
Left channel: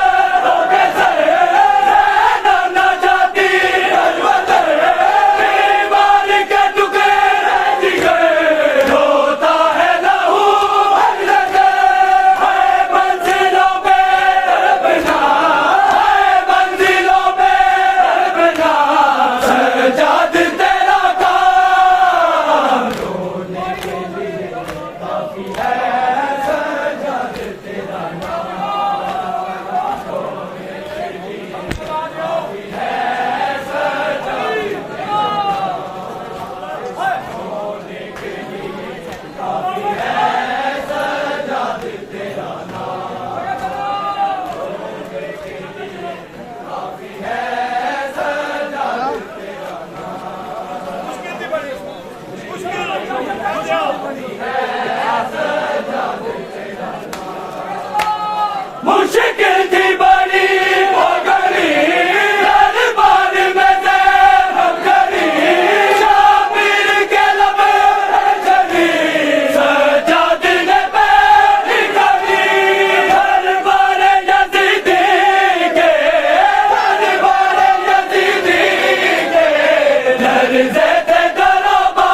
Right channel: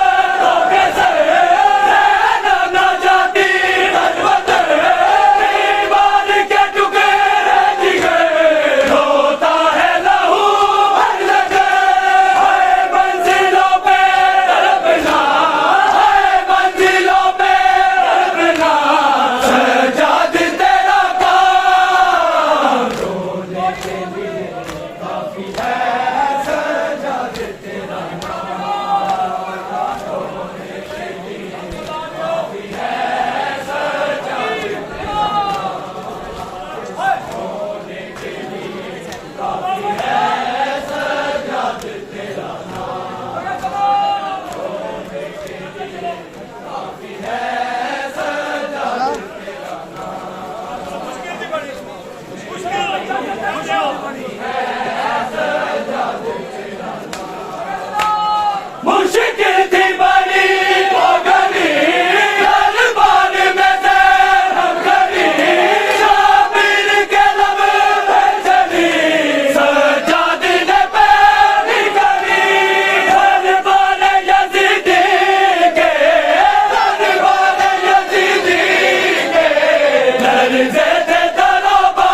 रोके से नाम ना जाती हजमत बीमार के टुकड़े दिखे रोता है लहू हर जगह है मंजिलों पे तड़पना है मंजिलों पे तड़पना सजाद तेरा काम रोने के लिए काफी है सजाद तेरा मुश्किल थी बड़ी वो गली दरबार में से हम गली शामिल के लब पे चली सजाद ने पैरी धरी दरबार यजीदी के दरबार यजीदी के लर्ज़े थे तलबा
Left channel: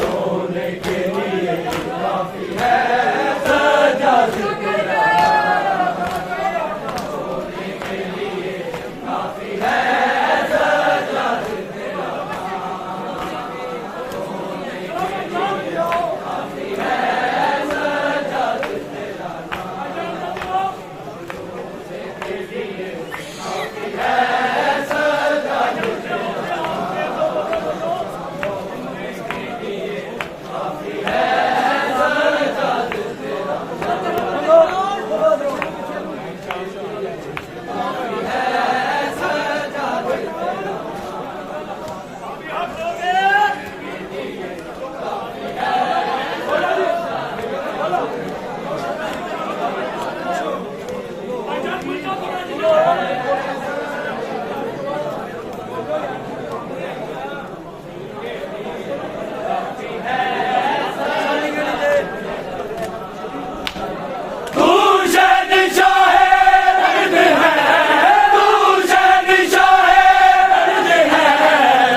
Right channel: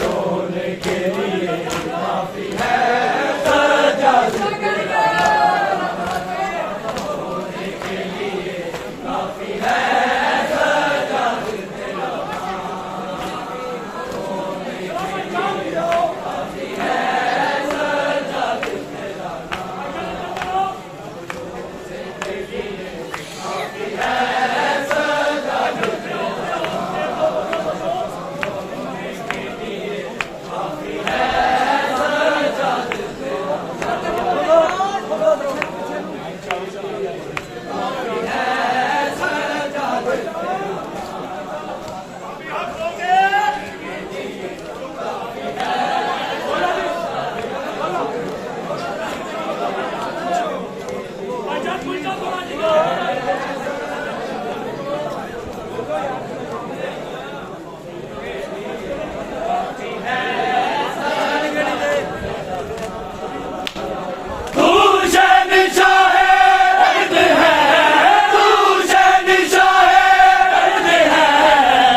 रोने के लिए काफी है सजाद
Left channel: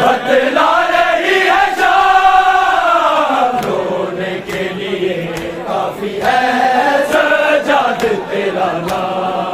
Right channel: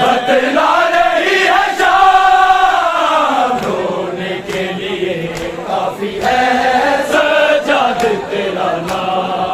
बतला रही है शाम रोने के लिए काफी है सजाद तेरा नाम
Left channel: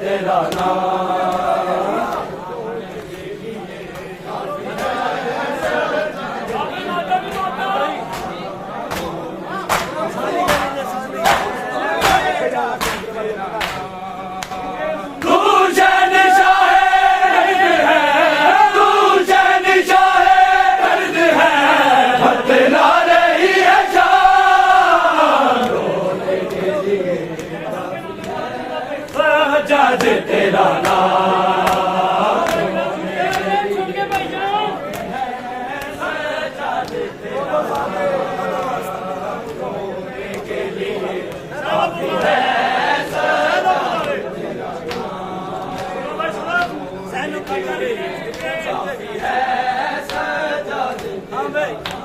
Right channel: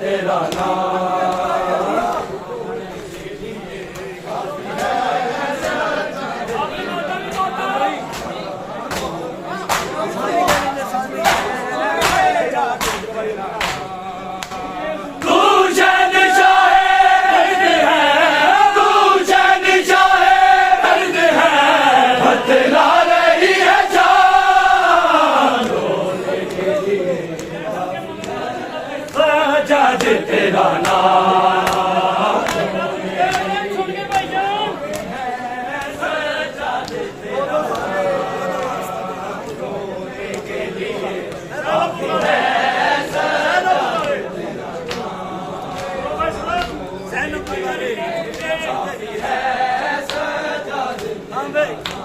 तेरा नाम तू शहंशाह मर्द है, तू शहंशाह मर्द है, बतला रही है शान रोने के लिए सजाद तेरा नाम हाँ भाई